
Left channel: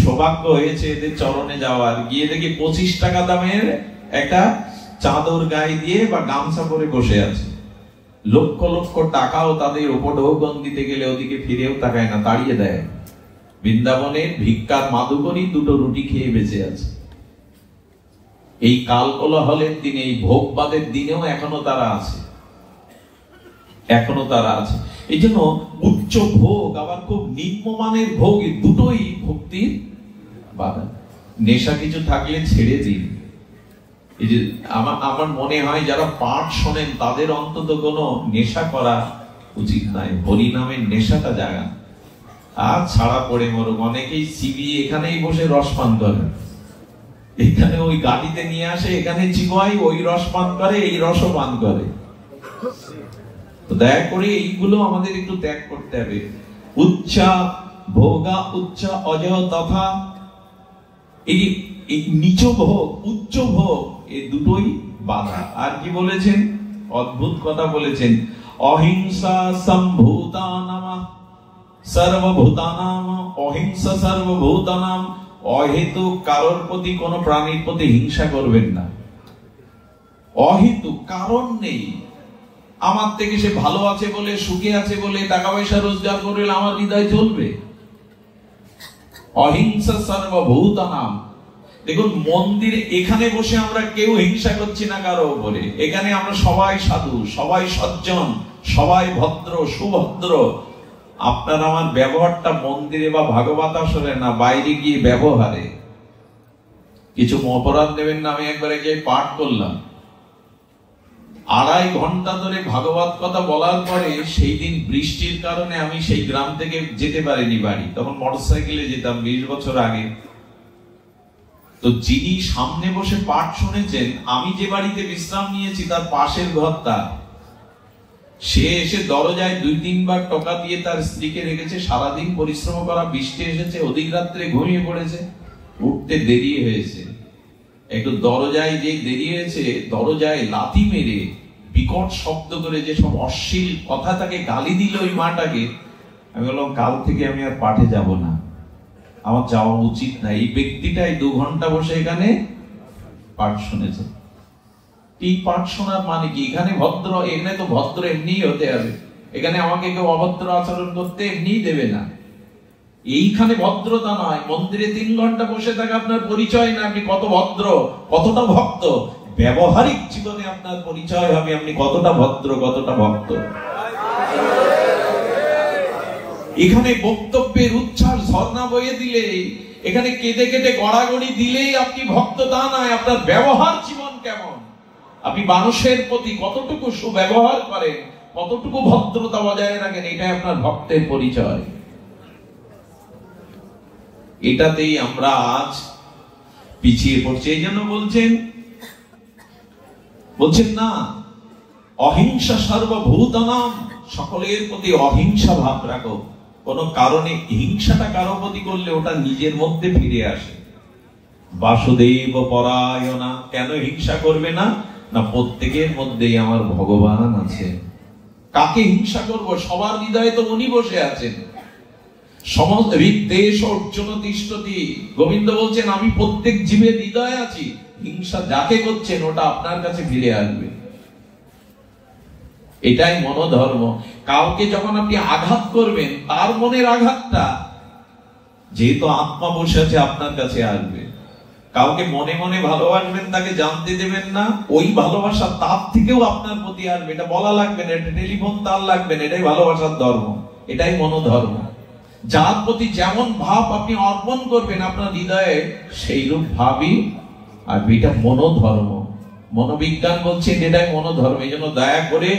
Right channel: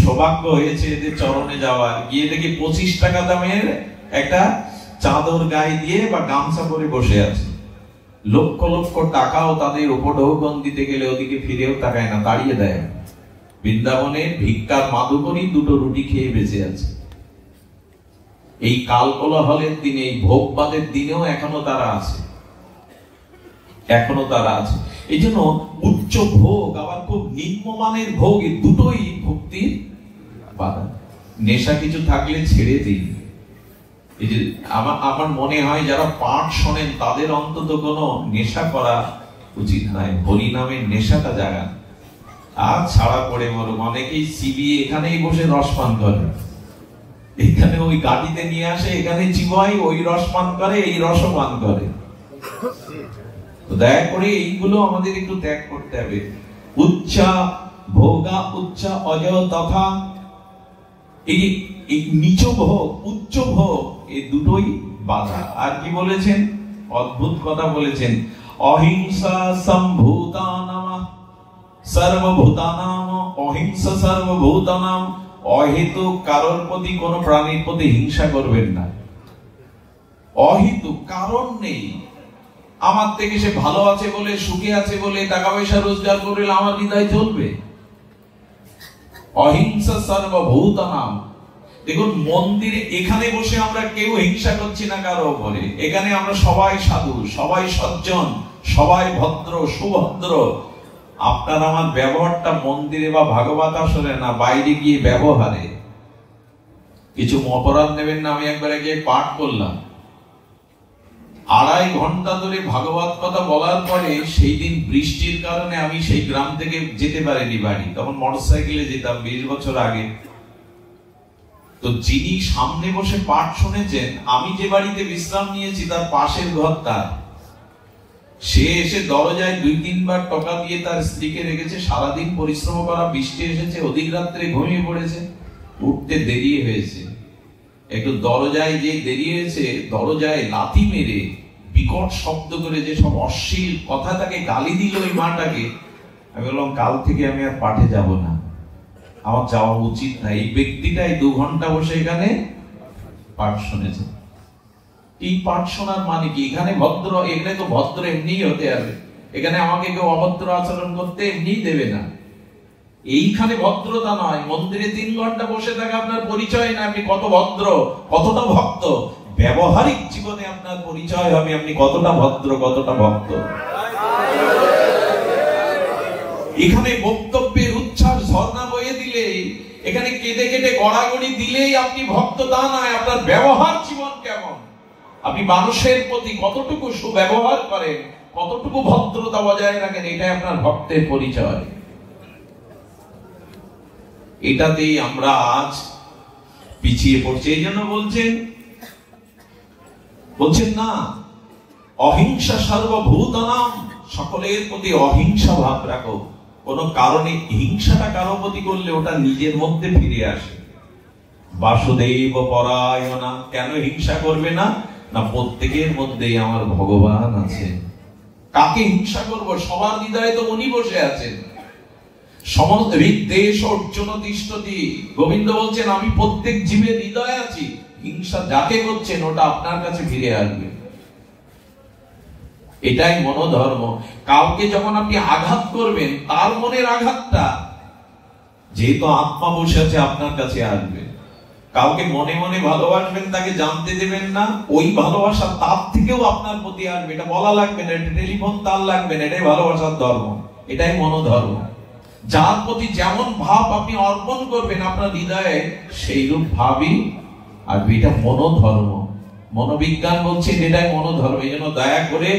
সৌভাগ্য হয়েছে এদের চরণে যাওয়ার, গিয়ে দেখি 25 টাকা দামের একটা চাদর গায়ে দিয়ে বা গামছা পরে বসে আছে। লক্ষ লক্ষ টাকাও তাদের উপঢৌকন দিতে গেলে ওদিকে ফিরেও তাকায় না, তাড়িয়ে দেয়। বৃন্দাবনে ভিক্ষার মাদুকরি 2টো রুটি খেয়ে বেঁচে আছে। এই কাল কোলাহলের দিনে, এই ভোগবাদের দিনেও এখনো তারা আছে, এখনো তারা আছে। এই জন্য উচ্চ ভোগ আবার খুব নিম্নমানের ভোগ, এই দুটোই ভক্তির বাধা। নেশা কিছু থাকলে ছেড়ে দিন। এই যে আমার মনে হয় যারা পাঠ শোনেন তাদের অন্তত কোনো নেশা করা উচিত নয়, হরিনামের নেশাটা জাগান। আর ছাড়া পড়ে মরুক। অনেকেই সিবি এখানেই বসে রস পান করে, এখানে ওই গাড়িতে নিয়ে আসে, এখানে চিবাই, ওই রস পান করে, এই রসও পান করে। তো দয়া করে এইগুলো আমাদের একটু ত্যাগ করতে হবে। উচ্চা ভোগা উচ্চা অজয় তথা, এই নিচ ভোগ উচ্চ ভোগ, এই দুটোই বাধা। আর কি বলেছেন? অদ্ভুত কথা বলেছেন, অহিংসা সম্ভূতানাম সর্বভূতানাম, অহিংসা সর্বভূতানাম। অহেতুক কারোর প্রতি, কোন প্রাণীর প্রতি হিংসা করবেন না। অহেতুক কারণ নেই, আমার থেকে সে ভালো আছে বলে, সুখে আছে বলে, টাকা পয়সা রোজগার করলে আমার হৃদয় চলবে। অহিংসা সর্বভূতানাম। দেখুন মন্দিরে এখানে বসে আমরা কেউ হিংসা করছি না কারো উপরে। এখানে আমরা সবাই সাধু, সবাই সজ্জন, সবাই ভদ্র সুভদ্র। আপনার আমার ব্যবহারটা মন্দিরে বা ভাগবত আসরে না, বাইরে গিয়ে ব্যবহারে। কিছু অপরাধ নেবেন না। আমি একবার গিয়ে পাঠ করলাম, 2.5 ঘন্টা ধরে ভাগবত কথা বলার পরে সেই দিন বৃষ্টির কারণে আমি সেই গ্রাম থেকে যেতে পারিনি বাড়ি। তখন মোটরসাইকেলে যেতাম 20 বছর আগে। তো যিনি সামনে বসে পাঠ শুনেছেন, আমি যে বাড়িতে বিশ্রাম নিয়েছি তার পাশের ঘরটা, সে এসে দরজায় 2-3 বার টকা দিয়ে তার স্ত্রীকে রেখেছে। সারাদিন পরিশ্রম করা, বৃষ্টি এসেছে, অধিক রাত্রে ঘুমিয়ে পড়েছে, উঠতে দেরি হয়েছে। একটু দরজায় যে দেরি হয়েছে, দরজায় লাথি মেরে বিকট শব্দ করে যে সব অশ্লীল কথা তাকে গালি দিল ওই মাটাকে। আমি বললাম কাল থেকে আমি আর পাঠে যাব না, আমার যাওয়া উচিত না। এই ব্যক্তিটাই 2 ঘন্টা বসে এখানে পাঠ শুনেছে। এই পাঠ শোনার মানে কি? এখানে ভদ্র, এখানে তো ভদ্র এমনি হতে হবে। এখানে আমাকে কেউ অভদ্র আচরণ করতে এমনি দেবে না। এইখানে ভদ্রতা নয়। মন্দিরে 3 ঘন্টা বসে থাকা আপনার পরিচয় না আপনি কত ভদ্র, কতটা ভক্ত। ব্যবহারিক জীবনে আপনার পরিচয় হবে আপনি কতটা ভদ্র, কতটা ভক্ত। এখানে বক্তব্যের উচ্ছ্বাস ঝর্ণা বয়ে দিলে, এখানে কেঁদে কেটে গড়াগড়ি দিলেই আপনি ভক্ত তা নয়। আপনার ব্যবহার জীবন কেমন, আপনি মানুষের প্রতি কতটুকু সুব্যবহার করেন, কতটুকু ভদ্রতা বজায় রাখেন, এটাই আপনার ভক্তের পরিচয়। এটাতেই আমরা আজ পিছিয়ে পড়ছি। এই জন্য বলছেন না, অহিংসা সর্বভূতানাম, সকলের প্রতি অহিংসা ভাব রাখো। কোন কারণে হিংসাটা কারো প্রতি করলে ওটা নিজের মধ্যে ফিরে আসে। বাসুদেব পরায়ণা। কেন হিংসা করবে না? না প্রত্যেকের মধ্যেই আমার ভগবান আছে, কাকে হিংসা করব? সবার হৃদয়ে তো উনি বসে আছেন। সমস্ত হৃদেশ অর্জুন তিষ্ঠতি, গোবিন্দ বলছেন আমি প্রত্যেক জীবের হৃদয়ে আছি। হিংসা যাকে করছেন ওটা আপনার কাছে ফিরে আসবে। এটাই মনোধর্ম। কাউকে যখন আপনি আঘাত করবেন, তার মনের আঘাতটা যেহেতু আত্মা বসে আছে আপনার কাছে আসবে। কাউকে মনে মনে ভালোবাসবেন, তাকে জানতে দেবেন না, ওই ভালোবাসা তার থেকেও আপনার প্রতি আসবে। এটা বলা লাগবে না, এটা টেলিফোন তার লাগবে না। এটাই ভালোবাসার ধর্ম, এটাই মনোধর্ম। যার প্রতি যেমন ভাব আপনি অর্পণ করবেন আপনার হৃদয়ে, সেই রূপ ভাবই আসবে। এটা মনোধর্ম। মনোবিজ্ঞান বলছে এটাই মনোধর্ম। এই জন্য দয়া করে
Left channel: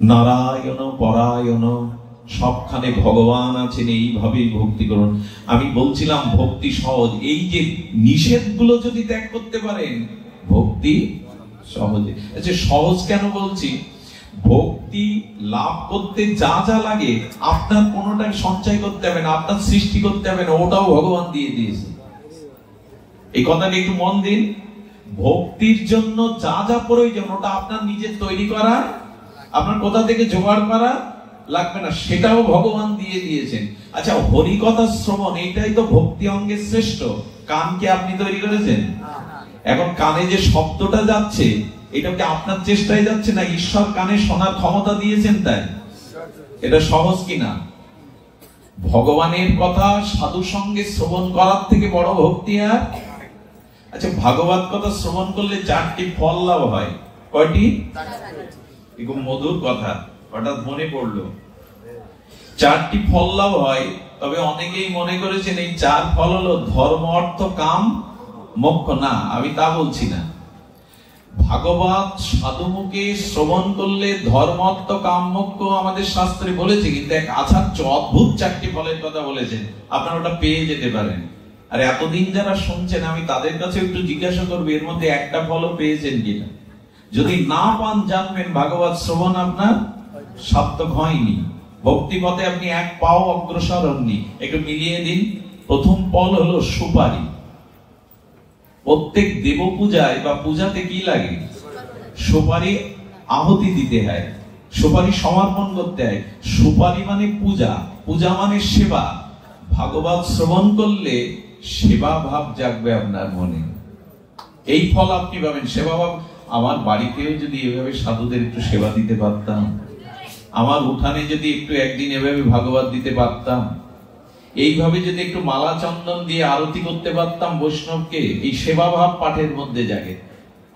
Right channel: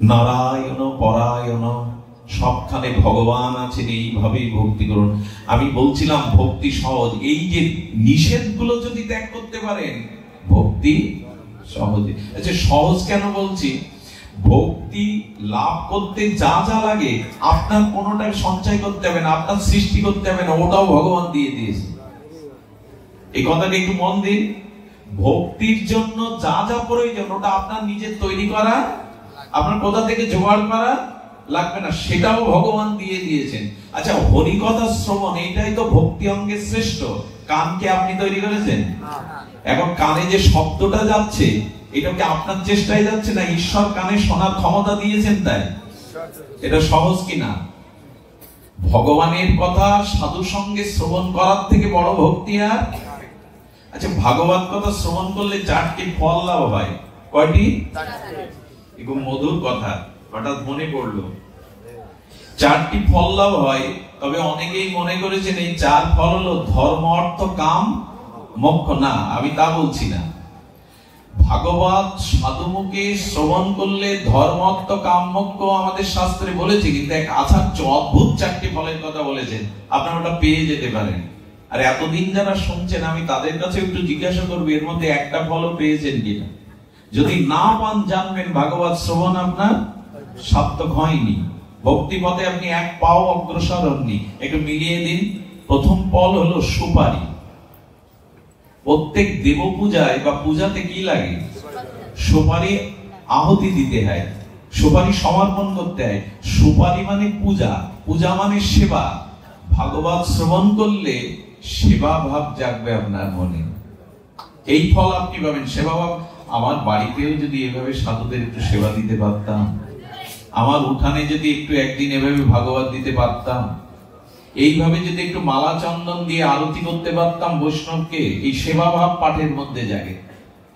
নারায়ণ পরায়ণ, সবখানে ভগবান আছেন, এইভাবেই ভক্তি করুন। আমি বলছিলাম ভক্তি সহজ। এই যে নিষেধগুলো যদি ত্যাগ করতে পারেন, ভক্তি সহজে। আচ্ছা, সহজ কেন বলছি? ভক্তি লাভ করতে যা যা লাগে আপনার কোনোটা সঞ্চয় করতে হবে না, আপনার সৃষ্টি করতে হবে না, ওটাও ভগবান দিয়ে দিয়েছে। এই কথাটা একটু মন দিন। ভক্তির জন্য যা যা প্রয়োজন ওটা আপনার নিজের তৈরি করা, আপনার কোথা থেকে জোগাড় করা লাগবে না, সেটাও ভগবান দিয়ে দিয়েছেন। আচ্ছা, হরিকথা শ্রবণ এইটাই তো ভক্তি অঙ্গের শ্রেষ্ঠ। কানকে আপনি তৈরি করেছেন? এখন কানে যে শব্দটা যাচ্ছে, এটা কি আপনার চেষ্টায় যাচ্ছে না ঈশ্বর কানে শোনার ক্ষমতা দিয়েছেন তাই? এটা সহজ কিনা? ভগবানের কথা সাধু সঙ্গে শ্রবণ করার থেকে বড় ভক্তি আর? আচ্ছা, ভাগবত কথা শ্রবণ করলে 4টি ফল লাভ হয়। কয়টি? খুব মধুর কথা, হঠাৎ মনে পড়লো। 4টি ফল লাভ হয়। তবে অনেকেই মনে করেছেন এই 4 ফল হলো ধর্ম, অর্থ, কাম, মোক্ষ। না, আমি তা বলছি না। ভাগবত সাধুমুখে শ্রবণ করলে ধর্ম, অর্থ, কাম, মোক্ষ আমাদের শাস্ত্রে বলেছে, কিন্তু এক আচার্য অদ্ভুত 4টি ফলের কথা বলেছেন। আপনারা ওটা পেয়ে যেতে পারেন। আর এতদিন যারা শুনছেন, আমি তাদের কাছে একটু জিজ্ঞাসা করবো এর মধ্যে একটা ফলও পেয়েছেন কিনা। যদি না পান, জানবেন ভাগবত শ্রবণ আপনার সার্থক হয়নি। ভক্তি পথে আপনি এক পাও অগ্রসর হননি। একটু মিলিয়ে দিন। প্রথম ফল হলো সুপারি। প্রত্যেক দেব পূজায় বা পূজাতে কি লাগে? সুপারি আহুতি দিতে হয়, সুপারি সমর্পণ করতে হয়। সুপারি মানে পূজা, পূজা মানে সেবা। ভাগবত শ্রবণ করলে সেবা ভাব জাগবে আপনার মনে। এই ফল আপনি পাবেন, সেবা ভাব। আমার বাড়িতেও যদি এভাবে সাধুদের একটু সেবা দিতে পারতাম, আমার উঠানে যদি একটু একদিন এভাবে ভাগবত দিতে পারতাম, এইভাবে যদি একটু মালা চন্দন দিয়ে আরতি করতে পারতাম বৈষ্ণবকে, এই সেবা ভাব পাঠের মধ্যে জাগে।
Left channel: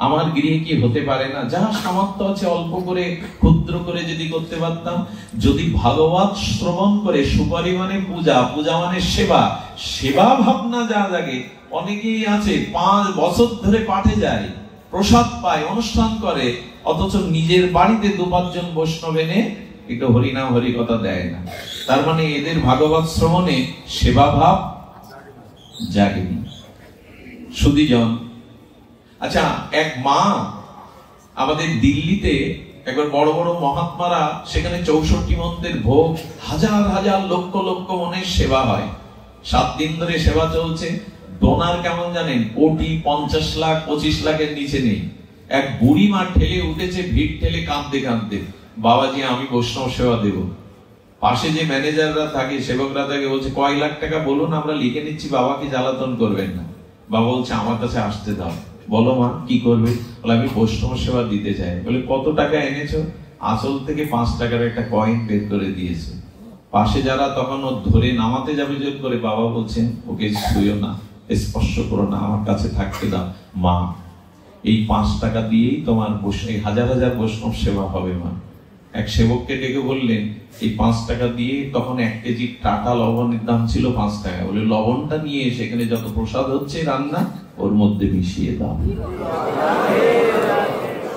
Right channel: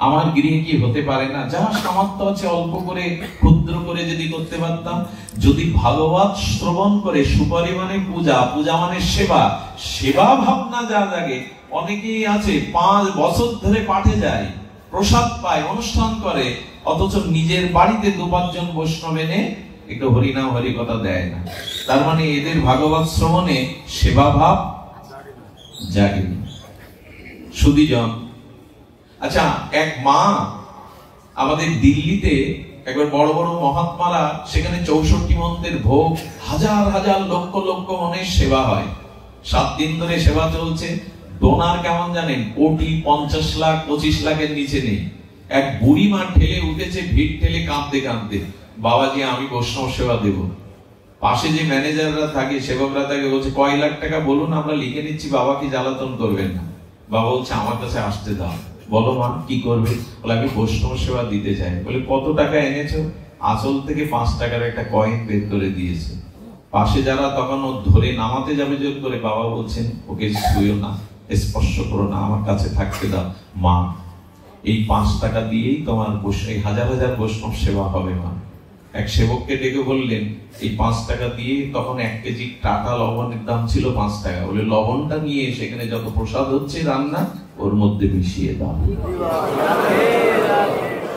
আমার গৃহে কি হতে পারে না? যাহা সামর্থ্য আছে অল্প করে, ক্ষুদ্র করে যদি করতে পারতাম। যদি ভাগবত শ্রবণ করে, সুপারি মানে পূজা, পূজা মানে সেবা, সেবা ভাবনা যা জাগে। অনেকেই আছে 5 বছর ধরে পাঠে যায়, প্রসাদ পায়, অনুষ্ঠান করে, অথচ নিজের বাড়িতে 2-5 জন বৈষ্ণব এনে একটু হরিনাম হরি কথা দেয় না। তার মানে এদের ভাগবত শ্রবণে সেবা ভাব জাগেনি। সুধীজন, আচ্ছা, এক মা আমাদের দিল্লিতে একবার বড় বড় মহাত্মারা, সেখানে 64 মন্ত্রের ভোগ, হাজার হাজার লক্ষ লক্ষ মনের সেবা হয়। 7 দিন ধরে সেবা চলছে। ডোনার কেমন জানেন? কোটি, 50 লাখ, 25 লাখের নিচে নেই। এক বুড়ি মা ঠেলে উঠেছে, ভিড় ঠেলে কাঁদতে কাঁদতে, বাবাজি আমি বৈষ্ণব সেবা দেব। পাশে যে ম্যানেজাররা থাকে, সেবকরা থাকে, বলছে কয় লাখ টাকা বলুন, আমরা লিখে নিচ্ছি, বাবাকে জ্বালাতন করবেন না। বাবা বলছে আমার কাছে আসতে দাও। বলো মা কি করবে? বলে আমি বৈষ্ণব সেবা দিতে চাই। বলে কত টাকা এনেছো? আসল থেকে 5 টাকার একটা কয়েন বের করে দিয়েছে। পাশে যারা তখন ও ধরে নামাতে যাবে জোর করে, বাবা বলছেন ওকে ছুঁয়ো না, স্পর্শ করো না, আমার কাছে থাকতে দাও। মা, এই 5 টাকা দিয়েই তোমার এই হাজার হাজার বৈষ্ণব সেবা হবে মা। এক সেবককে ডেকে বললেন এই 5 টাকা দিয়ে, তখন 1 কেজি টাটা লবণের দাম ছিল 5 টাকা। বলে লবণটা নিয়ে সেখানে যত প্রসাদ হচ্ছে রান্না, ওর মধ্যে মিশিয়ে দাও।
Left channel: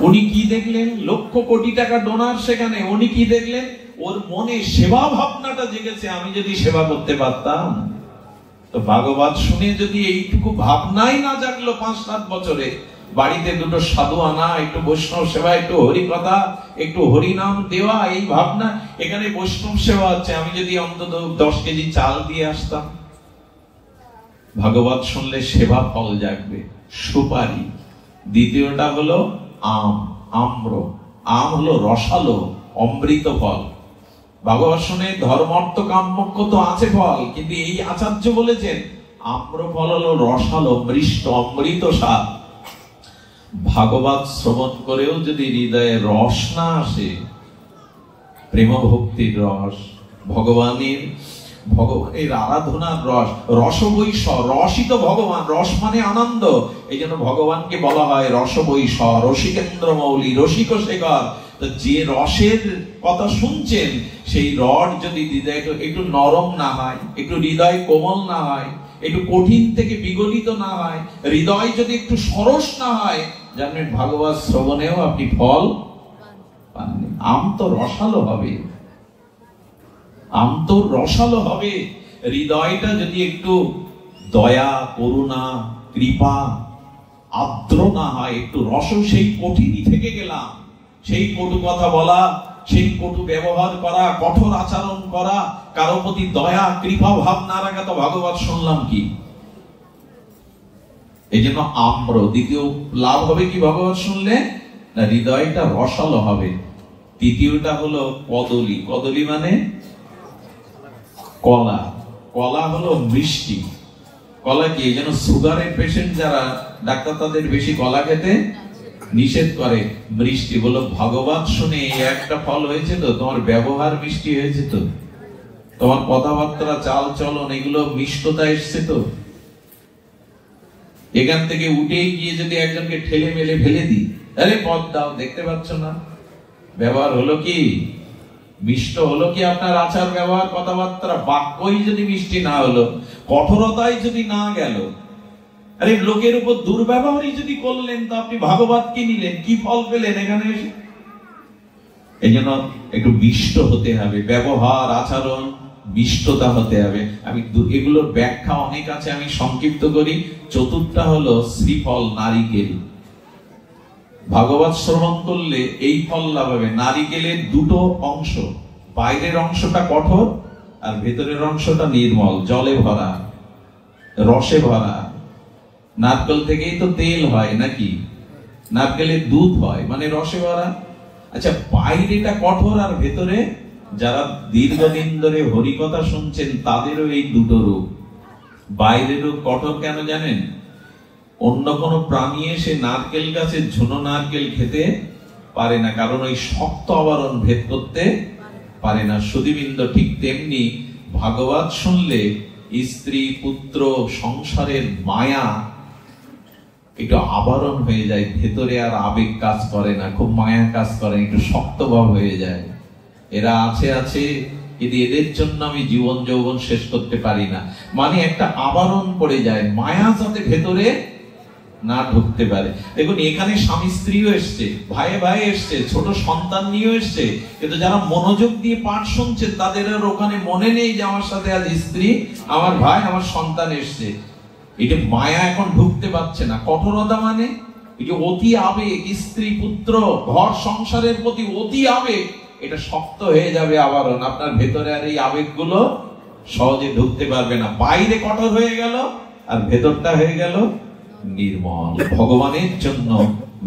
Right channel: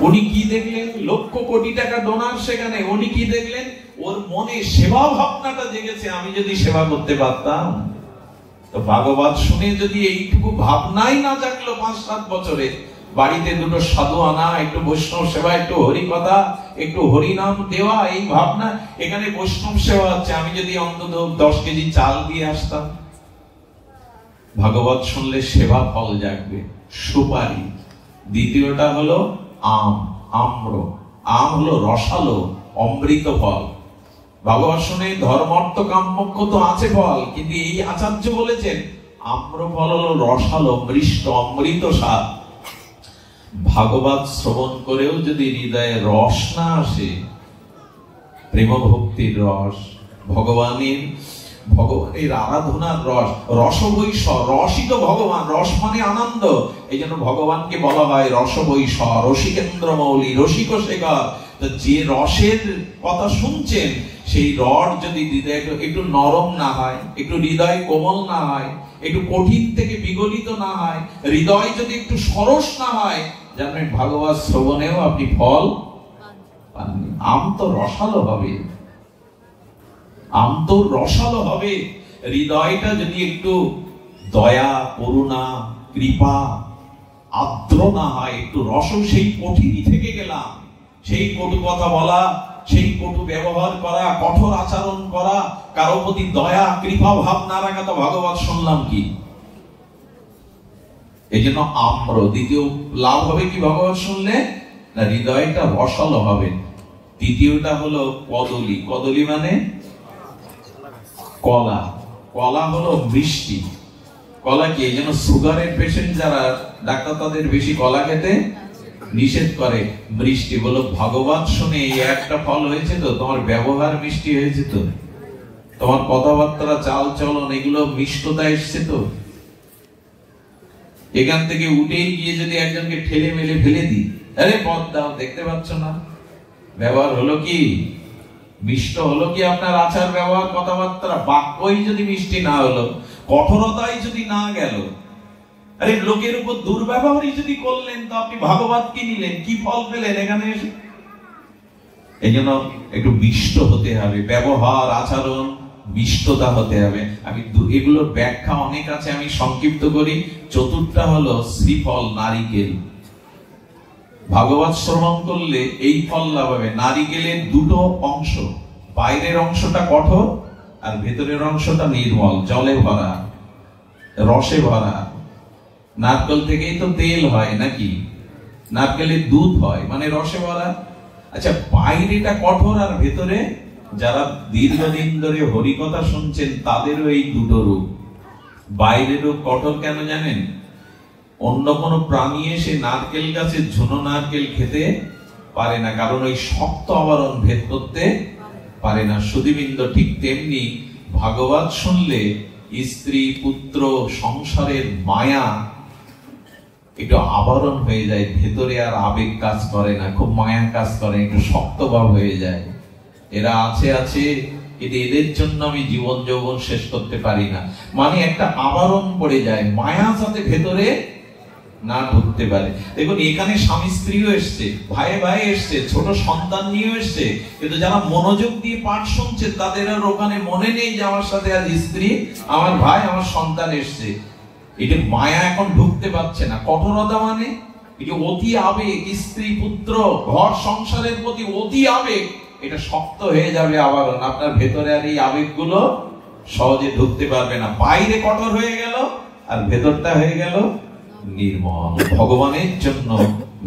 উনি কি দেখলেন? লক্ষ কোটি টাকা ডোনার সেখানে। উনি কি দেখলেন? ওর মনে সেবা ভাবনাটা জেগেছে, আমি যদি সেবা করতে পারতাম। তো ভাগবত শুনে যদি এইটুকু ভাবনাই না জাগলো 5-7 বছরে, বাড়িতে 2টো সাধু আনা, একটু বৈষ্ণব সেবা, একটু হরি কথা, একটু হরিনাম দেওয়া, এই ভাবনা, এখানে বৈষ্ণব সেবা হচ্ছে, আমি যদি অন্তত 10 কেজি চাল দিয়ে আসতাম। ভাগবত শুনলে সেবা ফল জাগবে। সুপারি। দ্বিতীয়টা হলো আম, আম্র। আম হলো রসালো অমৃত ফল। ভাগবর্ষণে ধর্মার্থ কাম্যক্ষ তো আছে ফল, কিন্তু এই আচার্য বলেছেন আম্র ফল হলো রসালো মিষ্ট অমৃত স্বাদ। ভাগবত শ্রবণ করেও যদি হৃদয়ে রস না আসে, প্রেম ভক্তির রস, ভগবানের আরাধনার রস, রসবৈষ, রসই তো ভগবান, রস মানে আনন্দ। এই জন্য ভগবানকে বলা হয় রসবৈষ, রসিকেন্দ্র মৌলি, রসিক শেখর। তো যে রসের কথা শুনছেন, সেই রস যদি হৃদয় একটু নরম না হয়, একটু হৃদয় কোমল না হয়, একটু কঠিন থেকে বিগলিত না হয়, হৃদয় যদি একটু সরস না হয়, জানেন ভাগবত শ্রবণেও আপনি ফল পাননি। আম তো রসালো হবে, আম তো রসালো হবে। হৃদয়টা যদি একটু দয়া, করুণা, কৃপা, আর্দ্র না হয়, একটু রস, সেই কঠিনই থেকে গেলাম, সেই কটু কথা বলা, সেই কটু ব্যবহার করা, কঠোর আচরণ করা, কারো প্রতি দয়া কৃপা ভাব না রাখা, তো ভাগবত শুনলাম কি? এই জন্য আম্র দ্বিতীয় লাভ হবে কি ভাগবত শুনলে? না, হৃদয়টা রসালো হবে। তৃতীয়টা হলো কদলী। কদলী মানে কলা। কলা হলো মিষ্টি। কলা কি? এই জন্য সুগারের পেশেন্ট যারা, ডাক্তার তাদের বেশি কলা খেতে নিষেধ করে। মিষ্টি বলো ভাগবত শুনে এই একটা ফল হয়েছে তো, তোমার ব্যবহার মিষ্টি হয়েছে তো, তোমার কথাবার্তা, চাল চলন, এগুলো মিষ্টতা এসছে তো। এখান থেকে উঠে গিয়ে যদি একজনকে ঠেলে মেলে ফেলে দিই, আরে পথ দাও, দেখতে পাচ্ছ না? ব্যবহার হলো কি? মিষ্ট হলো কি আপনার আচার ব্যবহার, কথাবার্তা? বাক্যই যদি মিষ্টি না হলো, কঠোরতাই যদি না গেল, আরে লোকের উপর দুর্ব্যবহারই যদি করলেন, তো আপনি ভাগবত কি নিলেন? কি ফল পেলেন এখানে এসে? এই জন্য একটু মিষ্ট হতে হবে, ব্যবহার আচরণ মিষ্টতা হতে হবে। আমি এগুলোর ব্যাখ্যা অনেক আছে, আমি সংক্ষিপ্ত করি। চতুর্থটা হলো শ্রীফল, নারিকেল। ভাগবত শ্রবণ করলে এই ফল লাভ হবে। নারিকেলের দুটো অংশ, বাইরের অংশটা কঠোর আর ভেতরের অংশটা নির্মল, জলে ভরা, রসে ভরা। নারকেল থেকেই তো তেল হয় নাকি? নারকেলের দুধ হয়, মানে রসে ভরা। আচ্ছা, বাইরেটা কঠোর আর ভেতরে, যারা দীর্ঘদিন ধরে হরিকথা শুনছেন তাদেরও এই দুটো রূপ। বাইরের রূপ কঠোর কেন জানেন? অন্য কোন প্রাণী এসে নারকেল গাছের ঝুনো নারকেল খেতে পারে না, কারণ ওই শক্ত আবরণ ভেদ করতে পারে না। সুধীবৃন্দ, ঠিক তেমনি ভাগবত শুনলে স্ত্রী, পুত্র, সংসারের মায়া একটু আবরণ হয়ে যায়, ভেতরে আর আবেগ কাজ করে না, খুব মায়া কাজ করে, একটু শক্তভাব হয়ে যায়। এরা আছে কিন্তু এদের জন্য আমি জীবন যৌবন শেষ করতে পারি না, মানে একটা আবরণ পড়ে যায়, মায়া যাতে ভেতরে না ঢুকতে পারে। দেখুন, এখানে স্বামী স্ত্রীও এসছে, ভাই ভাই এসছে, ছোট সন্তান নিয়েও এসছে, কিন্তু যারা মনোযোগ দিয়ে পাঠ শুনছে তাদের আর ওখানে মনে নেই যে আমার সাথে আজ স্ত্রী, আমার ভাই, আমার সন্তান এসছে। এটা মায়া এখন ঢুকতে পারছে না। কঠোরতা মানে এই যে অতি আবেগ, স্ত্রী, পুত্র, ঘর সংসারের প্রতি অতি আবেগ, এটা শক্ত হয়ে যাবে আবরণ। আপনার ভেতরে আর এই আবেগগুলো সহজে ঢুকতে পারবে না। বাইরে কঠোর হয়ে গেল আর ভেতরটা হয়ে গেল নির্মল, ভগবানের জন্য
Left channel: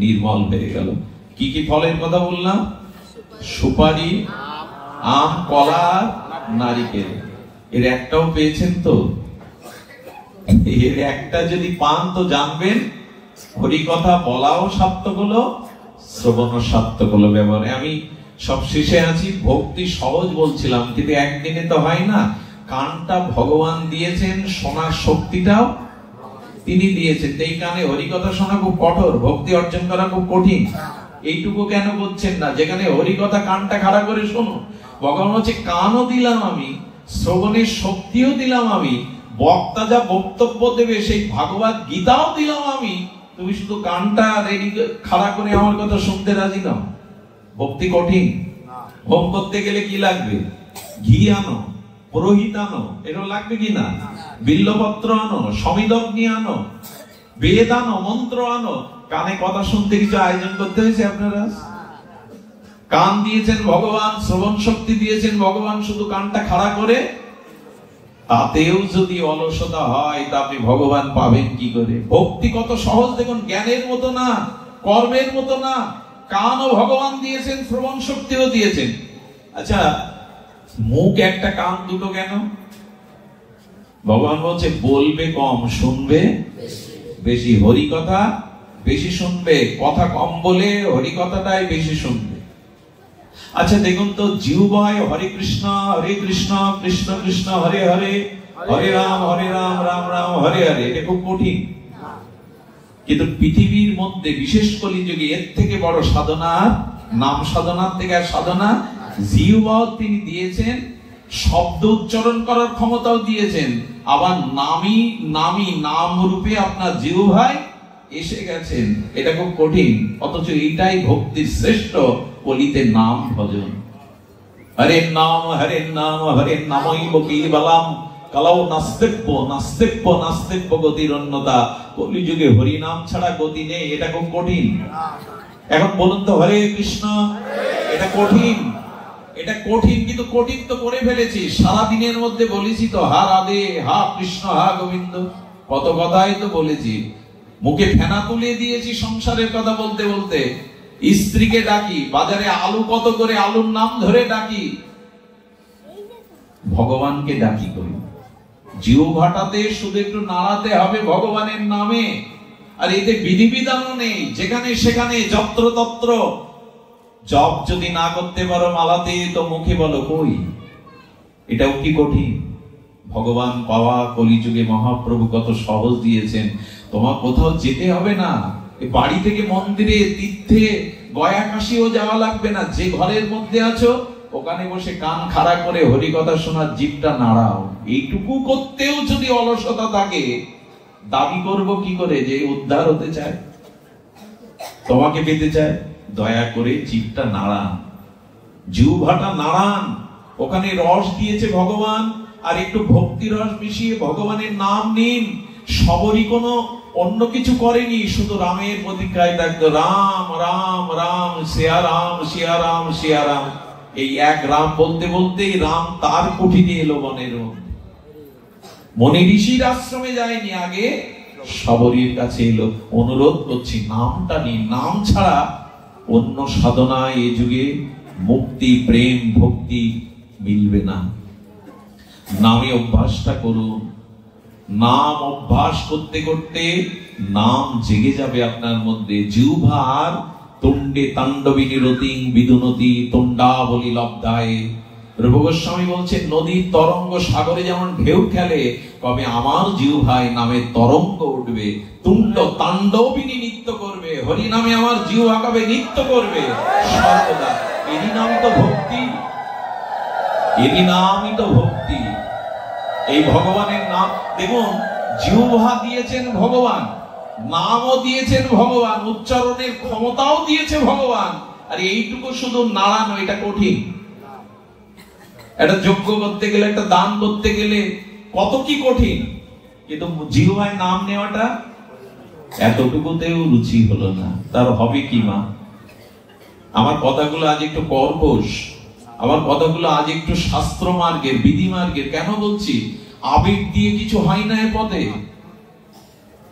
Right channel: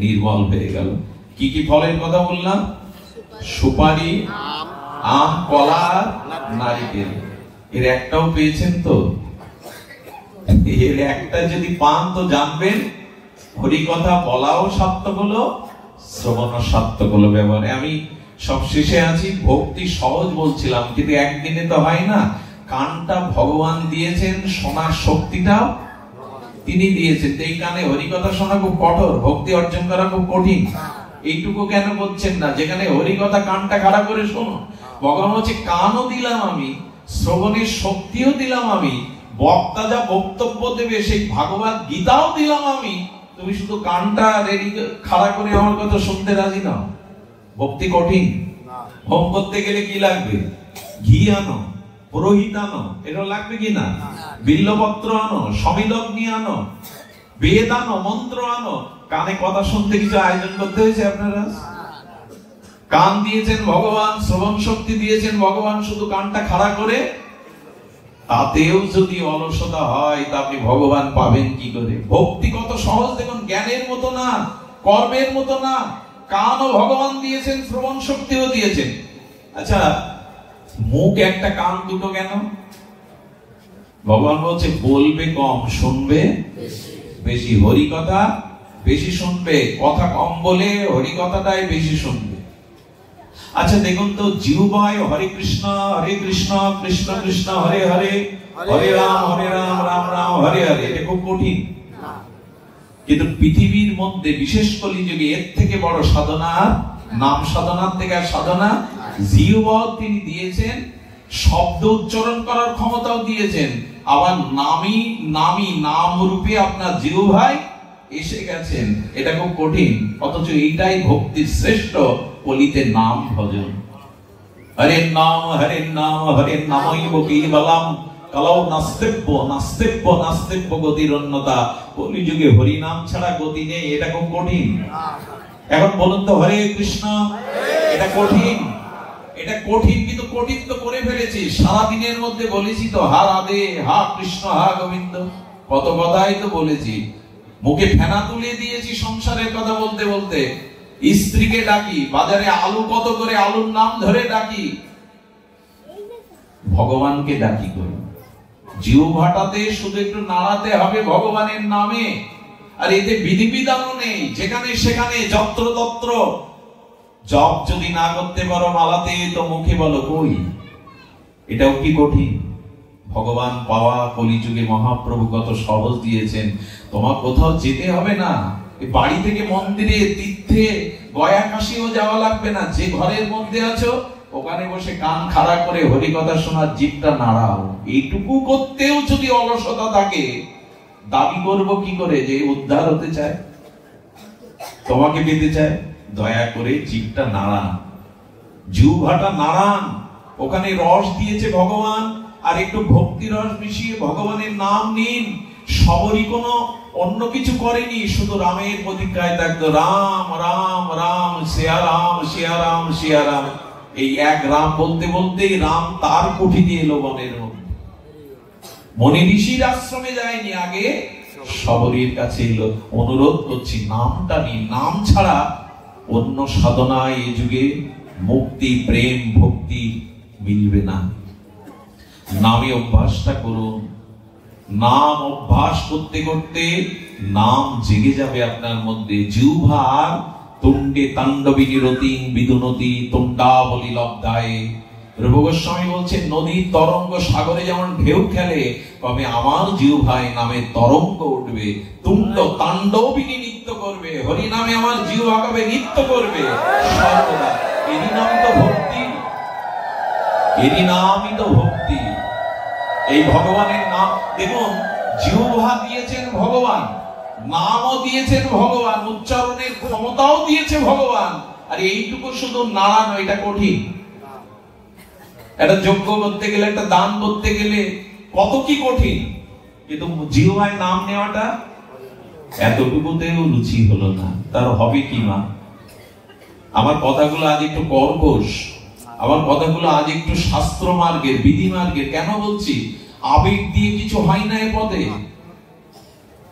নির্মল হয়ে গেল। কি কি ফলের কথা বললাম? সুপারি, আম, কলা, নারিকেল। এর একটাও পেয়েছেন তো? এর একটা যদি পান তো জানবেন হরিকথা বলাও সার্থক হলো, শ্রবণ সার্থক হলো। ব্যবহারে আমি সব শেষে আছি। ভক্তি সহজ বলছিলাম, কিন্তু একদিনে তো হয় না। কানটা ভগবান দিয়েছেন, শোনার শক্তিটাও তিনি দিয়েছেন। এই কানে হরিকথা শোনা খুব কঠোর, ভক্তি অর্জন করা খুব কঠিন। এইটুকু কেন করছেন না? যেখানে হরিকথা কানটা খাড়া করে শোনো। ভগবান হচ্ছে কানও দিলাম আমি, শ্রবণের শক্তিও দিলাম আমি, বক্তা যা বক্তব্য দেবে সেই ভাগবত গীতাও দিলাম আমি, তুমি শুধু কানটা রেডি খাড়া করে আমার কথা শুনতে রাজি নাও। ভক্তি কঠিন। হোম করতে গেলে কি লাগবে? ঘি আনো, পুরোহিত আনো, এটা লাগবে কি না? বিল্লপত্র আনো, সমিদগ্নি আনো, বেদ আনো, মন্ত্র আনো। কানে কথা শুনতে কিছু আয়োজন করতে হয়েছে আপনারা? কান দিয়েছেন ভগবান, শ্রবণ শক্তি দিয়েছেন ভগবান, শুধু কানটা খাড়া করে তাতেও যদি অলসতা হয় তা আপনি ভগবান পাবেন কি করে? ভক্তি কত সহজ দেখুন, জ্ঞানের মতো না, কর্মের মতো না। কানও ভগবান দিয়েছেন, শ্রবণ শক্তিও দিয়েছেন। আচ্ছা, মুখ একটা কান দুটো কেন? ভগবান বলছে বলবে কম, শুনবে বেশি। হরি কথা বেশি শুনবে, কথা কম বলে হরি কথাটাই বেশি শুনবে। আচ্ছা দেখুন তো, জিহ্বায় হরে কৃষ্ণ কৃষ্ণ কৃষ্ণ হরে হরে, হরে রাম রাম রাম হরে হরে, এটা খুব কঠিন। কিন্তু পৃথিবীর মধ্যে বিশেষ কলিযুগে এর থেকে বড় সাধনা, নাম সাধনার থেকে আর সাধনা। জিহ্বাও তিনি দিয়েছেন, শব্দ উচ্চারণ করার ক্ষমতাও দিয়েছেন, আবার নামি নাম রূপে আপনার জিহ্বায় এসে গেছেন। এটা খুব কঠিন, অথচ এইটাই ভক্তির শ্রেষ্ঠ। বলিতে নাম ভজন, হরে নাম হরে নামৈব কেবলম কালৌ নাস্তিব্য গতির অন্যতা। কলিযুগে হরি নাম ছাড়া গতি নেই, এটা খুব কঠিন। এখন বলুন তো, হরে কৃষ্ণ, এটা কঠিন, এটা কঠিন, কিন্তু কঠিন তো করে ফেলেছি। সারাদিনের মধ্যে বলেছি তো, হা রাধে, হা কৃষ্ণ, হা গোবিন্দ, কত কথাই তো বলেছি। মুখে ফেনা তুলে দিয়েছি সংসারের কথা বলতে বলতে। স্ত্রীকে ডাকি, বাজারে আলু কত করে, আলুর নাম ধরে ডাকি। ভগবানকে ডাকি করি, জিহ্বাটাতে শুধু একটু নাড়াতে হবে ভগবানের নামে। আর এতে বিধিবিধানও নেই, যেখানে সেখানে যত্র তত্র জপ যদি না করতে পারো মালাতে, তো মুখে বলো কই। এটাও কি কঠিন? ভগবান পাওয়া কলিযুগে মহাপ্রভু কত সহজ দিয়েছেন। তোমার কোথাও যেতে হবে না, বাড়ি থেকে মন্দিরে, তীর্থে, গয়া কাশিও যাওয়া লাগবে না। যে ঘরের মধ্যে আছো ওখানে বসে কান খাড়া করে হরি কথা শোনার জিভটা নাড়াও। এইটুকু করতেও যদি অলসতা থাকে, দাবি করব কি করে যে উদ্ধার হতে চায়, তোমাকে পেতে চায়? দয়া করে জিভটা নাড়ান, জিহ্বাটা নাড়ান। ওখানে রস দিয়েছে ভগবান, আর একটু ভক্তি রস মিশিয়ে ভগবানের নাম নিন। সবরই কোনো অন্য কিছু করেনি, শুধু রামের প্রতিজ্ঞায় থাকতো, রাম রাম রাম সিয়া রাম সিয়া রাম সিয়া রাম। এই এক রাম বলতে বলতেই রাম তার কুঠিরে এলো বনের মধ্যে। মনি ঋষির আশ্রমে যায়নি, আগে সবরীর কাছে এলো। অনুরোধ করছি নামটা নিন, নাম ছাড়া অন্য সাধনায় এই যুগে মুক্তি, প্রেম, ভক্তি মিলবে না। নামে অভ্যাসটা করুন। নাম অভ্যাস করতে করতে নাম জেগে যাবে আপনার মধ্যে। জিহ্বার তুণ্ডে তাণ্ডবী নিরতি বিদুনতি তুণ্ডাবলী লব্ধায়। রূপ গোস্বামী বলছেন, নদীর তরঙ্গ সাগরে যেমন ঢেউ খেলে, কবে আমার জিহ্বায় নামের তরঙ্গ উঠবে, তুণ্ড তাণ্ডবিনী নৃত্য করবে, হরি নামে আমার জিহ্বা কবে নৃত্য করবে সর্বদা। এরই নামই তো ভক্তি, এরই নামই তো ভক্তি। এই ভগবানের নাম দেখুন, জিহ্বা দিয়েছেন ভগবান, নামও দিয়েছেন ভগবান, উচ্চারণের ক্ষমতাও দিয়েছে ভগবান। আর এইটুকু শুধু নাড়ানো, এটা কঠিন। একটা যজ্ঞ করতে গেলে, একটা দান করতে গেলে কত কি কঠিন, কিন্তু জিহ্বায় নাম নেওয়াটা এতটুকুতেও রুচি হলো না, তার হবে কি মা? আমার কথাগুলো আজ একটু কর্কশ, আমার কথাগুলো আজ একটু শাস্ত্র মার্গের, বিধি মার্গের। কেন বলছি? আবেগ দিয়ে কিছু হয় না এ পদে,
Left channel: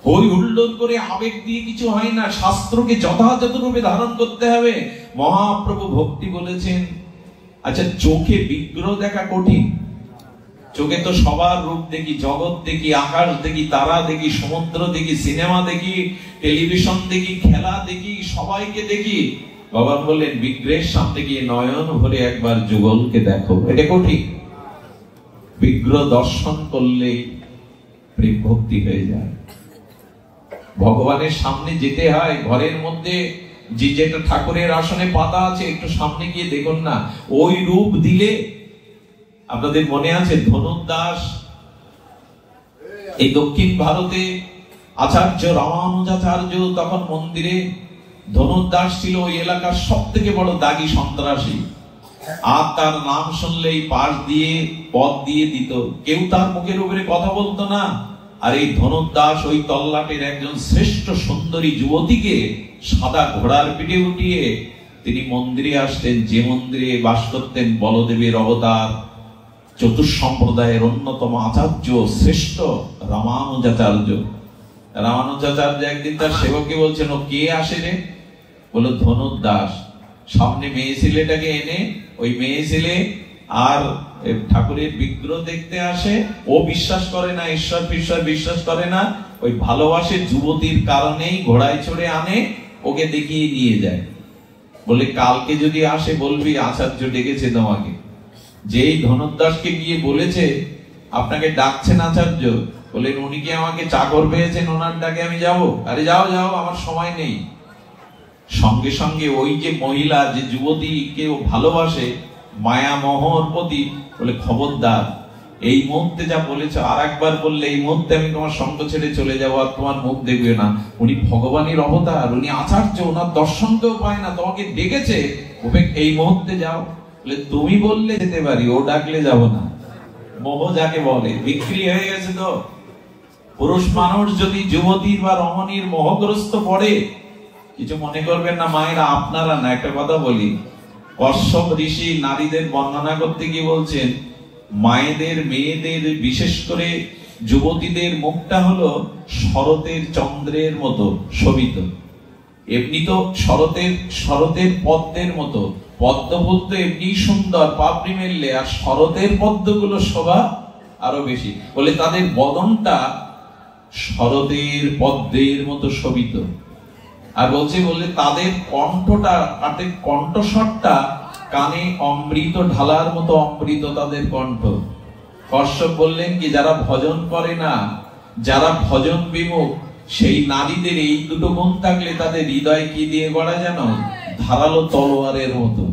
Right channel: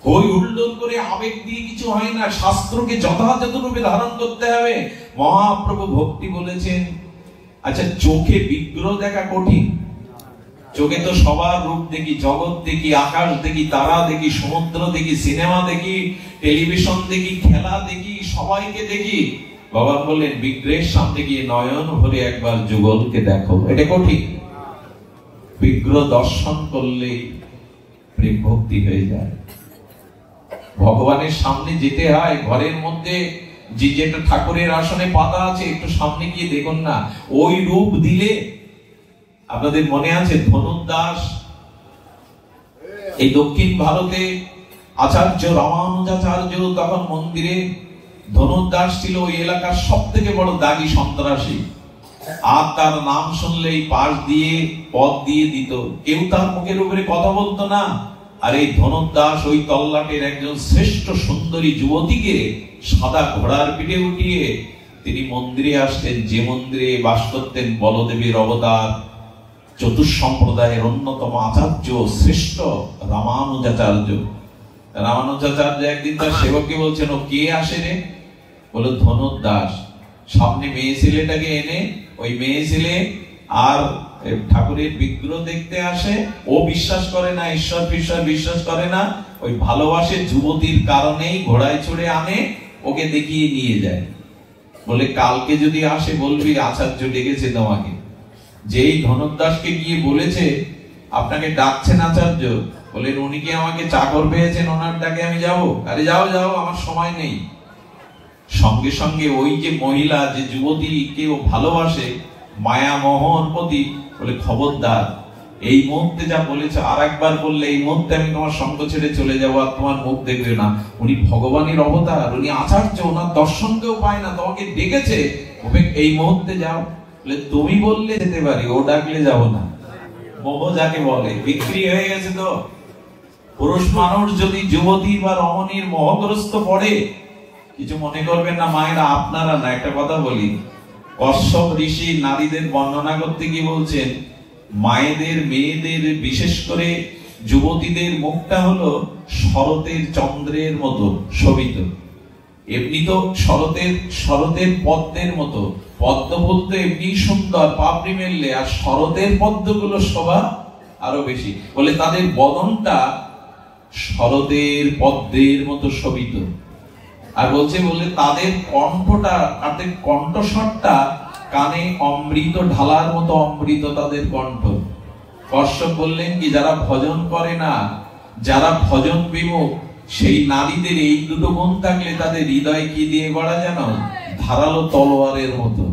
হই হুল্লোড় করে আবেগ দিয়ে কিছু হয় না। শাস্ত্রকে যথাযথ রূপে ধারণ করতে হবে। মহাপ্রভু ভক্তি বলেছেন। আচ্ছা, চোখে বিগ্রহ দেখা কঠিন। চোখে তো সবার রূপ দেখি, জগৎ দেখি, আকাশ দেখি, তারা দেখি, সমুদ্র দেখি, সিনেমা দেখি, টেলিভিশন দেখি, খেলা দেখি, সবাইকে দেখি। বাবা বললেন, বিগ্রহের সামনে গিয়ে নয়ন ভরে একবার যুগলকে দেখো। এটা কঠিন। বিগ্রহ দর্শন করলে প্রেম ভক্তি হয়ে যায়। ভগবানের সামনে যেতে হয়। ঘরের মধ্যে যে যেটা ঠাকুরের আসনে পাতা আছে, একটু সামনে গিয়ে দেখুন না, ওই রূপ দিলে। আপনাদের মনে আছে ধনুর্দাস, এই দক্ষিণ ভারতে আচার্য রামানুজাচার্য তখন মন্দিরে ধনুর্দাস ছিল ওই এলাকার সব থেকে বড় দাগী সন্ত্রাসী। আর তার নাম শুনলেই পাশ দিয়ে পথ দিয়ে দিত, কেউ তার মুখের উপরে কথা বলতো না। আর এই ধনুর্দাস ওই তল্লাটের একজন শ্রেষ্ঠ সুন্দরী যুবতীকে সাদা ঘোড়ার পিঠে উঠিয়ে তিনি মন্দিরে আসতেন, যে মন্দিরে বাস করতেন বলদেবের অবতার, চতুর্সম্প্রদায়ের অন্যতম আচার্য শ্রেষ্ঠ রামানুজাচার্য। রামানুজাচার্য একদিন তার সেবককে বলছেন, ও কে আসে রে? বলল ধনুর্দাস। সামনে মেয়ে ছেলেটাকে এনে ওই মেয়ে ছেলে আর ঠাকুরের বিগ্রহ দেখতে আসে। ও বিশ্বাস করে না, ঈশ্বর বিশ্বাস করে না, ওই ভালোবাসে যুবতীর কারণেই ঘোড়ায় চড়ে আনে, ওকে দেখিয়ে নিয়ে যায়। বলে কালকে যদি আসে বলবি আচার্য ডেকেছে তোমাকে। যেই ধনুর্দাসকে গিয়ে বলেছে আপনাকে ডাকছেন আচার্য, বলে উনি কি আমাকে চাকর পেয়েছেন, ওনার ডাকে আমি যাব? আরে যাও যাও, আমার সময় নেই। সঙ্গে সঙ্গে ওই যে মহিলা, যে যুবতীকে ও ভালোবাসে মায়া মোহর প্রতি, বলে খবরদার, এই মুহূর্তে যা বলেছো আর একবার বললে এই মুহূর্তে আমি তোমার সঙ্গ ছেড়ে চলে যাবো, আর তোমার মুখ দেখবে না। উনি ভগবানের অবতার, উনি আচার্য, ওনার দর্শন কেউ পায় না, তোমাকে ডেকেছে, ওকে এই মুহূর্তে যাও। বলে তুমি বললে যেতে পারি, ও ডাকলে যাব না। মোহ যাকে বলে, বিক্রি হয়ে গেছে। তো পুরুষ মানুষ যদি যুবতী বা রমণীর মোহগ্রস্ত পড়ে, কিছু মনে করবেন না মায়েরা, আপনারা না। একটা কথা বলি, কশ্যপ ঋষি নারীদের বর্ণনা করতে গিয়ে বলছেন, মায়েদের, মেয়েদের, বিশেষ করে যুবতীদের মুখটা হলো শরতের চন্দ্রের মতো শোভিত। এমনি তো শরতের পদ্মের মতো, পদ্ম ফুল তো এমনি সুন্দর, পাপড়ি মেললে, আর শরতের পদ্মগুলো শোভা আরো বেশি। বলে তাদের বদনটা শরতের পদ্মের মতো শোভিত। আর বলছে বলে তাদের কণ্ঠটা, তাদের কণ্ঠস্বরটা কানে অমৃত ঢালার মতো অমৃত তাদের কণ্ঠ। কশ্যপ বললেন কি, যারা ভজন করে না, যারা ভজন বিমুখ, সেই নারীদের এই দুটো গুণ থাকলে তাদের হৃদয় কি দিয়ে গড়া জানো? ধারালো তলোয়ারের মতো,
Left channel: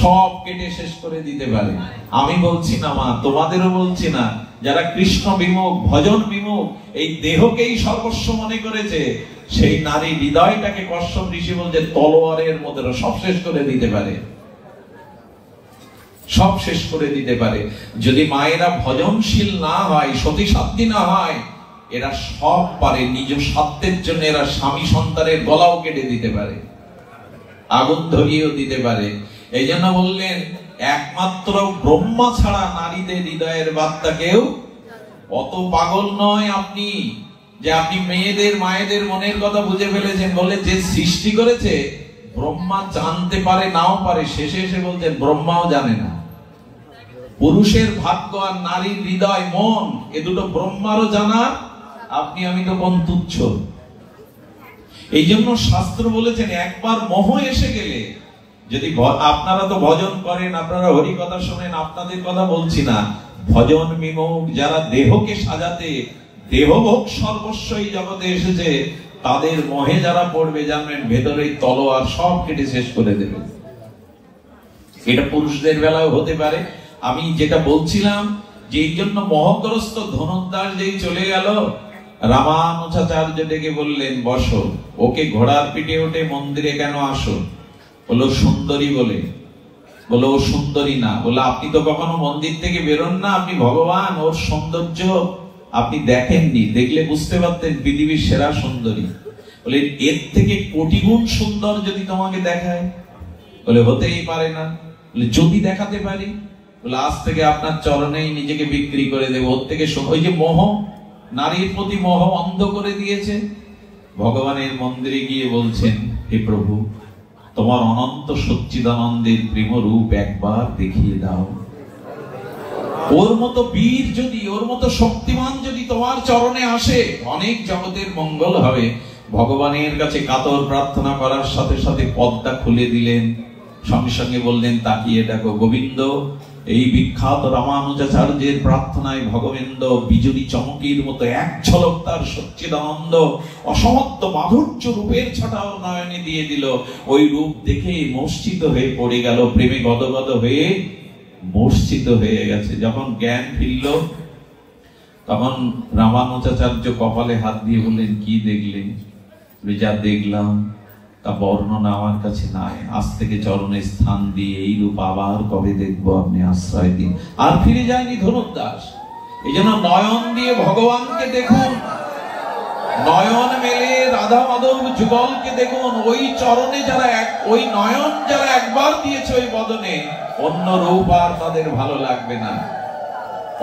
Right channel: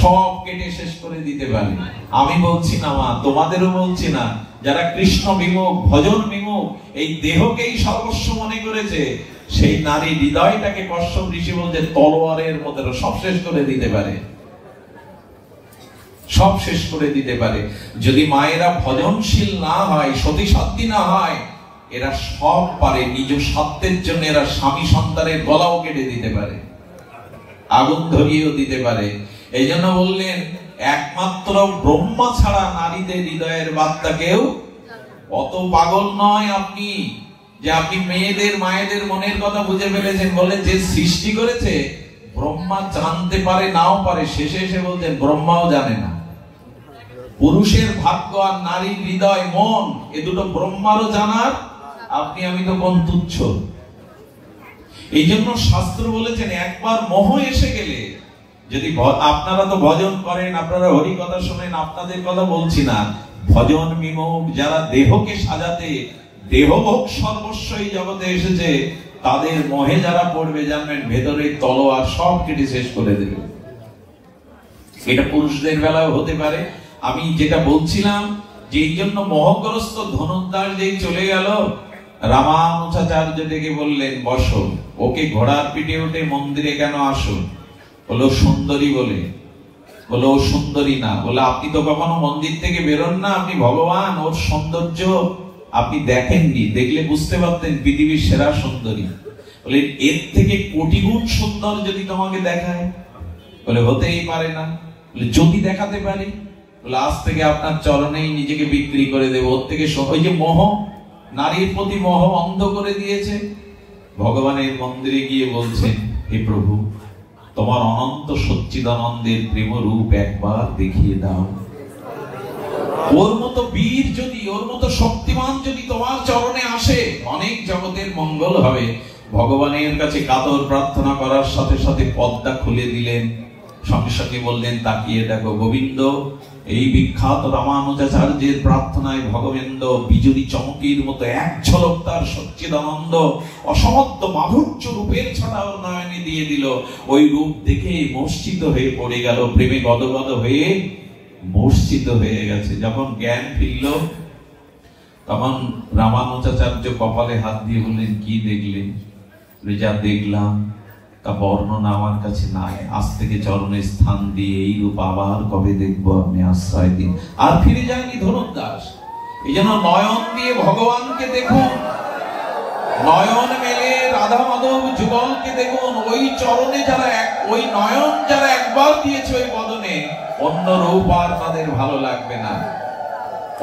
সব কেটে শেষ করে দিতে পারে। আমি বলছি না মা, তোমাদেরও বলছি না, যারা কৃষ্ণ বিমুখ, ভজন বিমুখ, এই দেহকেই সর্বস্ব মনে করেছে, সেই নারী হৃদয়টাকে কশ্যপ ঋষি বলছে তলোয়ারের মতো সব শেষ করে দিতে পারে, সব শেষ করে দিতে পারে। যদি মায়েরা ভজনশীল না হয়, সতী সাধ্বী না হয়, এরা সব পারে। নিজ স্বার্থের জন্য এরা স্বামী সন্তানের গলাও কেটে দিতে পারে, আগুন ধরিয়েও দিতে পারে। এই জন্য বললেন একমাত্র ব্রহ্মা ছাড়া নারীদের হৃদয়ের বার্তা কেউ অত পাগল নয় আপনি, যে আপনি মেয়েদের মায়েদের মনের কথা বুঝে ফেলেছেন। বলে যে সৃষ্টি করেছে ব্রহ্মা জানতে পারে, নাও পারে। শেষে এসে বলতেন ব্রহ্মাও জানে না। পুরুষের ভাগ্য আর নারীর হৃদয় মন, এ দুটো ব্রহ্মারও জানার, আপনি আমি তো কোন তুচ্ছ। এই জন্য শাস্ত্র বলেছেন একবার মোহ এসে গেলে, যদি আপনারা তো ভজন করেন, আপনারা হরি কথা শোনেন, আপনাদের কথা বলছি না, ভজন বিমুখ যারা দেহকে সাজাতে, দেহভোগ সর্বস্ব এই জগতে এসেছে, তাদের মোহে যারা পড়বে, জানবেন ভেতরে তলোয়ার সব কেটে শেষ করে দেবে। এটা পুরুষদের বেলাও হতে পারে। আমি যেটা বলছিলাম, যে এই জন্য মোহগ্রস্ত ধনুর্দাস যেই চলে গেল, রামানুজাচার্য ডেকে বললেন বসো। ওকে ঘোড়ার পিঠে উঠে মন্দিরে কেন আসো? বলো সুন্দরী বলে। বলো ও সুন্দরী না। বলে আপনি তো কখনো মন্দির থেকে বেরোন না, আপনি ভগবান, ওর সৌন্দর্য আপনি দেখেননি, দেখলে বুঝতে পারতেন পৃথিবীর সেরা সুন্দরী। বলে এর থেকে কোটি গুণ সুন্দর যদি তোমাকে দেখায়? বলে হতেই পারে না। বলে যদি দেখাতে পারি? বলে আজ থেকে আপনার চরণেই নিজেকে বিক্রি করে দেব। ওর থেকে ওই যে মোহ, নারীর প্রতি মোহ অন্ধ করে দিয়েছে। ভগবানের মন্দিরে গিয়ে বলছেন, হে প্রভু, তোমার অনন্ত সচ্চিদানন্দের প্রেম রূপ একবার দেখিয়ে দাও। ওর মতো বীর যদি, ওর মতো শক্তিমান যদি তোমার চরণে আসে, অনেক জগতের মঙ্গল হবে। ভগবানের কাছে কাতর প্রার্থনা করার সাথে সাথে পদ্মা খুলে দিলেন। সঙ্গে সঙ্গে বললেন, তাকিয়ে দেখো গোবিন্দ। এই বিখ্যাত রামানুজাচার্যের প্রার্থনায় ভগবেন্দ বিজুলি চমকির মতো এক ঝলক তার সচ্চিদানন্দ অসমত্ব মাধুর্য রূপের ছটা ওর নয়নে দিয়ে দিল। ওই রূপ দেখে মূর্ছিত হয়ে পড়ে গেল, প্রেমে গদগদ হয়ে মূর্ছিত হয়ে গেছে। যখন জ্ঞান ফিরল, তখন রামানুজাচার্য কপালে হাত দিয়ে বললেন, কি দেখলেন? যা দেখলাম তা বর্ণনা আমার কাছে নাই। আজ থেকে চরণে স্থান দিয়ে এই রূপ আবার কবে দেখবো, আপনি আশ্রয় দিন। আর ফিরে যায়নি ধনুর্দাস। এই জন্য নয়ন দিয়ে ভগবানকে দেখুন, নয়ন মেলে রাধা মাধব যুগলকে দেখুন। ওই চরণে যারা ওই নয়ন যারা একবার দিয়েছে ওই বদনে, অন্য রূপ আর তাদের ভালো লাগবে না,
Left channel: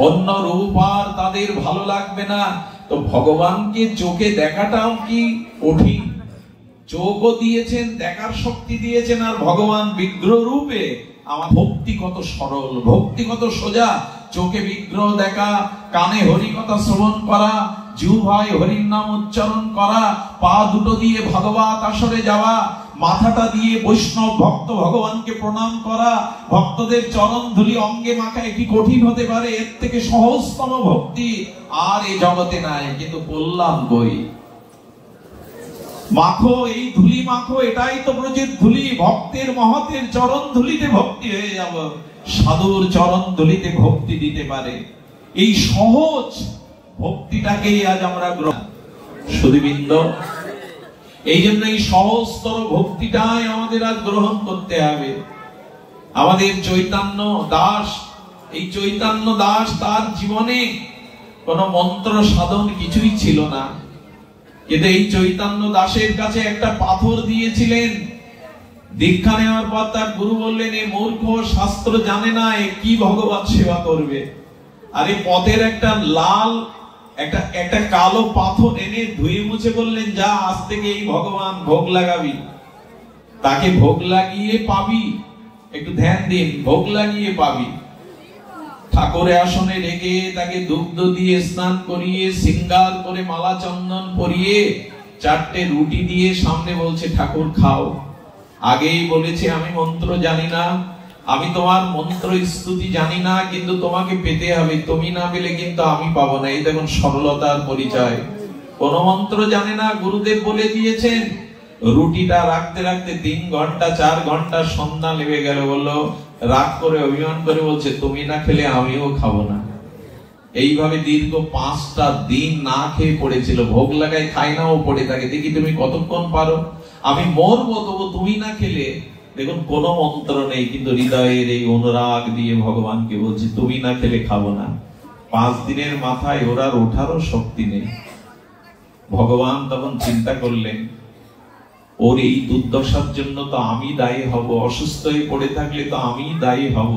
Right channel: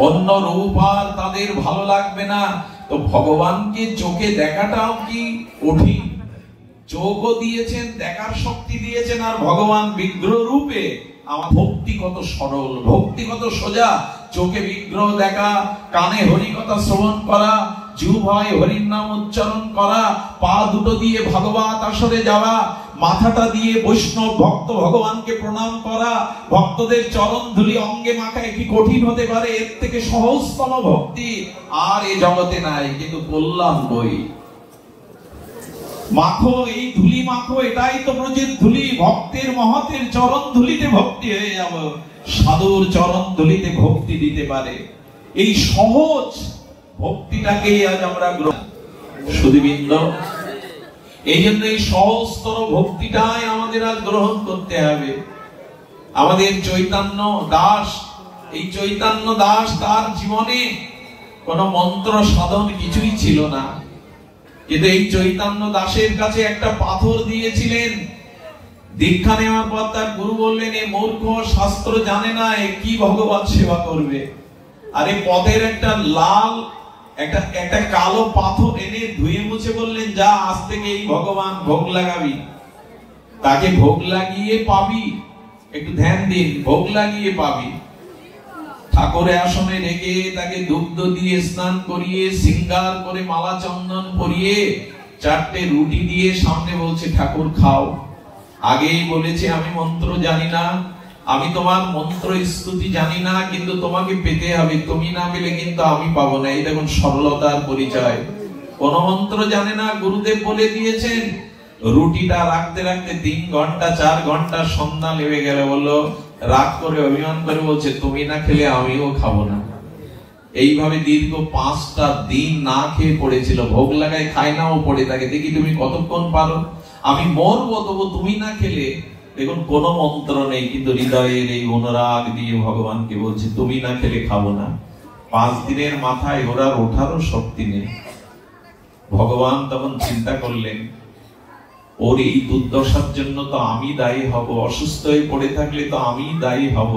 অন্য রূপ আর তাদের ভালো লাগবে না। তো ভগবানকে চোখে দেখাটাও কি কঠিন? চোখও দিয়েছেন, দেখার শক্তি দিয়েছেন, আর ভগবান বিগ্রহ রূপে। আমার ভক্তি কত সরল, ভক্তি কত সোজা। চোখে বিগ্রহ দেখা, কানে হরিকথা শ্রবণ করা, জিহ্বায় হরির নাম উচ্চারণ করা, পা দুটো দিয়ে ভাগবত আসরে যাওয়া, মাথাটা দিয়ে বৈষ্ণব ভক্ত ভগবানকে প্রণাম করা, ভক্তদের চরণ ধুলি অঙ্গে মাখায় কি কঠিন হতে পারে? এর থেকে সহজতম ভক্তি আর এ জগতে নাই। কিন্তু বললাম কই, মাখো এই ধুলি মাখো, এটাই তো ব্রজের ধুলি। ভক্তের মহতের চরণ ধুলিতে ভক্তি হয়ে যাব, সাধুর চরণ ধুলিতে ভক্তি দিতে পারে। এই সহজ ভক্তিটাকেই আজ আমরা গ্রহণ। সুধীবৃন্দ, এই জন্য এই সহজতর ভক্তিটাই আমাদের আজ গ্রহণ করতে হবে। আমাদের চৈতন্য দাস, এই চৈতন্য দাস তার জীবনে কোন মন্ত্র সাধন কিছুই ছিল না, কিন্তু এই চৈতন্য দাসের কাছে একটা পাথর দিয়েছিলেন। দীক্ষা নেওয়ার পর তার গুরু বললেন, এ মূর্খ, শাস্ত্র জানে না, এ কি ভগবত সেবা করবে? আরে পথের একটা লাল একটা কালো পাথর এনে ধুয়ে মুছে বললেন, যা আজ থেকে এই ভগবান ভোগ লাগাবি। তাকে ভোগ লাগিয়ে পাবি, একটু ধ্যান দিন, ভোগ লাগিয়ে পাবি। ঠাকুরের আসনে রেখে তাকে দুগ্ধ দিয়ে স্নান করিয়ে সিঙ্গার করে মালা চন্দন পরিয়ে 4টে রুটি দিয়ে সামনে বলছে, ঠাকুর খাও। আগেই বলেছে, আমি মন্ত্র জানি না, আমি তোমার মন্ত্র স্তুতি জানি না, কিন্তু তোমাকে পেতে হবে, তুমি না পেলে কিন্তু আমি পাবো না। এই দেখুন সরলতার পরিচয়। কোন মন্ত্র জানে না, গুরুদেব বলে দিয়েছেন। রুটিটা রাখতে রাখতে 3 ঘন্টা 4 ঘন্টা সন্ধ্যা নেমে গেল। বললো, রাগ করে অভিমান করে বলছে, তুমি না খেলে আমিও খাবো না। এইভাবে দীর্ঘ 5টা দিন না খেয়ে পড়েছিল। ভোগ লাগায় খায় না, ও পড়ে থাকে, দেখি তুমি কতক্ষণ পারো, আমি মরবো তবু তুমি না খেলে। দেখুন কোন মন্ত্র নেই, কিন্তু হৃদয়ের এই অনুরাগ দিয়ে ভগবানকে বলছে, তুমি না খেলে খাবো না। 5 দিনের মাথায় ওরা ওঠারও শক্তি নেই। ভগবান তখন চিন্তা করলেন, ওর এই দুর্দশার জন্য তো আমি দায়ী হব, অসুস্থ হয়ে পড়ে থাকলে তো আমি দায়ী হব।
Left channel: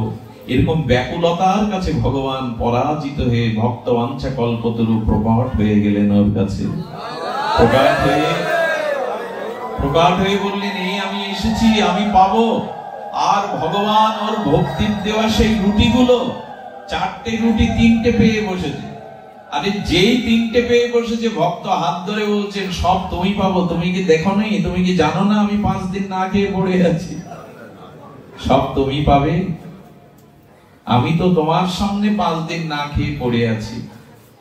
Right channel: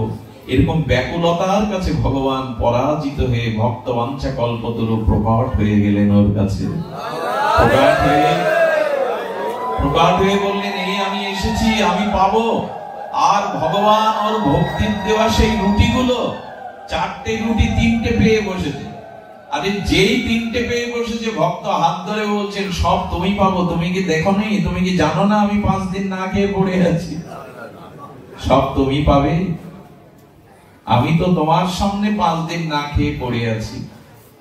এরকম ব্যাকুলতার কাছে ভগবান পরাজিত হয়ে ভক্ত বাঞ্ছা কল্পতরু প্রকট হয়ে গেলেন ওর কাছে। প্রকট হয়ে বললেন, এই আমি এসেছি, আমি পাবো। আর ভগবান ওর ভক্তির দেওয়া সেই রুটিগুলো, 4টে রুটি 3টে পেয়ে বসেছে। আরে যেই 3টে পেয়ে বসেছে, ভক্ত হাত ধরে বলছেন, সব তুমি পাবো, তুমি কি দেখো নেই, তুমি কি জানো না আমি 5 দিন না খেয়ে পড়ে আছি? সব তুমি পাবে, আমি তো তোমার সামনে 5 দিন না খেয়ে পড়ে আছি।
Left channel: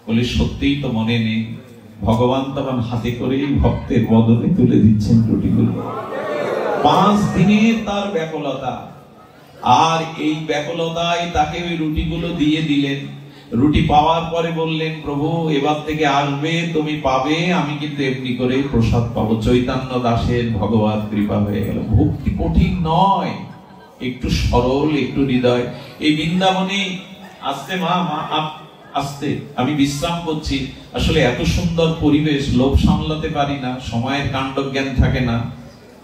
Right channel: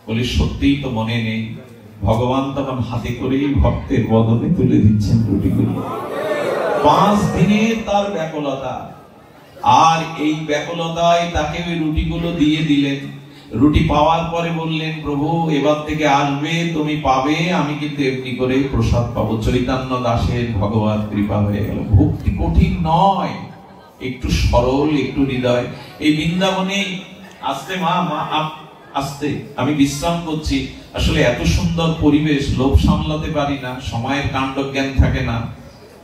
বলে, সত্যিই তো মনে নেই। ভগবান তখন হাতে করেই ভক্তের বদলে তুলে দিচ্ছেন রুটিগুলো। 5 দিনের তার ব্যাকুলতা, আর এই ব্যাকুলতায় তাকে ওই রুটিগুলো দিয়ে দিলেন। রুটি পাওয়ার পরে বললেন, প্রভু এবার থেকে আসবে, তুমি পাবে, আমি কিন্তু এমনি করে প্রসাদ পাবো। চৈতন্য দাসের ভগবত কৃপা হয়ে গেল। ভক্তি কঠিন নয়, একটু সরল, একটু হৃদয়। এই বৃন্দাবনে আসতে আসতে আমি বিশ্রাম করছি। আসলে এত সুন্দর পরিবেশ, লোভ সামলাতে পারি না, সময়ের কাণ্ড জ্ঞান থাকে না।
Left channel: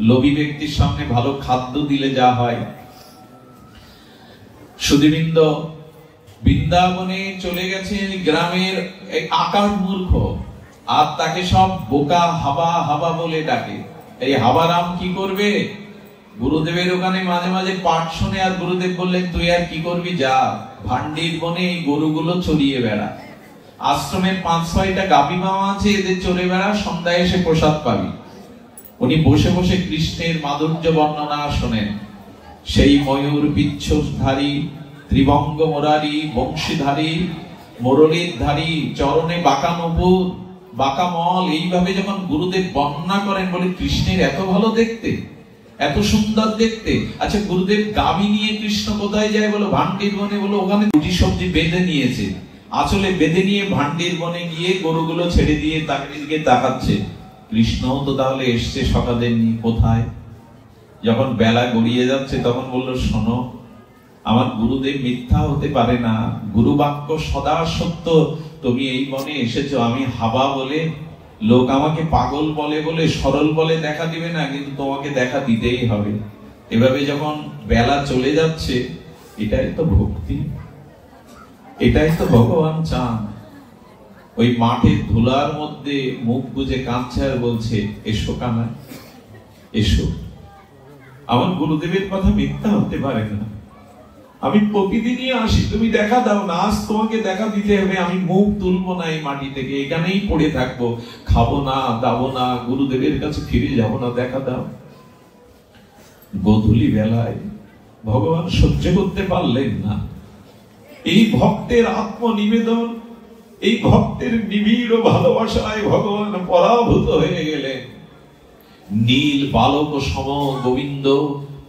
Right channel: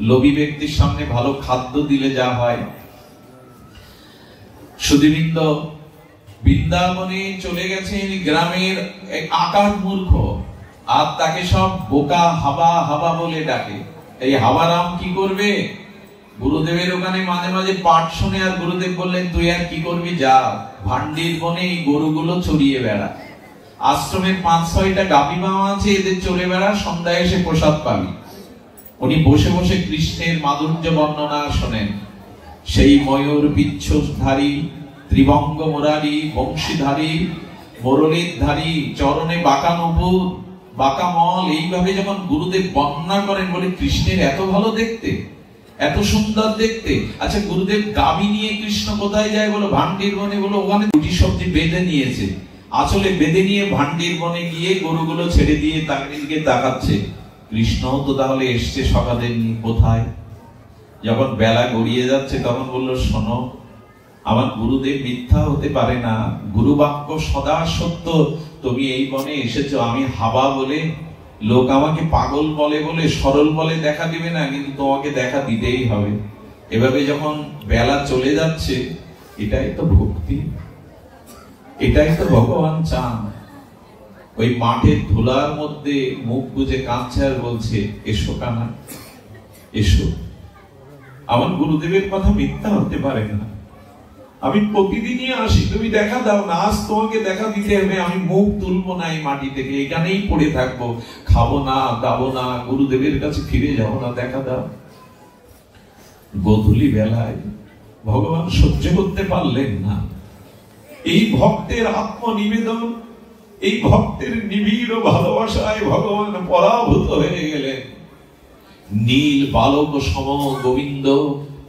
লোভী ব্যক্তির সামনে ভালো খাদ্য দিলে যা হয়। সুধীবৃন্দ, বৃন্দাবনে চলে গেছেন গ্রামের আকার মূর্খ, আর তাকে সব বোকা হাবা হাবা বলে ডাকে। এই হাবারাম কি করবে? গুরুদেবের ওখানে মাঝে মাঝে পাঠ শুনে, আর গুরুদেব বললেন, তুই আর কি করবি, যা ভান্ডির বনে এই গরুগুলো চড়িয়ে বেড়া। আশ্রমের 5-6টা গাভী মামা আছে, এদের চড়ে বেড়া, সন্ধ্যায় এসে প্রসাদ পাবি। উনি বসে বসে কৃষ্ণের মাধুর্য বর্ণনা শোনেন। সেই ময়ূর বিচ্ছুধারী, ত্রিভঙ্গ মুরারি, বংশীধারী, মুরলীর ধারী, চরণে বাঁকা নুপুর, বাঁকা মল, এইভাবে যখন গুরুদেব বর্ণনা করেন, বলে কৃষ্ণের এত ভালো দেখতে, এত সুন্দর দেখতে। আচ্ছা, গুরুদেব গাভী নিয়ে কৃষ্ণ কোথায় যায়? বলো ভান্ডির বনে। বলো ওখানে রুটি সবজি বেঁধে নিয়েছে, আসলে বেঁধে নিয়ে ভান্ডির বনে গিয়ে গরুগুলো ছেড়ে দিয়ে তাকে দিকে তাকাচ্ছে। কৃষ্ণ তো তাহলে এসছে সকালের কোথায়? যখন বেলা গড়িয়ে যাচ্ছে তখন বললো, শোনো, আমার গুরুদেব মিথ্যা হতে পারে না, গুরু বাক্য সদা সত্য। তুমি এই বনে এসেছো, আমি হাবা বলে লোক আমাকে পাগল বলে বলে, সরল বলে দেখা দিবে না, কিন্তু তোমাকে দেখা দিতেই হবে। এভাবে যখন বেলা চলে যাচ্ছে, এটাই তো ভক্তি, এটাই তো ভগবান চান। ওই মাঠের ধুলার মধ্যে মুখ বুজে কাঁদছে আর বলছে, এসো কানা, এসো। আমার গুরুদেবের কথা মিথ্যা হতে পারে না। আমি প্রতিদিনই আসি, তুমি দেখা দাও না। আজ তোমাকে দেখা দিতে হবে, আমি মুখ তুলবো না এই মাটি থেকে, এখানেই পড়ে থাকবো, খাবো না, দাবো না, গুরুদেবের কাছে ফিরে যাবো না, দেখা দাও। গোধূলি বেলায় ভগবান সহ্য করতে পারলেন না। এই ভক্তের আত্মনিবেদন, এই ভক্তের নিবিড় ভালোবাসায় ভগবান পরাভূত হয়ে গেলেন। নীল বালক সম গোবিন্দ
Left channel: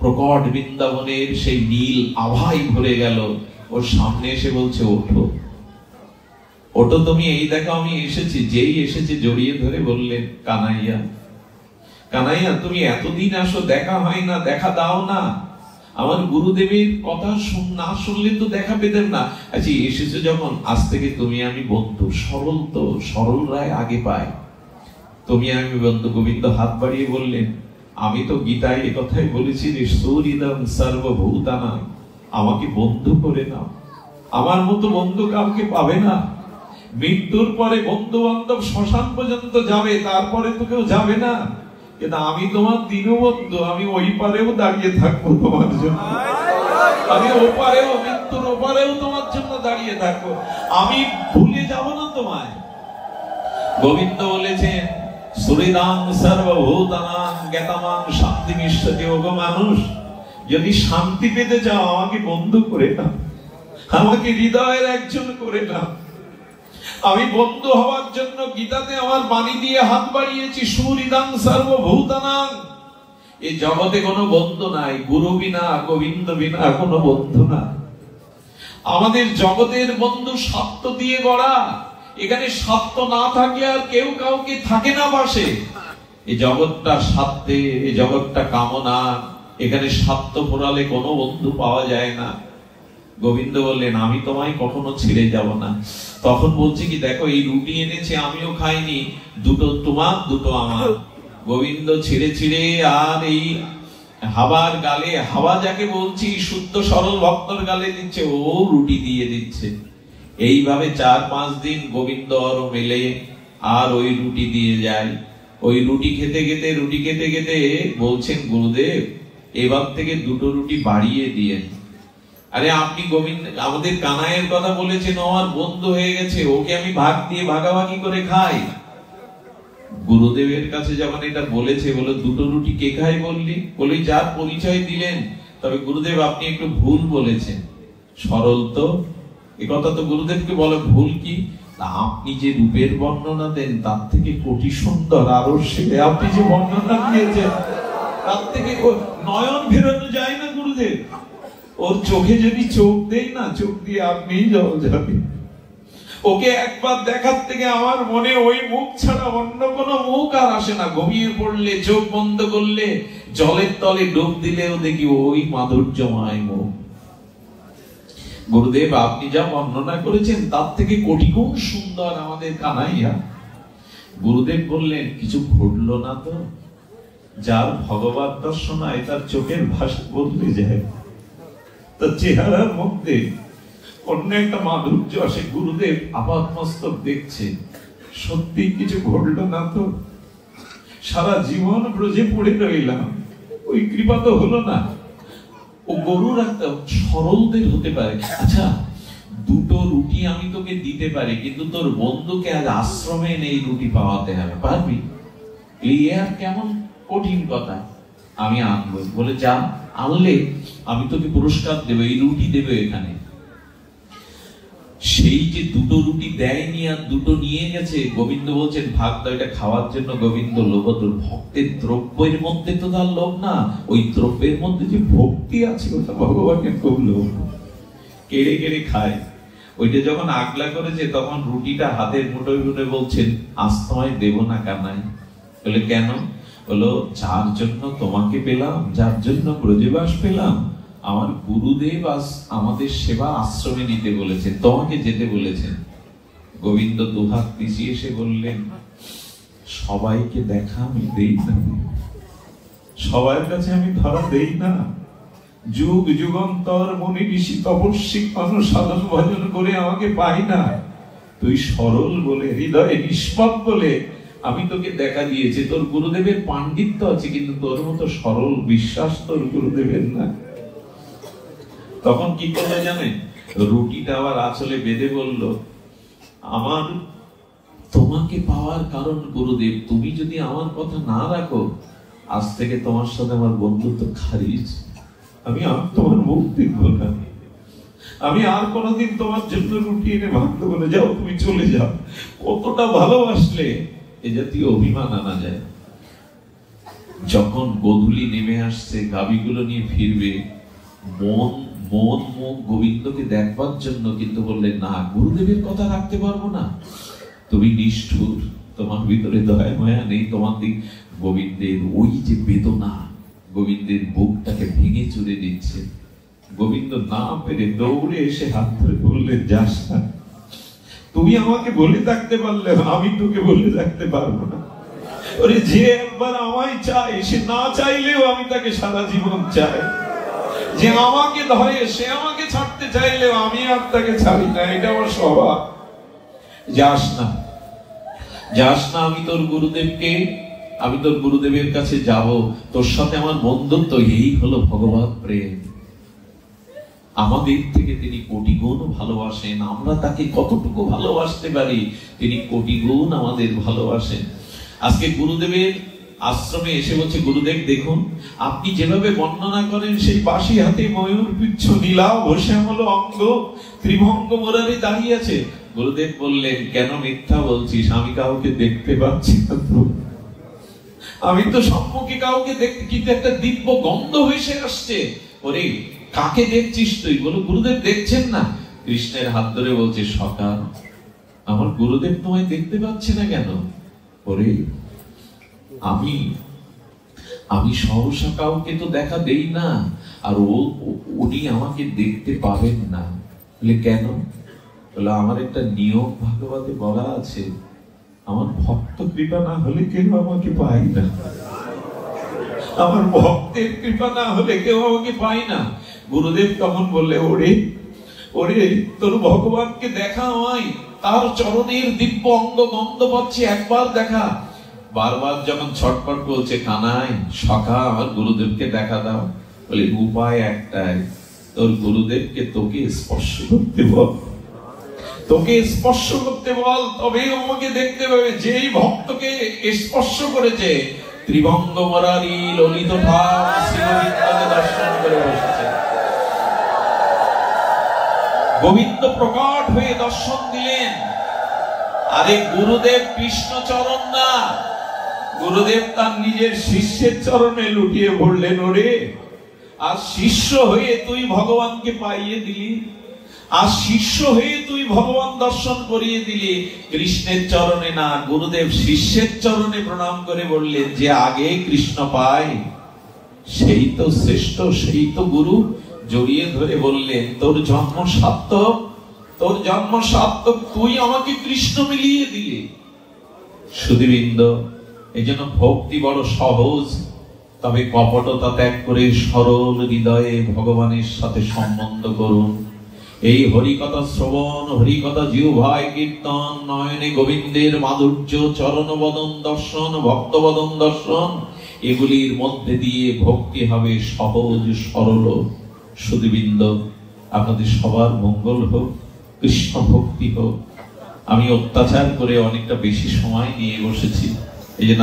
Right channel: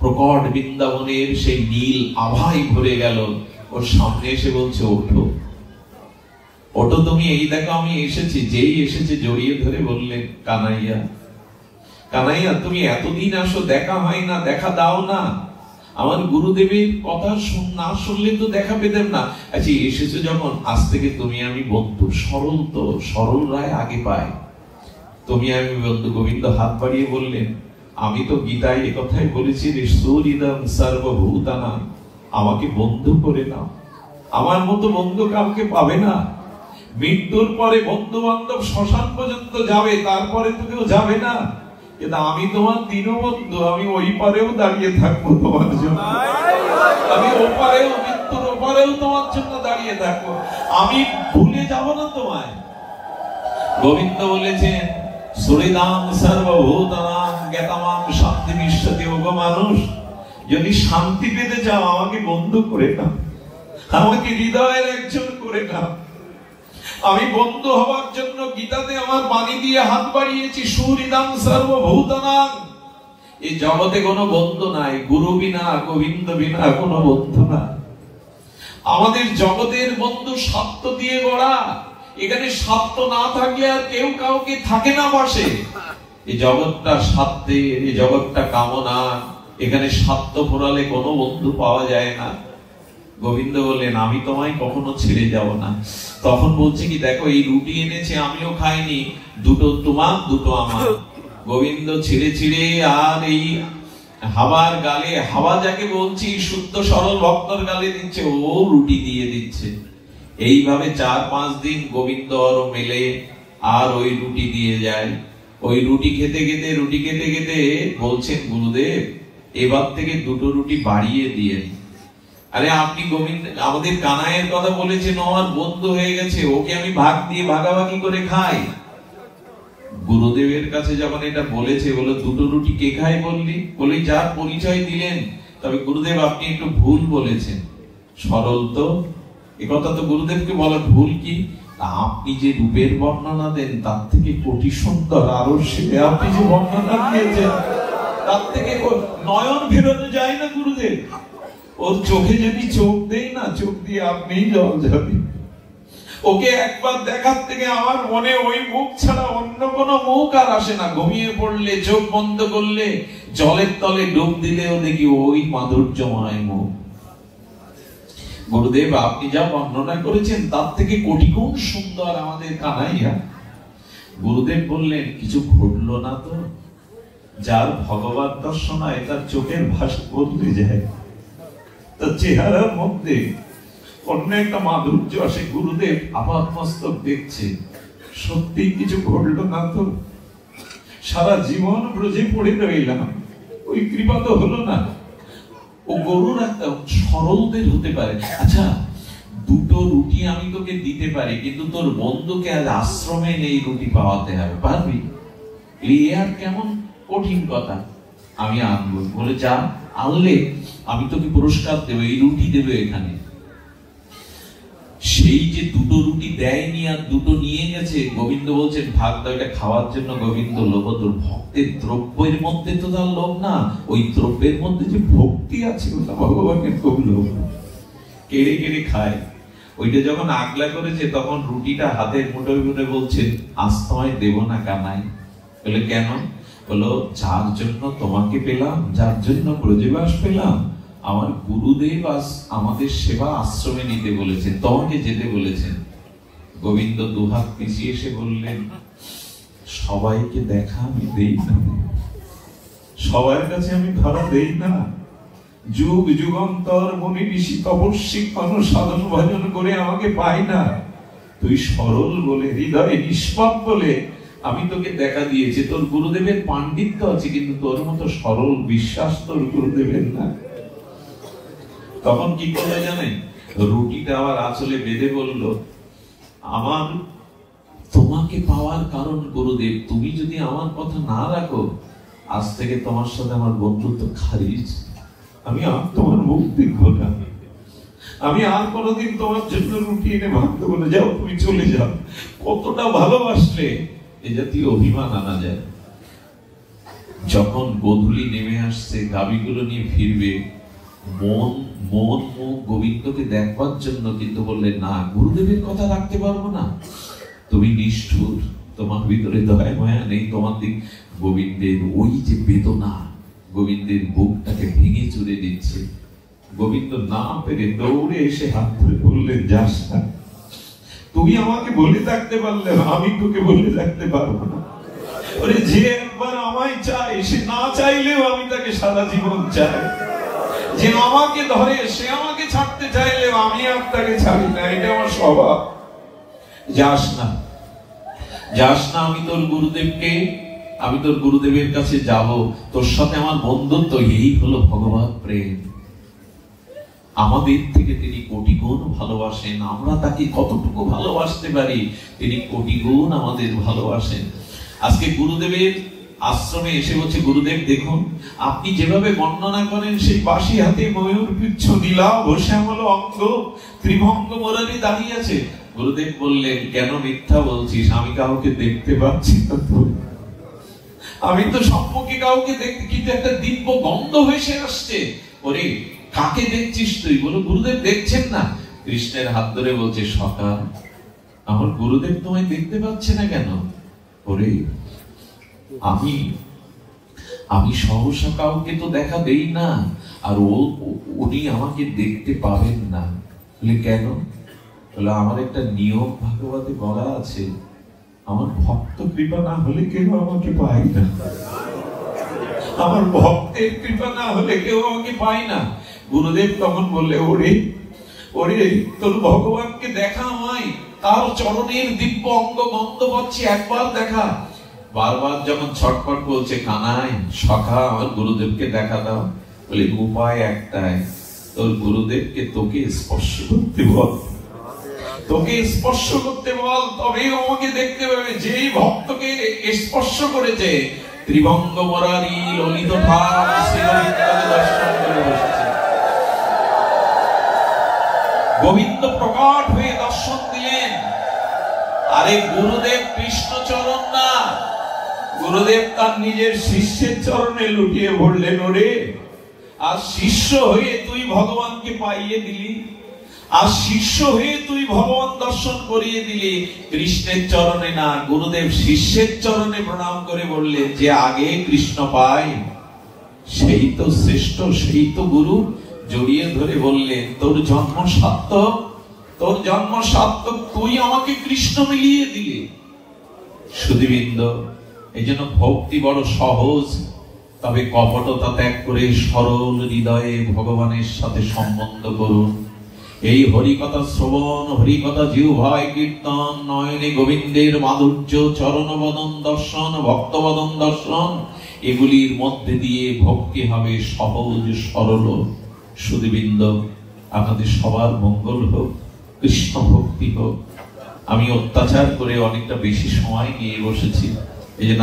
প্রকট বৃন্দাবনের সেই নীল আভায় ভরে গেল। ওর সামনে এসে বলছে, ওঠো ওঠো তুমি, এই দেখো আমি এসেছি। যেই এসেছে জড়িয়ে ধরে বললেন, কানাইয়া কানাইয়া তুমি এতদিন আসো, দেখা হয় না, দেখা দাও না। আমার গুরুদেবের কথা না শুনলে তো দেখা পেতেন না। আচ্ছা এসেছো যখন, আজ থেকে তুমি আমি বন্ধু। সরল তো, সরল রায় আগে পায়। তুমি আমি বন্ধু। গোবিন্দ হাত বাড়িয়ে বললেন, আমি তো গীতায় এ কথাই বলেছি, সূরিদম সর্বভূতানাং, আমাকে বন্ধু করে নাও। আমার মতো বন্ধু কাউকে পাবে না। মৃত্যুর পরে বন্ধু বান্ধব শ্মশান পর্যন্ত যাবে, তারপরে তো কেউ যাবে না। কিন্তু আমি তোমার দীনবন্ধু, আমি ওই পারেও দাঁড়িয়ে থাকবো তোমার জন্য। আমি ওপারেও, মৃত্যুর ওপারেও তোমার জন্য দাঁড়িয়ে থাকবো। আমি ভুলে যাব না তোমায়। গোবিন্দ বলেছেন, সুরিদাং সর্বভূতানাং জ্ঞাতামাং শান্তিমিষ্যতি। ওগো মানুষ, যদি শান্তি পেতে চাও আমাকে বন্ধু করে নাও, আমাকে হৃদয়ের একজন করে নাও। আমি বন্ধু হওয়ার জন্য গীতাতে আমার বাণী দিয়ে হাত বাড়িয়েছি, সুহৃদাং সর্বভূতানাং। এই জগতে কোনো বন্ধু নাই, গুরু বিনা গোবিন্দ বিনা কোনো বন্ধু নাই। আমাদের জগতের বন্ধু স্বার্থ দিয়ে গড়া। এখানে স্বার্থ না থাকলে আর কেউ কাউকে থাকে না পাশে। এই জগৎটা স্বার্থের, এই জগৎটা কামনা। এখানে স্বার্থ ফোরালে কোনো বন্ধু পাওয়া যায় না। গোবিন্দ বললেন, আমি তোমায় কখনো ছেড়ে যাব না। তখন বলছে কি, দেখো এই রুটি এনেছে, আমিও খাইনি, দুটো তোমার দুটো আমার। গোবিন্দ ছিঁড়ে ছিঁড়ে আর এই হাওয়ার গালে, হাওয়া যাকে বলছি শুদ্ধ সরল ভক্তর গালে দিচ্ছে, ও রুটি দিয়ে দিচ্ছে। এইভাবে 4-5 দিন গোবিন্দ আর মেলে আর ওই রুটি দিয়ে যায়। ওই রুটি খেতে খেতে, রুটি খেতে খেতে বলছেন, গুরুদেব এবার থেকে দুটো রুটি বাড়িয়ে দিয়ে। আরে আপনি গোবিন্দ আমাদের কানাইয়ের কথা বলেছেন, আমার বন্ধু হয়ে গেছে, ওকে আমি ভাগ দিয়ে ভাগাভাগি করে খাই। গুরুদেবের কাছে যখন এটা বলেছে, বলো দুটো রুটি কে খায় বললি? বলে যার পরিচয় দিলেন। তবে গুরুদেব আপনি একটু ভুল বলেছেন। সরল তো, এ কথা তো গুরুদেবকে বলা ভুল। কি আপনি যে রূপের বর্ণনা দেন তার থেকে কোটি সুন্দর আরো সেবে আপনি যে বর্ণনা দিয়েছেন, তার থেকে নয়ন ফেরানো যায় না গুরুদেব। ওর চোখে যদি চোখ দেই না, চোখ দিয়ে আপনি জল যাবে। ওকে একবার দেখার থেকে আমার মনে ওই মুখ ছাড়া অন্য কোনো মুখ আর আসে না। ঘুমিয়ে পড়লে, চোখ বন্ধ করলে, জলের তলে ডুব দিলেও দেখি ওই মাধুর্যময় মুখ। গুরুদেব আপনি যা বর্ণনা করেছেন তার থেকে কোটি গুণ সুন্দর আমাদের কানাইয়া। গুরুদেব বললেন, কিছু ঘটলো না তো? যার ভগবত দর্শন হয় তার চোখের ভাষা বদলে যায়, তার চেহারার মধ্যে অন্য একটা মাধুর্য আসে। গুরুদেব আপাতমস্তক দেখছে, সত্যি কিছু ঘটলো না তো? সারা জীবন ব্রজে পড়ে রইলাম, ওই কৃপা তো হলো না। ও গরুর একটা সরলদের হতে পারে। আচ্ছা দুটো রুটি আমি তোকে দিতে পারি, কিন্তু তোর বন্ধুকে আজ আশ্রমে নেই রুটি পাওয়াতে হবে, পারবি? এই আর কেমন কঠিন কথা। আমি আনবো। বলে যা, আনলে আমি তোকে পুরস্কার দেবো, এই রুটি দেবে এখানে। সেই যে দুটো রুটি দেয়নি আর দুটো নিয়ে গেছে, গোবিন্দ বলছেন ভাগ দাও, এটা খাওয়ার জন্য। গোবিন্দ লোভ, তোর ভক্তের দ্রব্যের মধ্যে তো তার লোভ না, ওই দ্রব্যের মধ্যে যে ভক্তি আছে ওটা ভগবানের খুব লোভ। কেড়ে কেড়ে খায়। ওইটা যখন আগলা করেছে তখন রুটিটা হাতের মুঠোয় মুঠে বলছেন, আজ তোমায় দেব না কানাই। বলে কেন? বলো যার জন্য তোমাকে পেলাম, যার জন্য ব্রজবাস পেলাম, আমার গুরুদেব আজ আমাদের সেবা আশ্রমে নিতে বলেছেন, তোমাকে যেতে বলেছেন। গোবিন্দ দুহাত পিছিয়ে এসে বললেন, সবাইকে দেখা আমি দেই না, সবার কাছে আমি ধরা দেই না। যুগ যুগান্তর মুনি ঋষি তপস্বী কোন সাধন ভজন করে আমাকে পাই না। তুই সরল বলে, হৃদয়ে নিষ্পাপ বলে আমি তোকে দেখা দিয়েছি, তোর গুরুদেবের পাণ্ডিত্য আছে, কিন্তু তোর মতো সরল বিশ্বাস তোর গুরুদেবের না। তখন কি করলে জানে, রুটিটা আবার আঁচলে বেঁধে বলল, আমার তোমাকে পাওয়ার কারণ গুরুদেব, তুমি যদি আমার কথা না রাখো, আজ থেকে তোমার সাথে আমার বন্ধুত্ব খারিজ। আমি আর তোমার মুখ দেখবো না, আমি আর কোনোদিন তোমার জন্য রুটি এনে ভাত দেবো না, যাও তুমি চলে যাও। কতটা ভালোবাসলে এ জাতীয় অভিমান আনা যায়। যখন গোধূলি নেমে আসছে, গাভীগুলো নিয়ে ফিরবে, মন মুখ গোবিন্দকে দেখবার জন্য, কিন্তু বললেন না, গুরুদেবের কথা রাখতে পারবো না, তুমি নিষ্ঠুর, তোমার ভিতরে দয়া মায়া নেই, তোমার দিক। গোবিন্দের ওই যে বেদনা, গোবিন্দের বুকটাকে ভেঙে চুরে দিচ্ছে। গোবিন্দ না পেরে দৌড়ে এসে হাত ধরে বললেন, যাস না, তুমি আমাকে বলে থাকতে পারলে, আমি তোকে বলে থাকতে পারবো না। ওরে যে একবার আমায় চায়, সে না চাইলেও আমি তাকে সারা জীবন চাই। যে আমাকে ধরে, সে আমাকে ছাড়তে চাইলেও আমি আর তাকে ছাড়ি না, এটা আমার স্বভাব। যাস না, যাস না, আমি তোর গুরুদেবকে, আমি তোর গুরুদেবের কাছে যাব, তোর সাথে আমার বন্ধুত্ব, এই হলো ভগবত প্রেম। আমাদের থেকে তিনি কোটি গুণ ভালোবাসেন, আমরা তাকে কতটুকু ভালোবাসতে পারি, তিনি কোটি গুণ আমাদের ভালোবাসেন। আজকে গুরুদেবের আশ্রমে এসে বলছে, গুরুদেব দেখুন, আপনি যেভাবে বর্ণনা করেন, সেই বাঁশি হাতে ময়ূর পিচ্ছ নীলা বসে আমল অঙ্গ ত্রিভঙ্গ মোরারি দাঁড়িয়ে আছে। গুরুদেব বললেন, কেন মিথ্যা বলছিস, আমি কাউকে দেখতে পাচ্ছি না, আমি তো সম্মুখে কাউকে দেখতে, কিন্তু একটা দিব্য গন্ধ ভেসে আসছে। ওরে কাকে দেখছিস তুই? বলো, গুরুদেব দেখছেন না। কৃষ্ণের হাত ধরে বলছে, সকাল, আমার গুরুদেব তোমায় দেখতে পাচ্ছে না কেন? ওরে আমি সহসা কাউকে তো দেখা দেই না, আর উনি আমাকে দেখতে পাবেন না। বলে কেন? বলে আমার একটা নিয়ম ভাগবতে বলা আছে, আমার ভক্ত কৃপা না হলে কেউ আমাকে পায় না, আমার ভক্তের কৃপা না হলে কেউ আমাকে পায় না। গুরুদেব তখন বললে, ওরে ওরে তোর ভগবানকে দেখা হয়, তার চরণের দিব্য অঙ্গ গন্ধ পাচ্ছি, একবার দেখা। বারবার যখন ছটপট বলছে, কানাই সখা আমার গুরুদেবকে দেখা দাও। বলে উপায় একটাই, তোর গুরুদেবকে তোকে স্পর্শ করতে বল, তোকে স্পর্শ করতে বল, তবেই আমাকে দেখতে পাবে। যেই ভক্তকে স্পর্শ করেছে, ত্রিভঙ্গ মোরারি ললিত ধাম শ্রী গোবিন্দকে দর্শন করে বসেছে। গোবিন্দ প্রকট হয়ে দর্শন দিলেন। আরে গুরুদেব কৃষ্ণ চরণ না, গুরুদেব তার নিজের শিষ্যের চরণে লুটিয়ে পড়লেন। ওরে আর শিষ্য হয়ে তুই ভগবানকে পাইয়ে দিলি, আর শিষ্য হয়ে তুই ভগবান দর্শন করিয়ে দিলি, কৃষ্ণের চরণে না। গুরুদেব শিষ্যের চরণে প্রণাম করে বললেন, যে আগে কৃষ্ণ পায় সেই তো শ্রেষ্ঠ, সেই তো গুরু। জড়িয়ে ধরে বললেন, তোর জন্ম সার্থক, তোর জন্ম সার্থক, তুই আমাকে কৃষ্ণ মিলিয়ে দিলে। সুধীবৃন্দ, এই জন্য ভক্তি বড় সহজ, তবে কপটতা ত্যাগ করে সরল হৃদয়ে ভগবানের সাথে সম্বন্ধ করুন। এই হরিকথা শ্রবণ, হরিকথা জিহ্বায় কীর্তন, নয়নে গোবিন্দের মাধুর্য, চরণ বদন দর্শন, ভক্ত বদন দর্শন, এগুলির মধ্যে দিয়ে ভক্তি হবে সহজ সরল। সুধীবৃন্দ, আপনাদের সবার মঙ্গল হোক, কৃষ্ণ ভক্তি হোক। আমি অত্যাচার করে অনেকটা বেশি সময় নিয়ে বসেছি, এই জন্য